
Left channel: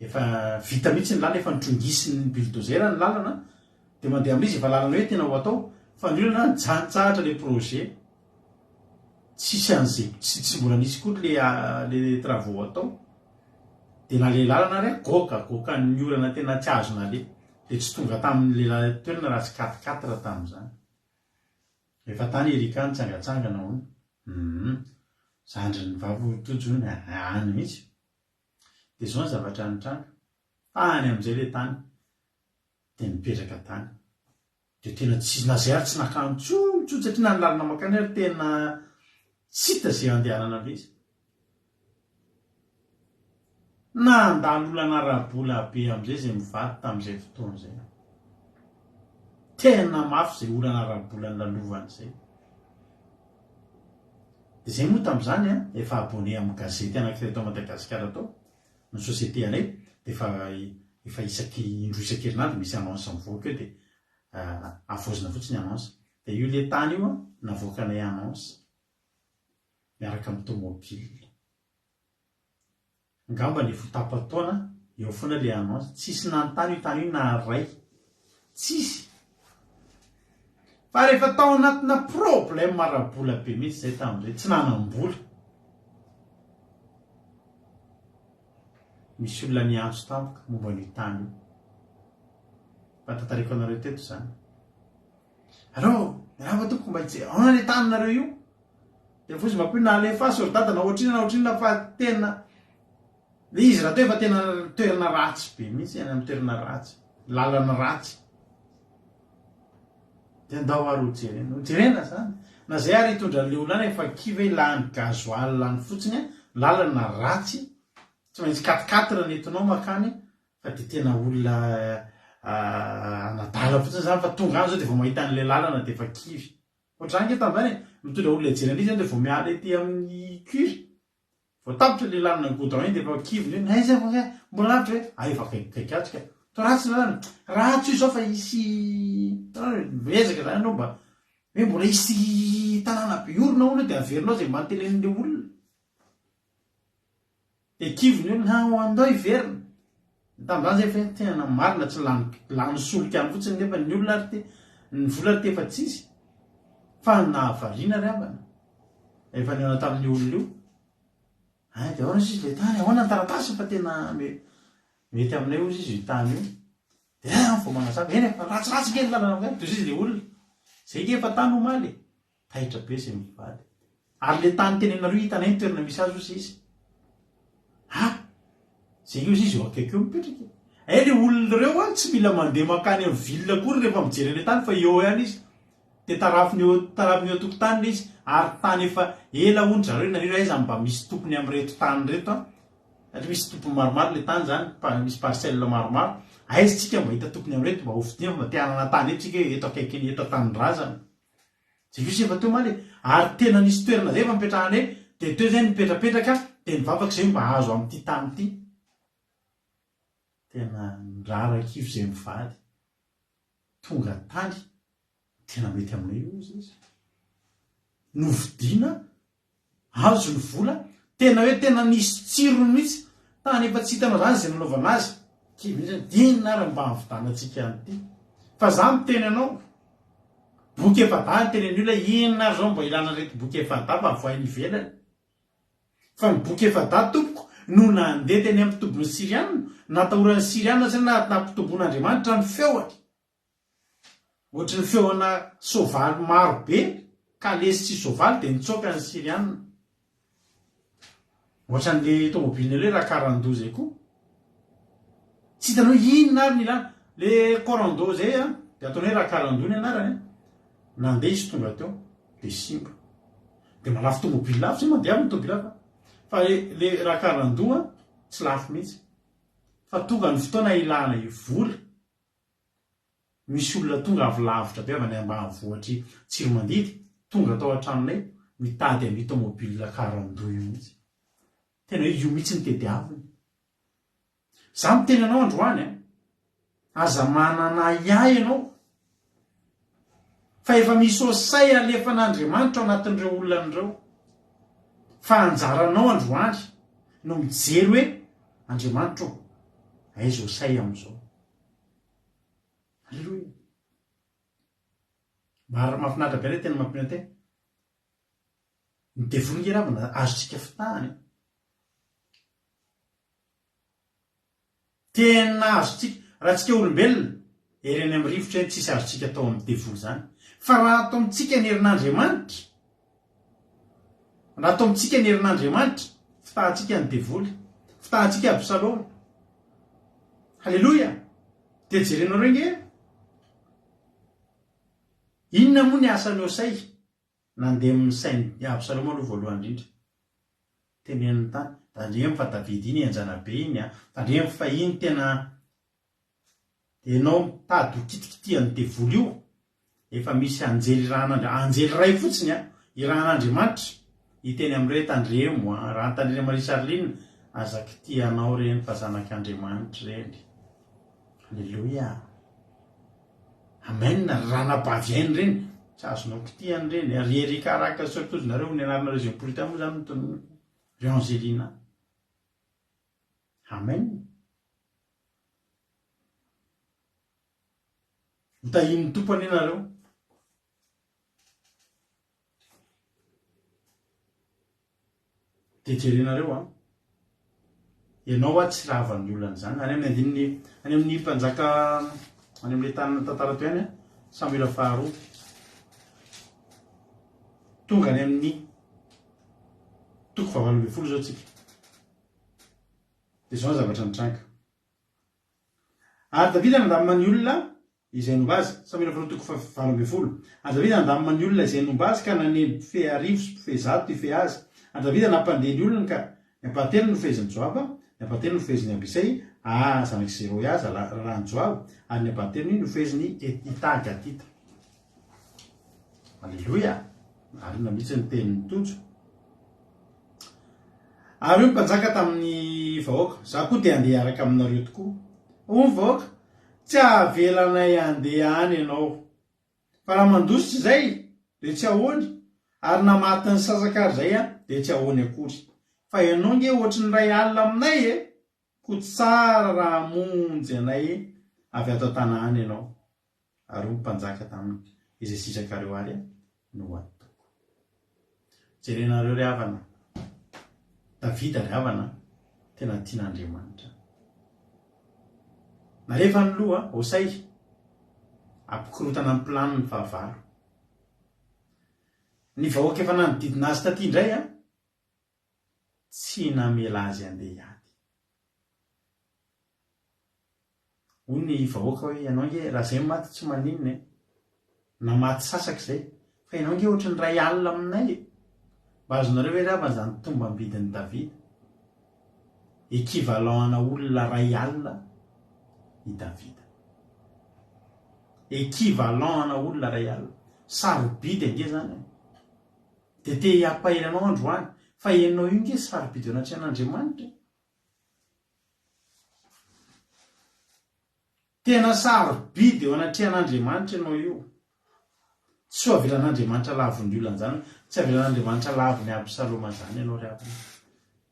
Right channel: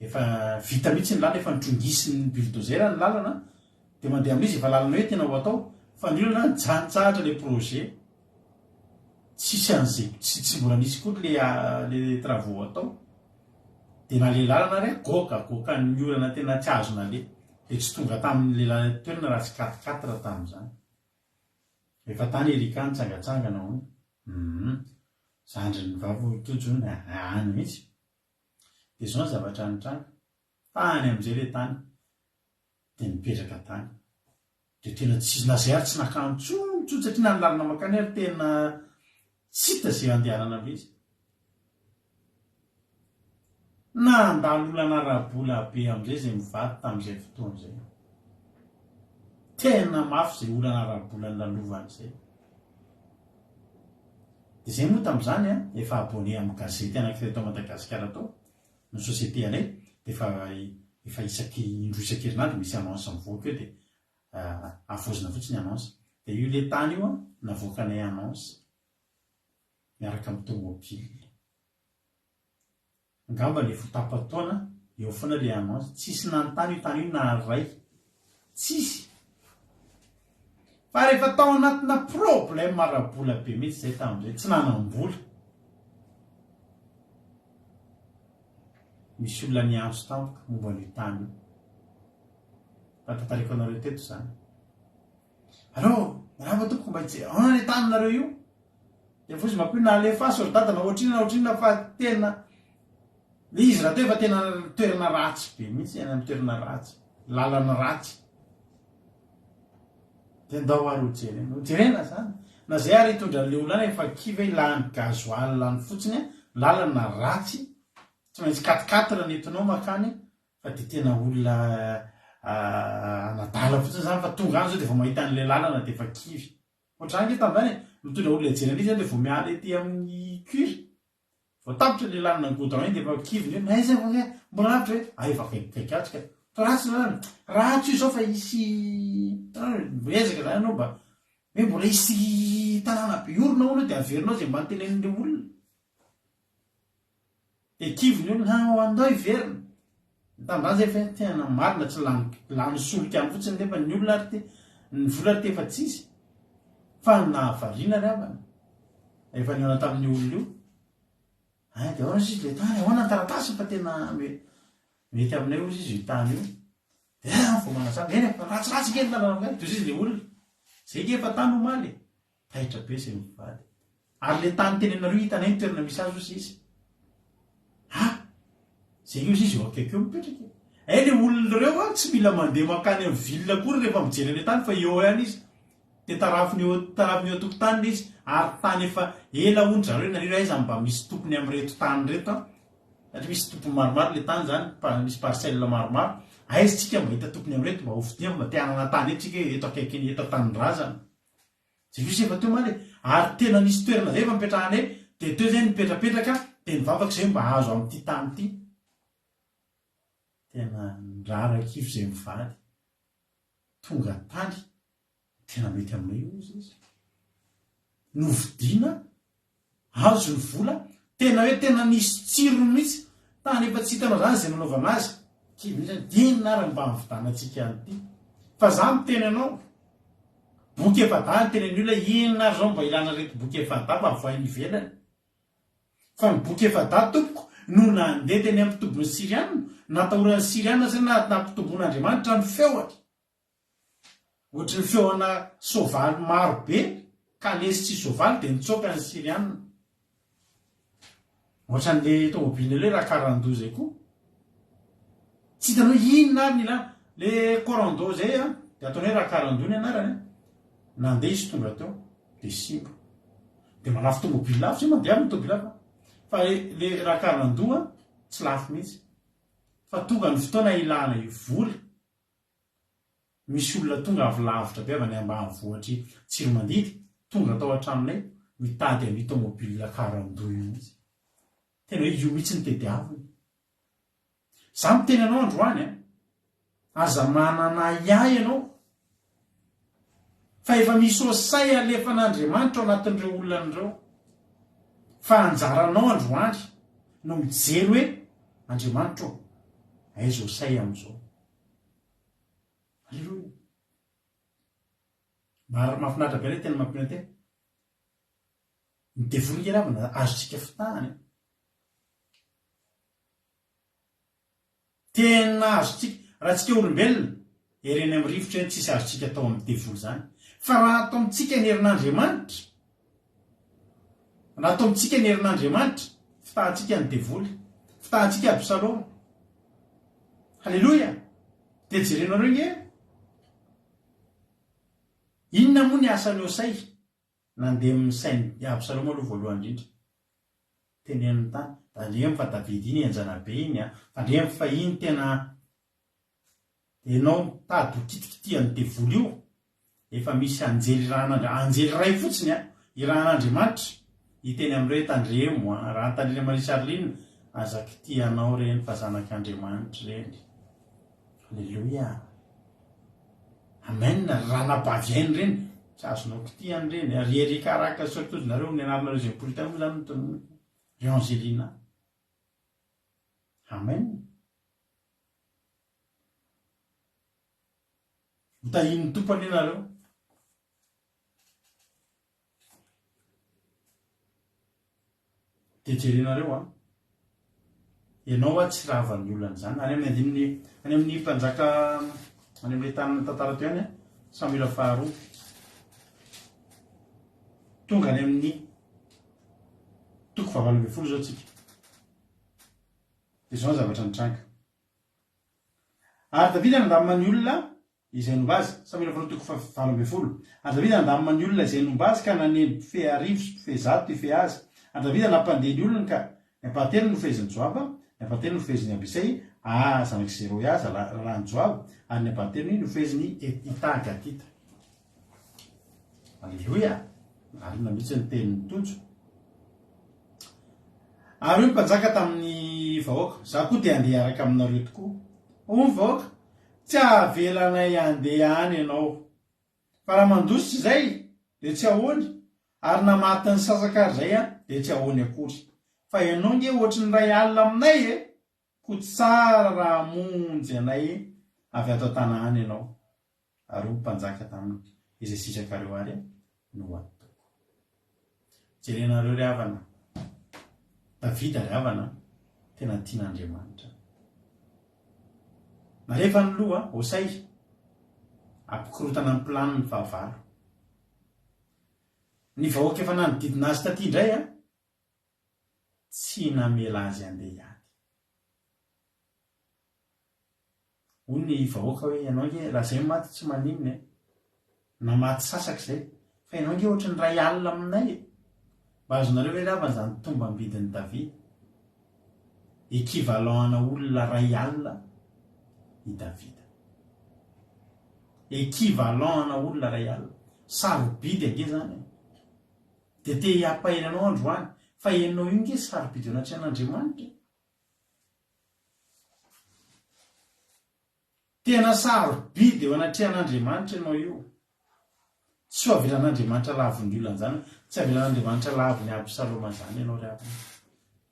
efa vita mihitsy ny lalana, efa nitrongisin'ny bulldozer ny lalana dia mandeha amin'izy efa lalana hoe tena ho atao. Fa ny olana nijanontsahatra le projet. Tsisy an'izay tsy mbola nisy koa le travaux atao. Dia na le lalana ary goka ny olana tena tsy azona le. Dia tsy tonga tamin'le toerana raha tsy 4x4 tamin'izany. Efa tany erika nitsangatsangana hono. Zandry ny vavo tojony any mihitsy. Dia zao ny zavatra nitranga. Tany amin'izay le tany. Dia nipetraka tany. Dia tena tsy nazay ary tsy nakano tsotso satria na ny lalana makany ary tena tsy hita izay andehanana izy. Nandalo olana arabola be amin'izay izay mivady tamin'izay fotoana izay. Tena mafy izay olana arabola nalovana izay. Dia izay moa tamin'izany efa abonné amin'ny gazety anankiray tao Madagasikara tao. Ny société anay dia efa isaky indroa isan-kerinandro misy annonce mivoaka eo dia avoazina fotsiny annonce. Dia io le tany io navoakanay annonce miaraka amin'ny tomobile. Ngamba le fotapataona eo foana le annonce. Tsisy nanontany io tany io na ray. Tsisy. Fa rehefa tao anatina problème arabola be mihitsy izay tamin'izay tsy nanam-bola. Misy olona niantso tampoka momba ny tany io. Fantatariko anareo teto izany. Allo, miarahaba tompoko mba hijery ahoana le taninareo io? Dia fotsy mba koa na alefa sordata na ohatrina fa tena le izy raha teo efa tena toerana ratsy be mihitsy any amin'ny toerana ratsy. Lalana ratsy. Dia andao ary hojerena zany. Na izay ary hitondran'ilay olana efa kiva lany gasoil lany fotsiny lalana ratsy. Tsy maintsy 4x4 nentinao makany fa dia tena olona anadala fotsiny zany fa tonga any zao dia vao mahita an'ilay lalana dia efa kivy. Ohatr'izany ke tamin'izany mitondra olona hijerena izy dia vao miala ety amin'ny cury. Vao tapitra le lalana ny goudron dia efa kivy ny zay mbola lavitra hoe efa kaikatsika. Ratsy lalana. Ratsy io zao fa isy ezaka zany anao mba hoe mbola isy tanàna be orona hono dia averinao izay mba antenenin'ilay olona. Dia kivy ny olona andao hiverina. Tamin'izany zay fa tena marina tsy lany solika any fotsiny nefa ny olona ny vola ry tefa tsisy fa nahavariana ry abana efa niona tamin'ny olona io de ahoana izy le tany ahoana ny taratasy fa tena mety aminay ozy izy io tany io de vao manasaka eny efa ratsiratsy kely lalana toy izy le olona zay ke efa tany omaly tahitra be zay mivady ary le tany tenenareo hitanay ny toerana misy azy ozy izy zay io izy eo akaikeo mipetraka le olona reo a tsy mila mandeha makany amin'ny vilona kory rehefa mijery le tany fa eo ihany izy de tarafiny eo antokotany izy ary tany efa ela ondry zareo naniro aiza mba misy tompony amin'reto tany reto satria misy tompony maromaro le tany zany misy parcelle maromaro aizytsika mba hita tompony amin'reto mba hovidia mba tianana tany etsika eto akaikiny eto tanindrazana zay io izy efa teo maly ary tena nisy toerana zay efa mipetrahana de teo zay mipetrapetraka de nivavaka zay mba azo amin'ity tany ity tena rarakivy zay mivady tonga tany tena mety aminay io izy novidiana azo ny vola tena hoe tena nisy tsirony mihitsy tany efa tsy hitanao zany zay nanaovana azy dinina ary mba mividanantsika anyity fa za miteny anao boky efa da ny teneny olona inona ary zao mba ilana reto boky efa da mba voainy ivelany fa ny boky efa da tompoko no nandeha teny amin'ny tombony siriana natahoran'ny siriana zany nampitombon'Andriamanitra ny feoany ohatry ny feoana sovaly maro be ka lesy tsy sovaly de nitsoka ny siriana ohatran'le tomobilina le raha karando zay koa tsy hitanao inona ary ny ilana le corando zay de ataony hoe raha karando ny anarany nandeha izy tonga teo de simba de malafo tomobily lafo zay mandeha amin'ny tomobily lafa fa le raha karandoa tsy lafo mihitsy fa tonga ny fotoana ilana vola misy olona tonga avy lavitra be avy any ambanivohitry Tsiromandidy tonga tao an-tranonay mitady amin'ny tomobile karandoa io mihitsy tena hoe io mihitsy ny tediaviny za miteny anao androany aza manana iay ianao fa efa misy osay alefan'Andriamanitra ao anatin'ireo olonan'ireo fa anjaranao androany no mijery hoe Andriamanitra aiza osay am'izao alleloia mara mahafinaritra be tena mampina tena ny devoly ravana azotsika fitahany tena azotsika raha tsika olombelona ereny amin'ny rivotra eny tsisy azotsika atao amin'ny devoly zany fa raha atao amintsika ny herin'Andriamanitra raha atao amintsika ny herin'Andriamanitra fitahantsika ny devoly fitahantsika Absaloma halleloia de jerenareo nge inona moa ny asany osay nandeha amin'ny sainy Absaloma aloha voalohany indrindra teneniny tany tandremy fa Davidy iny anjana be iny tandremy fa iny tena enao mitady ho kitikitian'ny devoly io efa misy anjely anjely ray fotsiny irahan'Andriamanitra hiteny amin'ireo tandremo raha tandremo Risarlina aza kitianao reny fa zanak'Andriamanitra reny halleloia amen raha nabaviainy reny tsy azonao kitiany reny rierika sortozinareo ny anarinareo zay polita moa zany mitony reo Angelina amen mitahin'ny tompany ianareo de jerenareo ianao tsy rahavan'ny olana zany any amin'ny mpanjaka any amin'le tanana tantara teo ihany Samuela faharoa tonga any amin'ny toko 8 zao tsika de zao ny zavatra nitranga ary Davida nandamina olona izay nomba azy Samuela faharoa toko 8 ary Davida nandamina olona izay nomba azy ka naneny mpife arivo sy mpife zato ife azy ary Davida nampandeha ny olona ka ny ampatelo no feheziny Joaba ny ampatelo no feheziny Abisay zanaky Zeroia rahany Joaba ary ny ampatelo no feheziny Ita Gatita alleloia ary namitsy ny tenin'ny tojo ary io mpanjaka tamin'ny vahoaka za koa te andeha araka aminareo tokoa o vahoaka tsy avelanay andeha any ianao fa raha mandositra zay de tsy ahoany ary namatiny sasakary zay de tsy ahoany akory fa ianao nge ohatry ny ray alina aminay ko tsara raha monjy anay avy ato tanàna ianao ary mpanjaka taminy izay sitrakareo ary no atoko. Jerenareo ry havana, Davida ry havana tena tian'Andriamanitra. Na rehefa ny loha Hosay ampikorotana amin'ny planiny fahavalo. Ny vahoaka efa nanodidina azy taty indray tsy namela azy andeha hiady. Hoy ny vahoaka hoe ianao nge raha zay maty tsy maninona na maty sasaka izay fa ianao nge ohatry ny ray alina aminay. Mba azonareo hoe ravana zany tombam-bidin'ny Davida, équivalent-na olona ray alina i Davida, équivalent-na olona ray alina, sarobidy ange zany. Dia te hampahiranao androany fa ianao io nge sarobidy ao anaty an'Andriamanitra. Tena sarobidy ao anaty an'Andriamanitra ianao io. Tsy ho avelan'Andriamanitra lavon'ny olona zany, tsy avelan'Andriamanitra lavon'ny Absaloma zany ianao ry havana.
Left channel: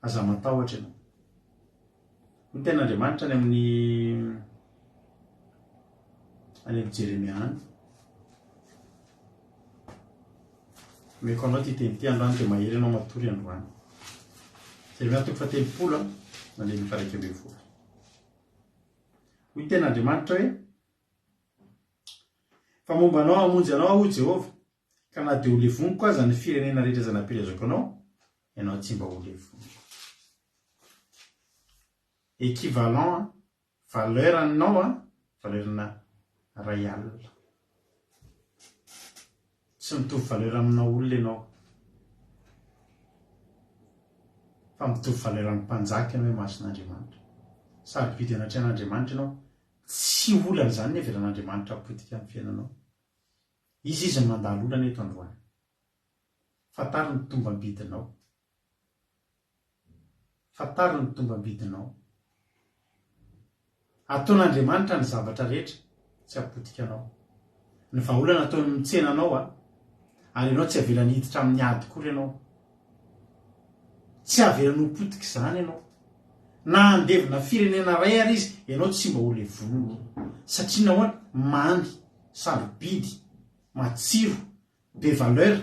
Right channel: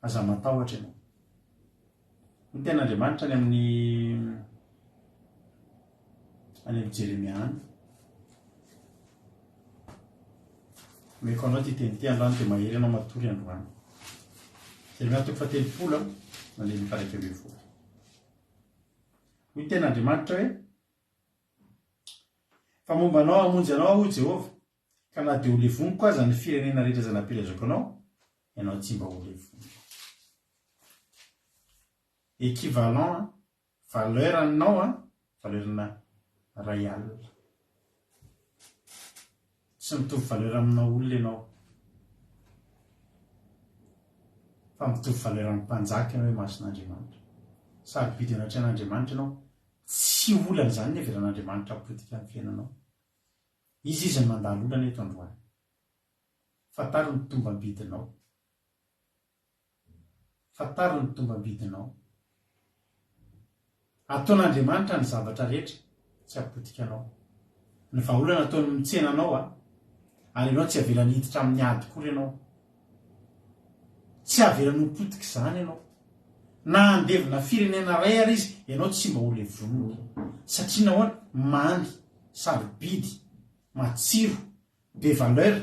Aza matahotra ianao. Ny ten'Andriamanitra any amin'ny Jeremia any. Meko anao ty teny ty androany dia mahery ianao matory androany. Jeremia 3:30 mandeha ny 1:20. Hoy ten'Andriamanitra hoe fa momba anao hamonjy anao aho Jehova, ka na dia ho levoniko aza ny firenena rehetra izay nampirazako anao, ianao tsy mba ho levoniko. Équivalent valeur aminao valeurna ray alina. Tsy mitovy valeur amina olona ianao, fa mitovy valeur amin'ny mpanjaka ianao hoe mason'Andriamanitra. Sarobidy anaty an'Andriamanitra ianao, tsy olana zany ny avelan'Andriamanitra apotika amin'ny fiainanao. Izy no mandalo olana eto androany. Fantaro ny tombam-bidinao. Fantaro ny tombam-bidinao. Ataon'Andriamanitra ny zavatra rehetra, tsy apotikanao. Ny vahaolana ataony mitsenanao ary ianao tsy avelany hiditra amin'ny ady kory ianao. Tsy avelany ho potika izany ianao. Na andevina firenena ray ary izy, ianao tsy mba ho levoniny. Satria nahoana mamy, sarobidy, matsiro, be valeur,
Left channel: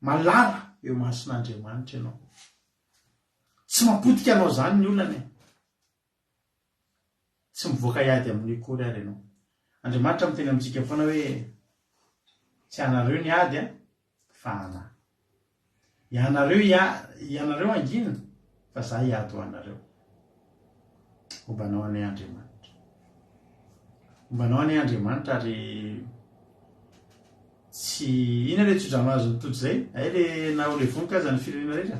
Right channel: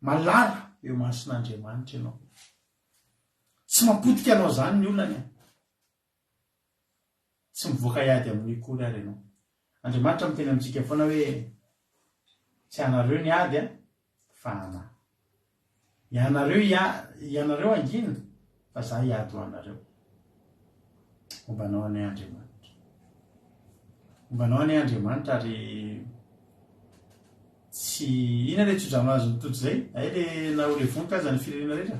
malala eo mason'Andriamanitra ianao. Tsy mapotika anao zany ny olana. Tsy mivoaka hiady amin'ny kory ary ianao. Andriamanitra miteny amintsika foana hoe tsy anareo ny ady fa ana. Ianareo angina fa za hiady ho anareo. Ombanao anay Andriamanitra. Ombanao anay Andriamanitra ary tsy ina le tsodrano azy mitoto zay, ay le na ho levoniko aza ny firenena rehetra.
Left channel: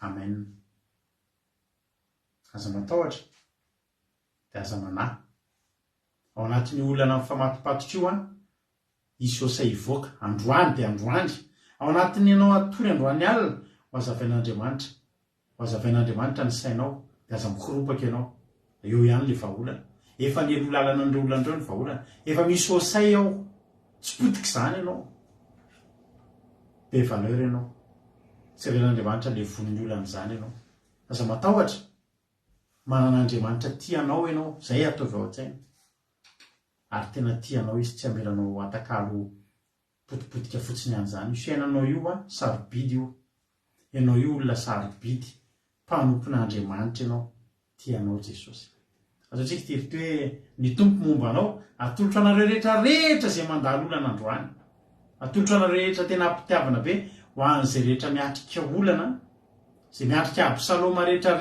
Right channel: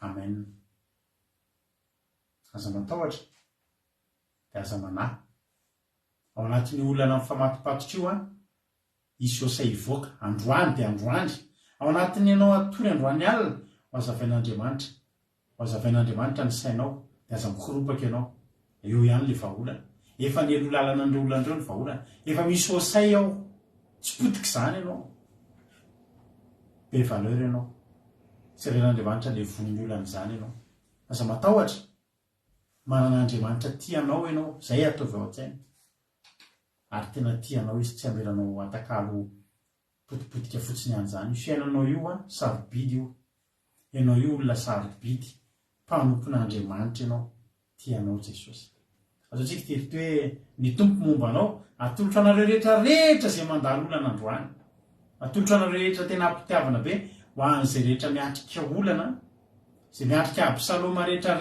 Amen. Aza matahotra dia aza manahy. Ao anatin'ny olana amin'ny famatopatotra io isy Hosay ivoaka androany dia androany. Ao anatin'ny ianao atory androany alina ho azavain'Andriamanitra. Ho azavain'Andriamanitra ny sainao dia aza mikoropaka ianao. Eo ihany le vahaolana. Efa nelo lalana an'ireo olana ireo ny vahaolana. Efa misy Hosay ao. Tsy potika izany ianao. Be valeur ianao. Tsy avelan'Andriamanitra levon'ny olana izany ianao. Aza matahotra. Manan'Andriamanitra tianao ianao, zay ataovy ao an-tsaina. Ary tena tianao izy, tsy amelanao atakalo potipotika fotsiny an'izany. Fiainanao io sarobidy io. Ianao io olona sarobidy, mpanompon'Andriamanitra ianao, tianao Jesosy. Azo antsika tirity hoe ny tompo momba anao, atolotra anareo rehetra izay mandalo olana androany. Atolotra anareo rehetra tena ampitiavana be ho an'izay rehetra miatrika olana, izay miatrika Absaloma rehetra.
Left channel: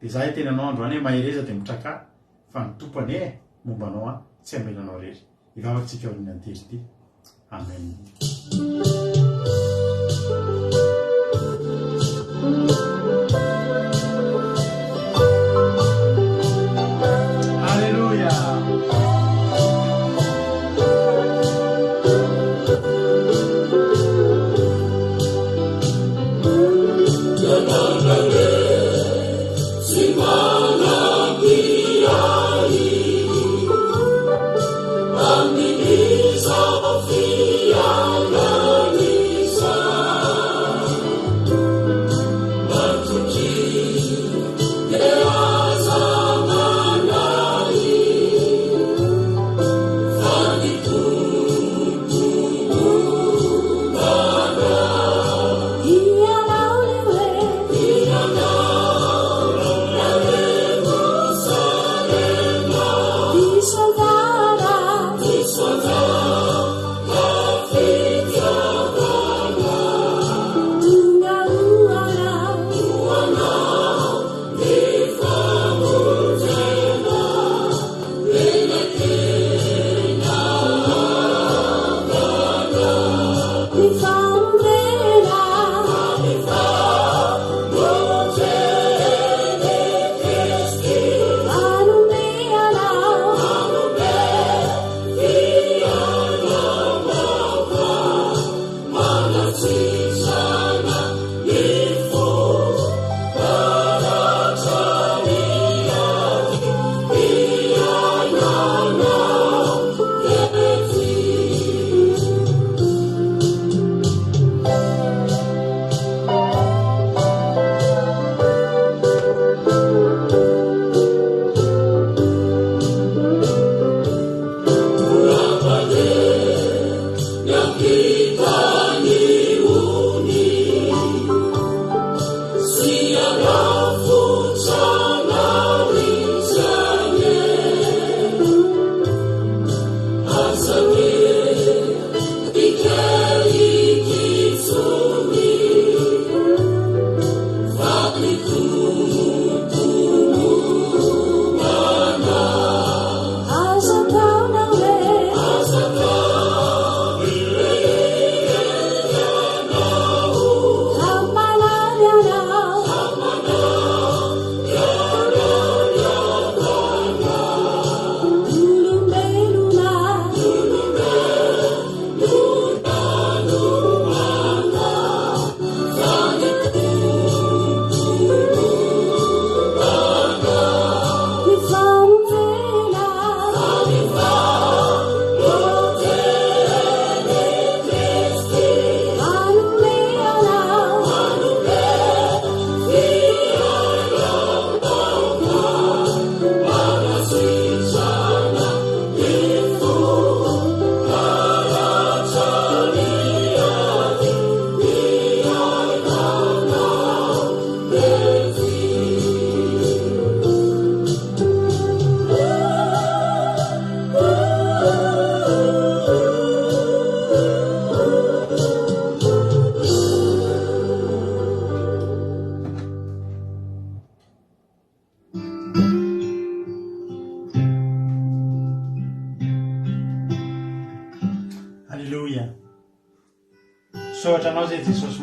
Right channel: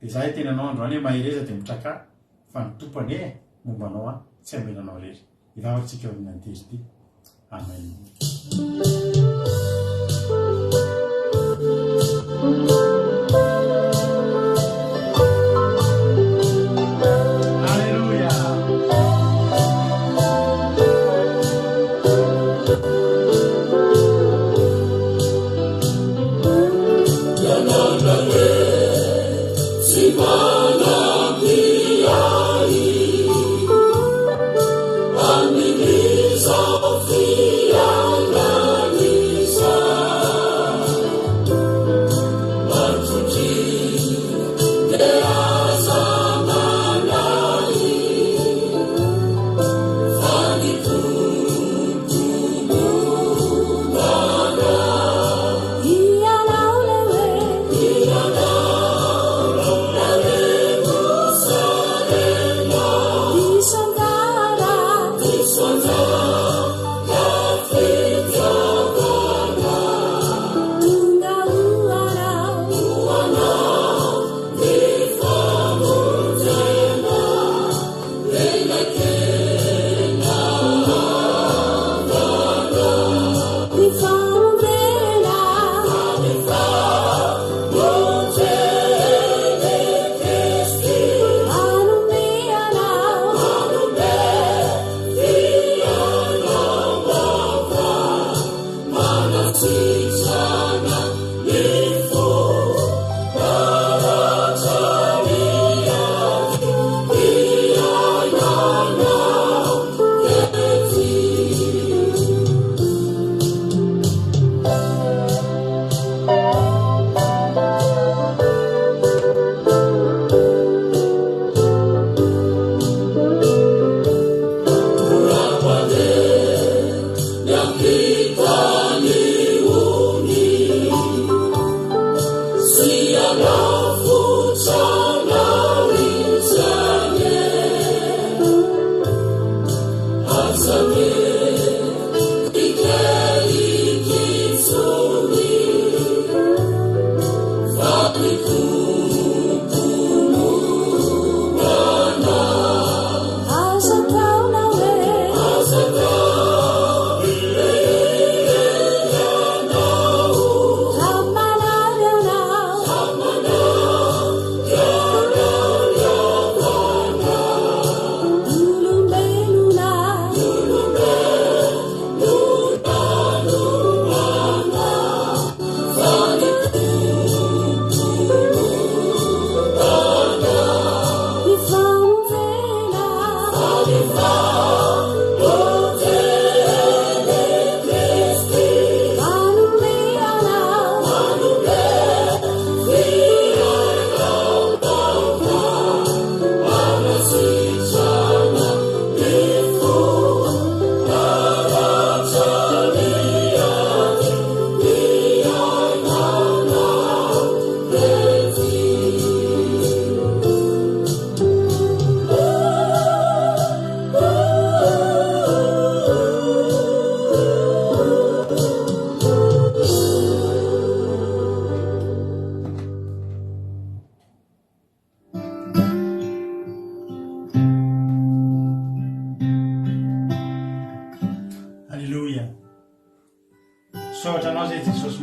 Dia zahay tena anao androany hoe mahereza dia mitraka fa ny tompany momba anao tsy amelanao rery. Ivavatsika ao amin'ny antely ity. Amen. Amini, Sophia,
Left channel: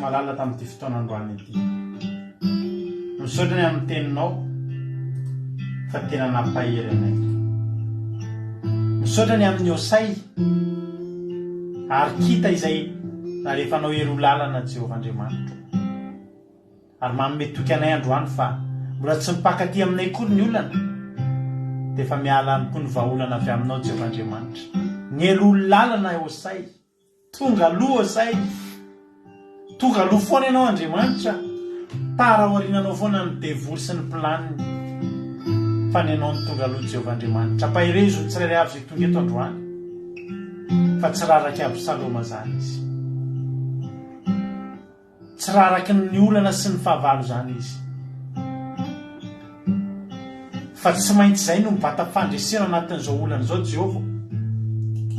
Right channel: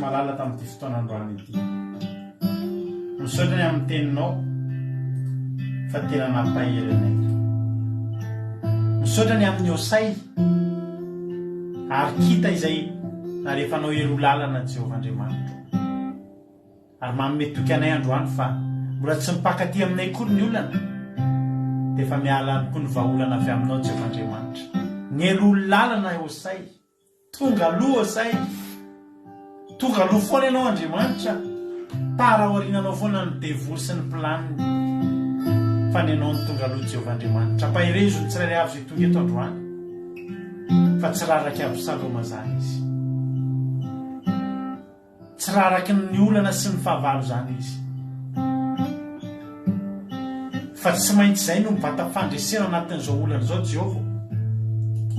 malala tamin'ity fotoanandroany ity. Misaotra ny amin'ny teninao fa tena nampahery anay. Misaotra ny amin'ny osay ary kita izay na rehefa anao ero lalana Jehovah Andriamanitra. Ary manome toky anay androany fa mbola tsy mipakaty aminay kory ny olana dia efa miala any koa ny vahaolana avy aminao Jehovah Andriamanitra. Ny ero lalana osay, tonga aloha osay, tonga aloha foana ianao Andriamanitra. Taraoriananao foana ny devoly sy ny planiny fa ny ianao ny tonga aloha Jehovah Andriamanitra. Ampahirezo ny tsirairay avy izay tonga eto androany fa tsy raraky Absaloma zany izy, tsy raraky ny olana sy ny fahavalo zany izy, fa tsy maintsy izay no mibata fandresena anatin'izao olana izao Jehovah,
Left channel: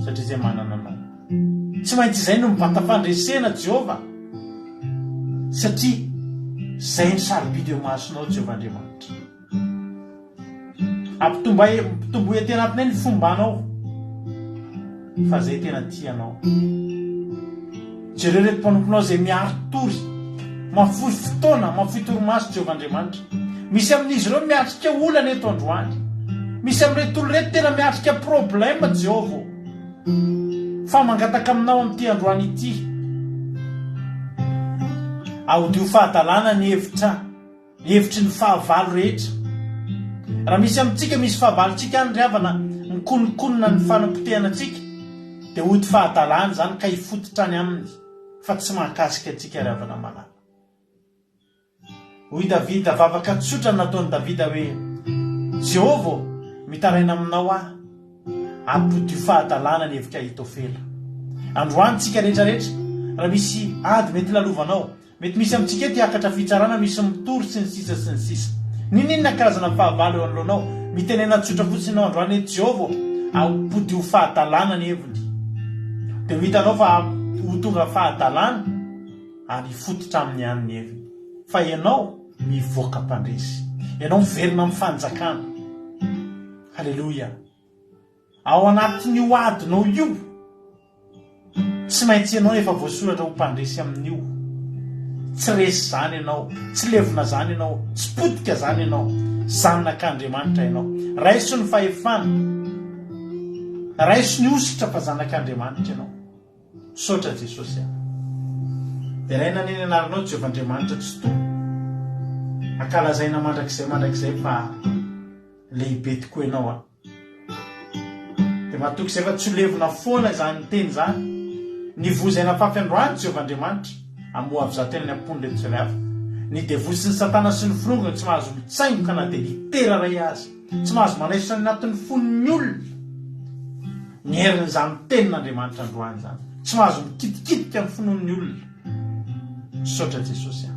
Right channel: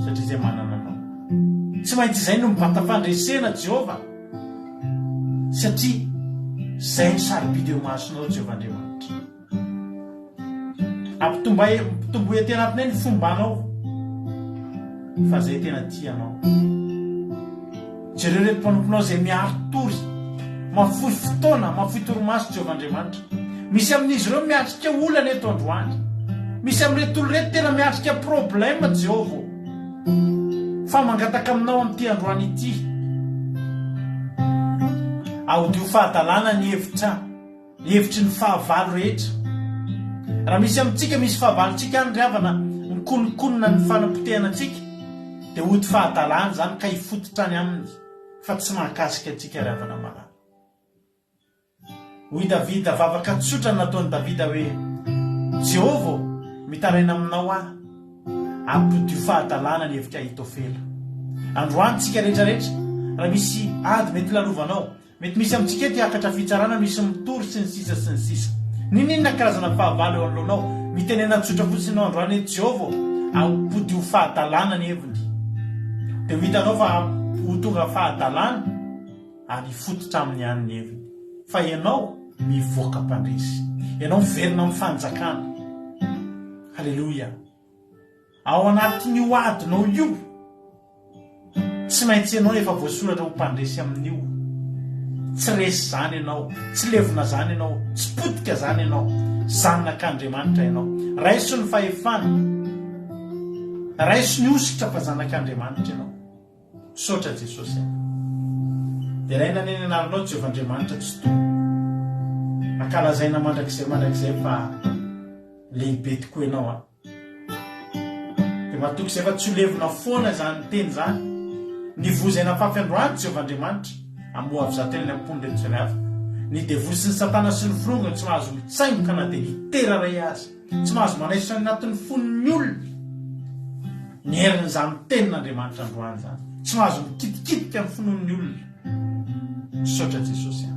satria izay manana anao. Tsy maintsy izay no mibata fandresena Jehovah, satria izay ny sarobidy eo masonao Jehovah Andriamanitra. Ampitomboe tena atinay ny fombanao fa izay tena tianao. Jereo reto mpanomponao izay miaro tory, mafoy fotoana, mafoy torimaso Jehovah Andriamanitra. Misy amin'izy ireo miatrika olana eto androany, misy amin'ireto olo reto tena miatrika problème Jehovah, fa mangataka aminao amin'ity androany ity. Aodio fahadalàna ny hevitry ny fahavalo rehetra. Raha misy amintsika misy fahavalontsika any ry havana mikonikonina ny fanampotehana antsika dia hody fahadalàna zany ka hifototra any aminy fa tsy mahakasika antsika ry havana malala. Hoy Davida, vavaka tsotra nataony Davida hoe Jehovah mitaraina aminao aho, ampodio fahadalàna ny hevitra Ahitofela. Androany tsika rehetrarehetra raha misy ady mety lalovanao, mety misy amintsika eto hiakatra fitsarana, misy mitory sy ny sisa sy ny sisa. Ninona karazana fahavalo eo anoloanao, mitenena tsotra fotsiny ianao androany hoe Jehovah ampodio fahadalàna ny heviny. Dia ho hitanao fa ho tonga fahadalàna ary hifototra amin'ny any ny heviny. Fa ianao mivoaka mpandresy, ianao miverina amin'ny fanjakana. Halleluja. Ao anatin'io adinao io tsy maintsy ianao efa voasoratra ho mpandresy amin'io. Tsy resy zany ianao, tsy levona zany ianao, tsy potika zany ianao, zanak'Andriamanitra ianao. Raiso ny fahefana, raiso ny ositra fa zanak'Andriamanitra ianao. Saotra Jesosy. Dia raha naneny anaranao Jehovah Andriamanitra tsy toa, ankalazaina mandrakizay fa lehibe tokoa ianao. Dia matoky izay fa tsy ho levona foana zany teny zany, ny vozaina fafy androany Jehovah Andriamanitra amoa avy zateny ny ampony reto tsirairay hafa. Ny devoly sy ny satana sy ny firongana tsy mahazo mitsaingoka na dia litera ray azy, tsy mahazo manaisitra ny anatin'ny fon'ny olona ny herin'izany tenin'Andriamanitra androany zany, tsy mahazo mikitikitika amin'ny finoan'ny olona. Saotra Jesosy.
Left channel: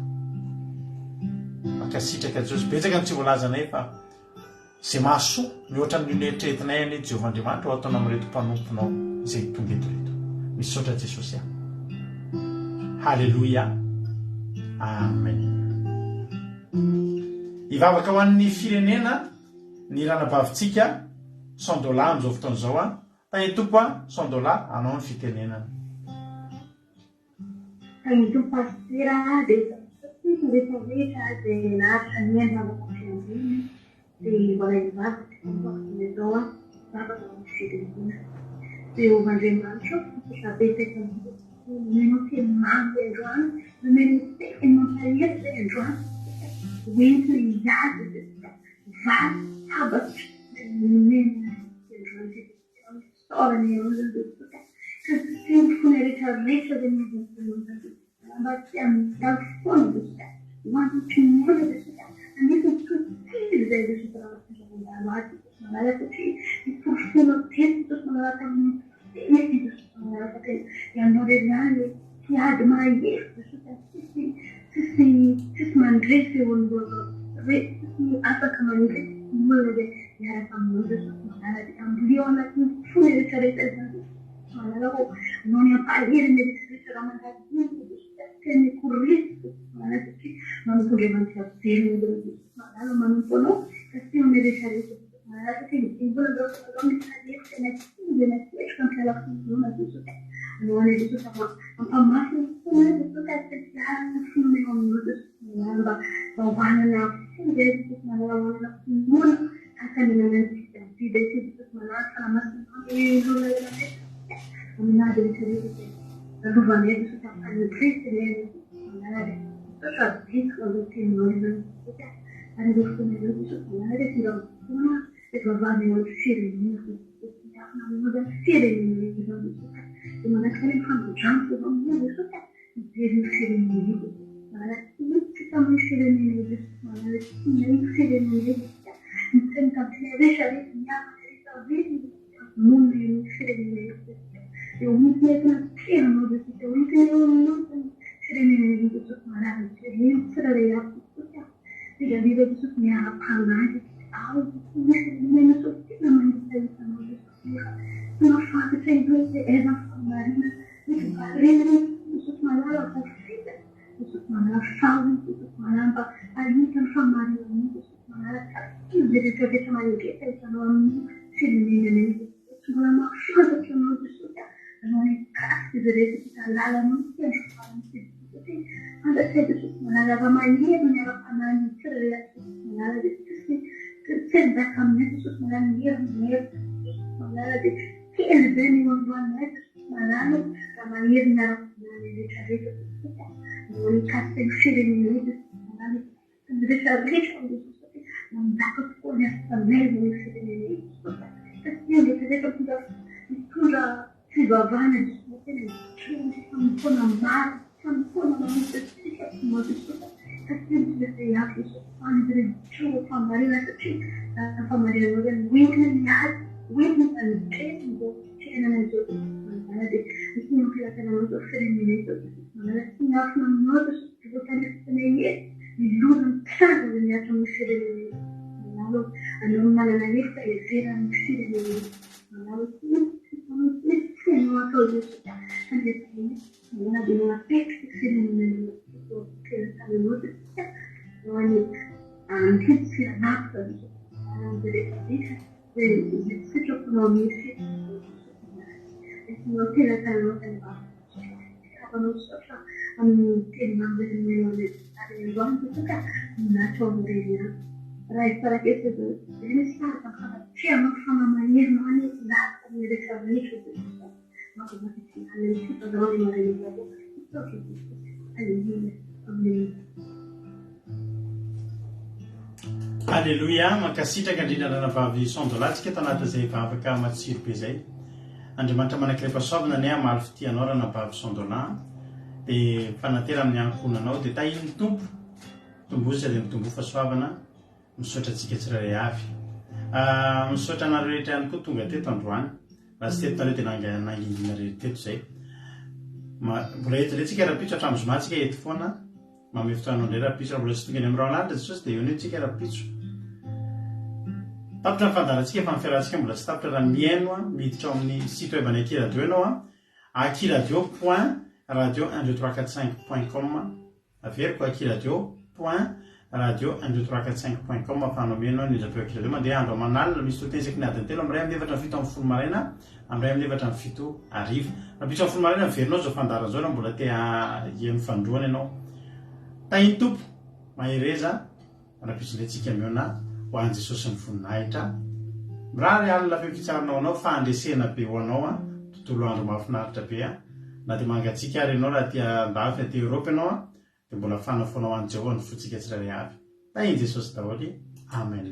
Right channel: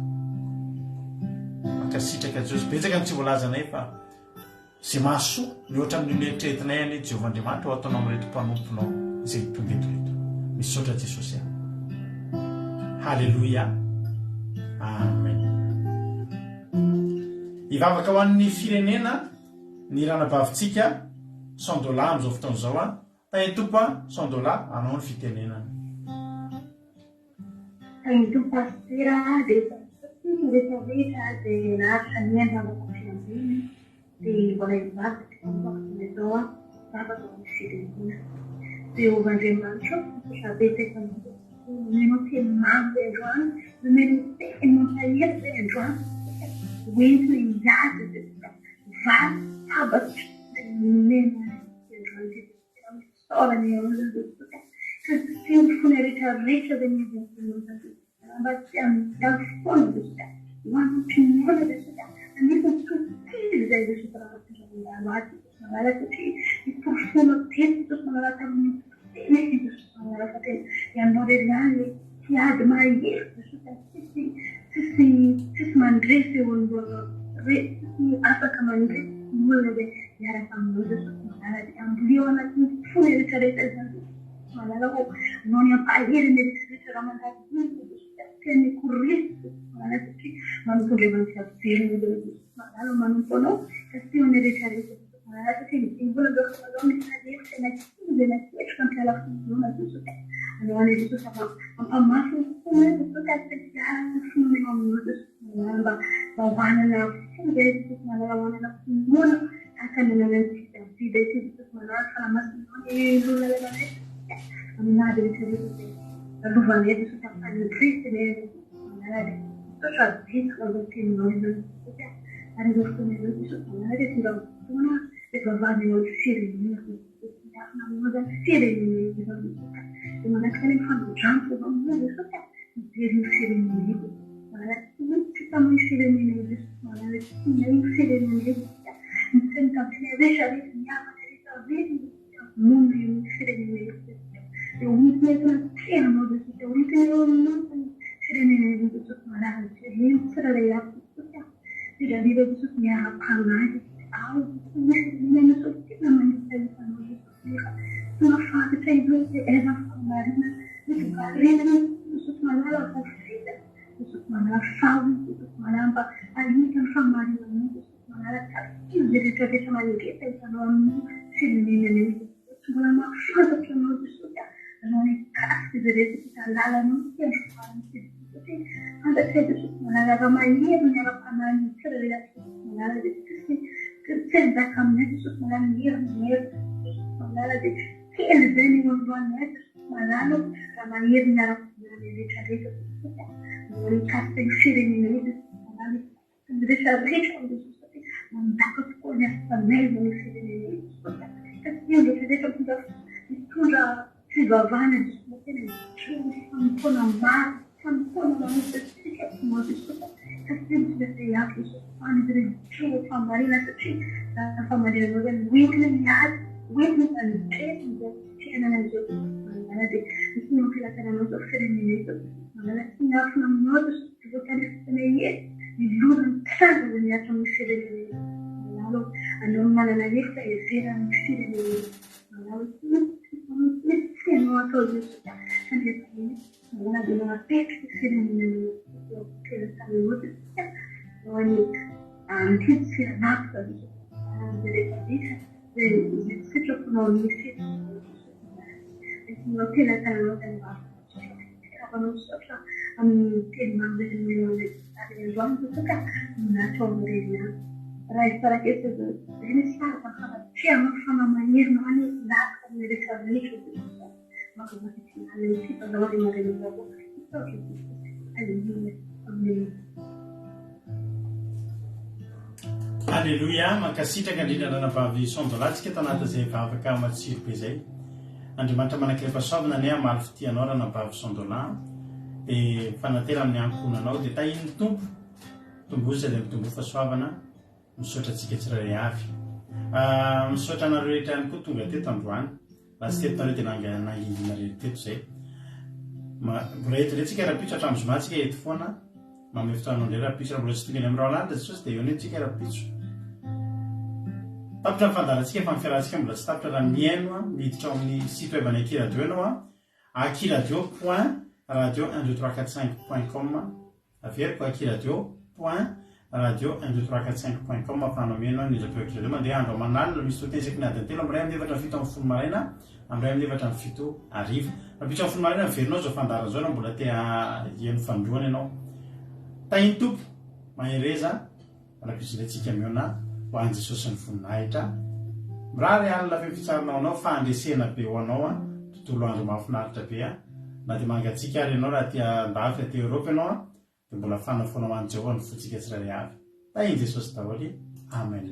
Makasitraka Jesosy. Betsaka ny tsy voalazanay fa izay mahasoa mihoatra amin'ny eritreretinay any Jehovah Andriamanitra ho ataonao amin'ireto mpanomponao izay tonga eto reto. Misaotra Jesosy. Halleluja. Amen. Hivavaka ho an'ny firenena ny ranabavitsika $100 amin'izao fotoana izao. Tany tompo $100 anao ny fitenenana. Tany tompo pasitera dia rehetra dia naritra ny endrika fiangonana dia mbola hivavaka izao vavaka ny firenena. Jehovah Andriamanitra sabetsaka meno teny mamy androany, meno teny mampahety androany, hoentina hiady vary tabatry meno androany saorany olona ka tsy fony rehetrarehetra izay miazana mba tsy handalo foana resaka hoantompinoana resaka anefa totily izay resaka raha manala satria miporofona teny Jesosy manala tamin'ny teny Jesosy manala fateny ianao rerany tiady mahety resaka tsisy mandresy tsisy afaka mandresy olona hoe miaraka aminao Jesosy manala dia amboleo anatin'ny fony rehetrarehetra izany manala ho anao ny ampaheriny rehetrarehetra raha mandady teny korisy manala satria manompondrevantsy averiny manala manompo anao kasi ny rehetrarehetra manala satria mbola misy rehetra na ketrika ny fialafonao Jesosy anao any Jesosy ampamaso toka fomba mba hoanana fondamanana fomona akananantidamanaamasina aminady rehetrarehetra lovanety sotafanitrisy sotrabitsikamteninao ary ireo fotoana izao manara vavahana firenena firenena manakana mifandodrano fovamonany soka mijery firenena titamy firenena firenena mitsenitapiresaresy miakaresaresy mondo firenena eo mitentona tenanao desika oiteny firenena manara tsiraray ako soka vidavida desoko miarapanazy ao firenena so tena manitaisanao mafantatra izy eza famarina mivarena misoko manara vofita misoko manara fawy misoko manamba alitany famarina misoko manara izy rehetrarehetra manegetra isanao amin'ny firenena mbola mafantatra anao desoka anao mikasiky izy rehetra italalana fantatra desoko manara raha maniry miara-panany tsirairay manara tsendaka aminay desoko manara mihery manara de kely zay ny androany manano raha maniry miara-panany rehetrarehetra desoka mikasika ny firenena izy rehetrarehetra mandaka tokoa ny afanaiza ny firenena desoka satria rehetrarehetra mitondra fivavahana desoka tena fampona maro fampona mamitsasika desoka satria mitondra hafa any rehetra famarina satria famarina anao zany oentina miady oentina anitretina zao fiainana an'izao manara de misy mampilatana anao zao firenena izao manara tsy miafina aminao zao voatanefitana ety milona mitranga zay miatra amin'ny firenena manalo anao manana efta everan'ny firenena manalo misy fiainao atao desoka sandretiny manana de manapetrika firenena telatana desoka hoany antidy firanapika zay rehetrarehetra zay sitraponao misy nao telatananao zany avanao sotra amin'ny teny mambelinay aryandroany desoka minatra amin'ireny raha izy parakesy zay misy fianao fanamahirina any lataka amin'ny rehetrarehetra desoka makavakitinalefitazao le marenazao sotra amin'ny Alléluia, mankasitraka indrindra nanavavy sondolatsika tanatin'izay vavaka matsiro be zay. Andriamanitra manakilay pasoavana ny amaly fitianao raha navavy sondola dia fanatera amin'ny ankonanao dia tahiny tompo tombozy dia mitombo fasoavana misaotra antsika tsirairay avy. Misaotra anareo rehetra ihany koa tonga teto androany raha tsy tetonareo dia nangingina rehetra teto zay. Mbola eto ilay tsika rapitso hatramin'ny zomantsika eto foana mamy fotoanao indray rapitso raha mbola tsy tonga any amin'ny rahalanitra jesosy dia eo ny tsika rapitso. Tapitra ny fandarantsika efa fiarahantsika mbola tsy tapitra raha miaino miditra ao amin'ny site web any akiradio ianao akiradio.radio12345.com averiko akiradio.radio12345.com afahanao miaino nizapeo akiradio mandeha andro amanalina misy totensaky ny adiny telo amin'ny ray amin'ny efatra ny fito amin'ny folo maraina amin'ny ray amin'ny efatra ny fito ariva rapitso amin'ny folo maraina miverinao zao fandaran zao mbola tea hieno fandroana ianao tahiny tompo mahereza rapitso netsika miona ho an Jesosy ny voninahitra mirary alina be fitsarinao anao fandresena be ho anao tontolo andro mahafinaritra be na dia mangatsika ary ianao raha tia andafy aty Eropa ianao dia mbola fanafonao an Jehovah ny fotsika tsirairay avy tahiny Jesosy daholo amen.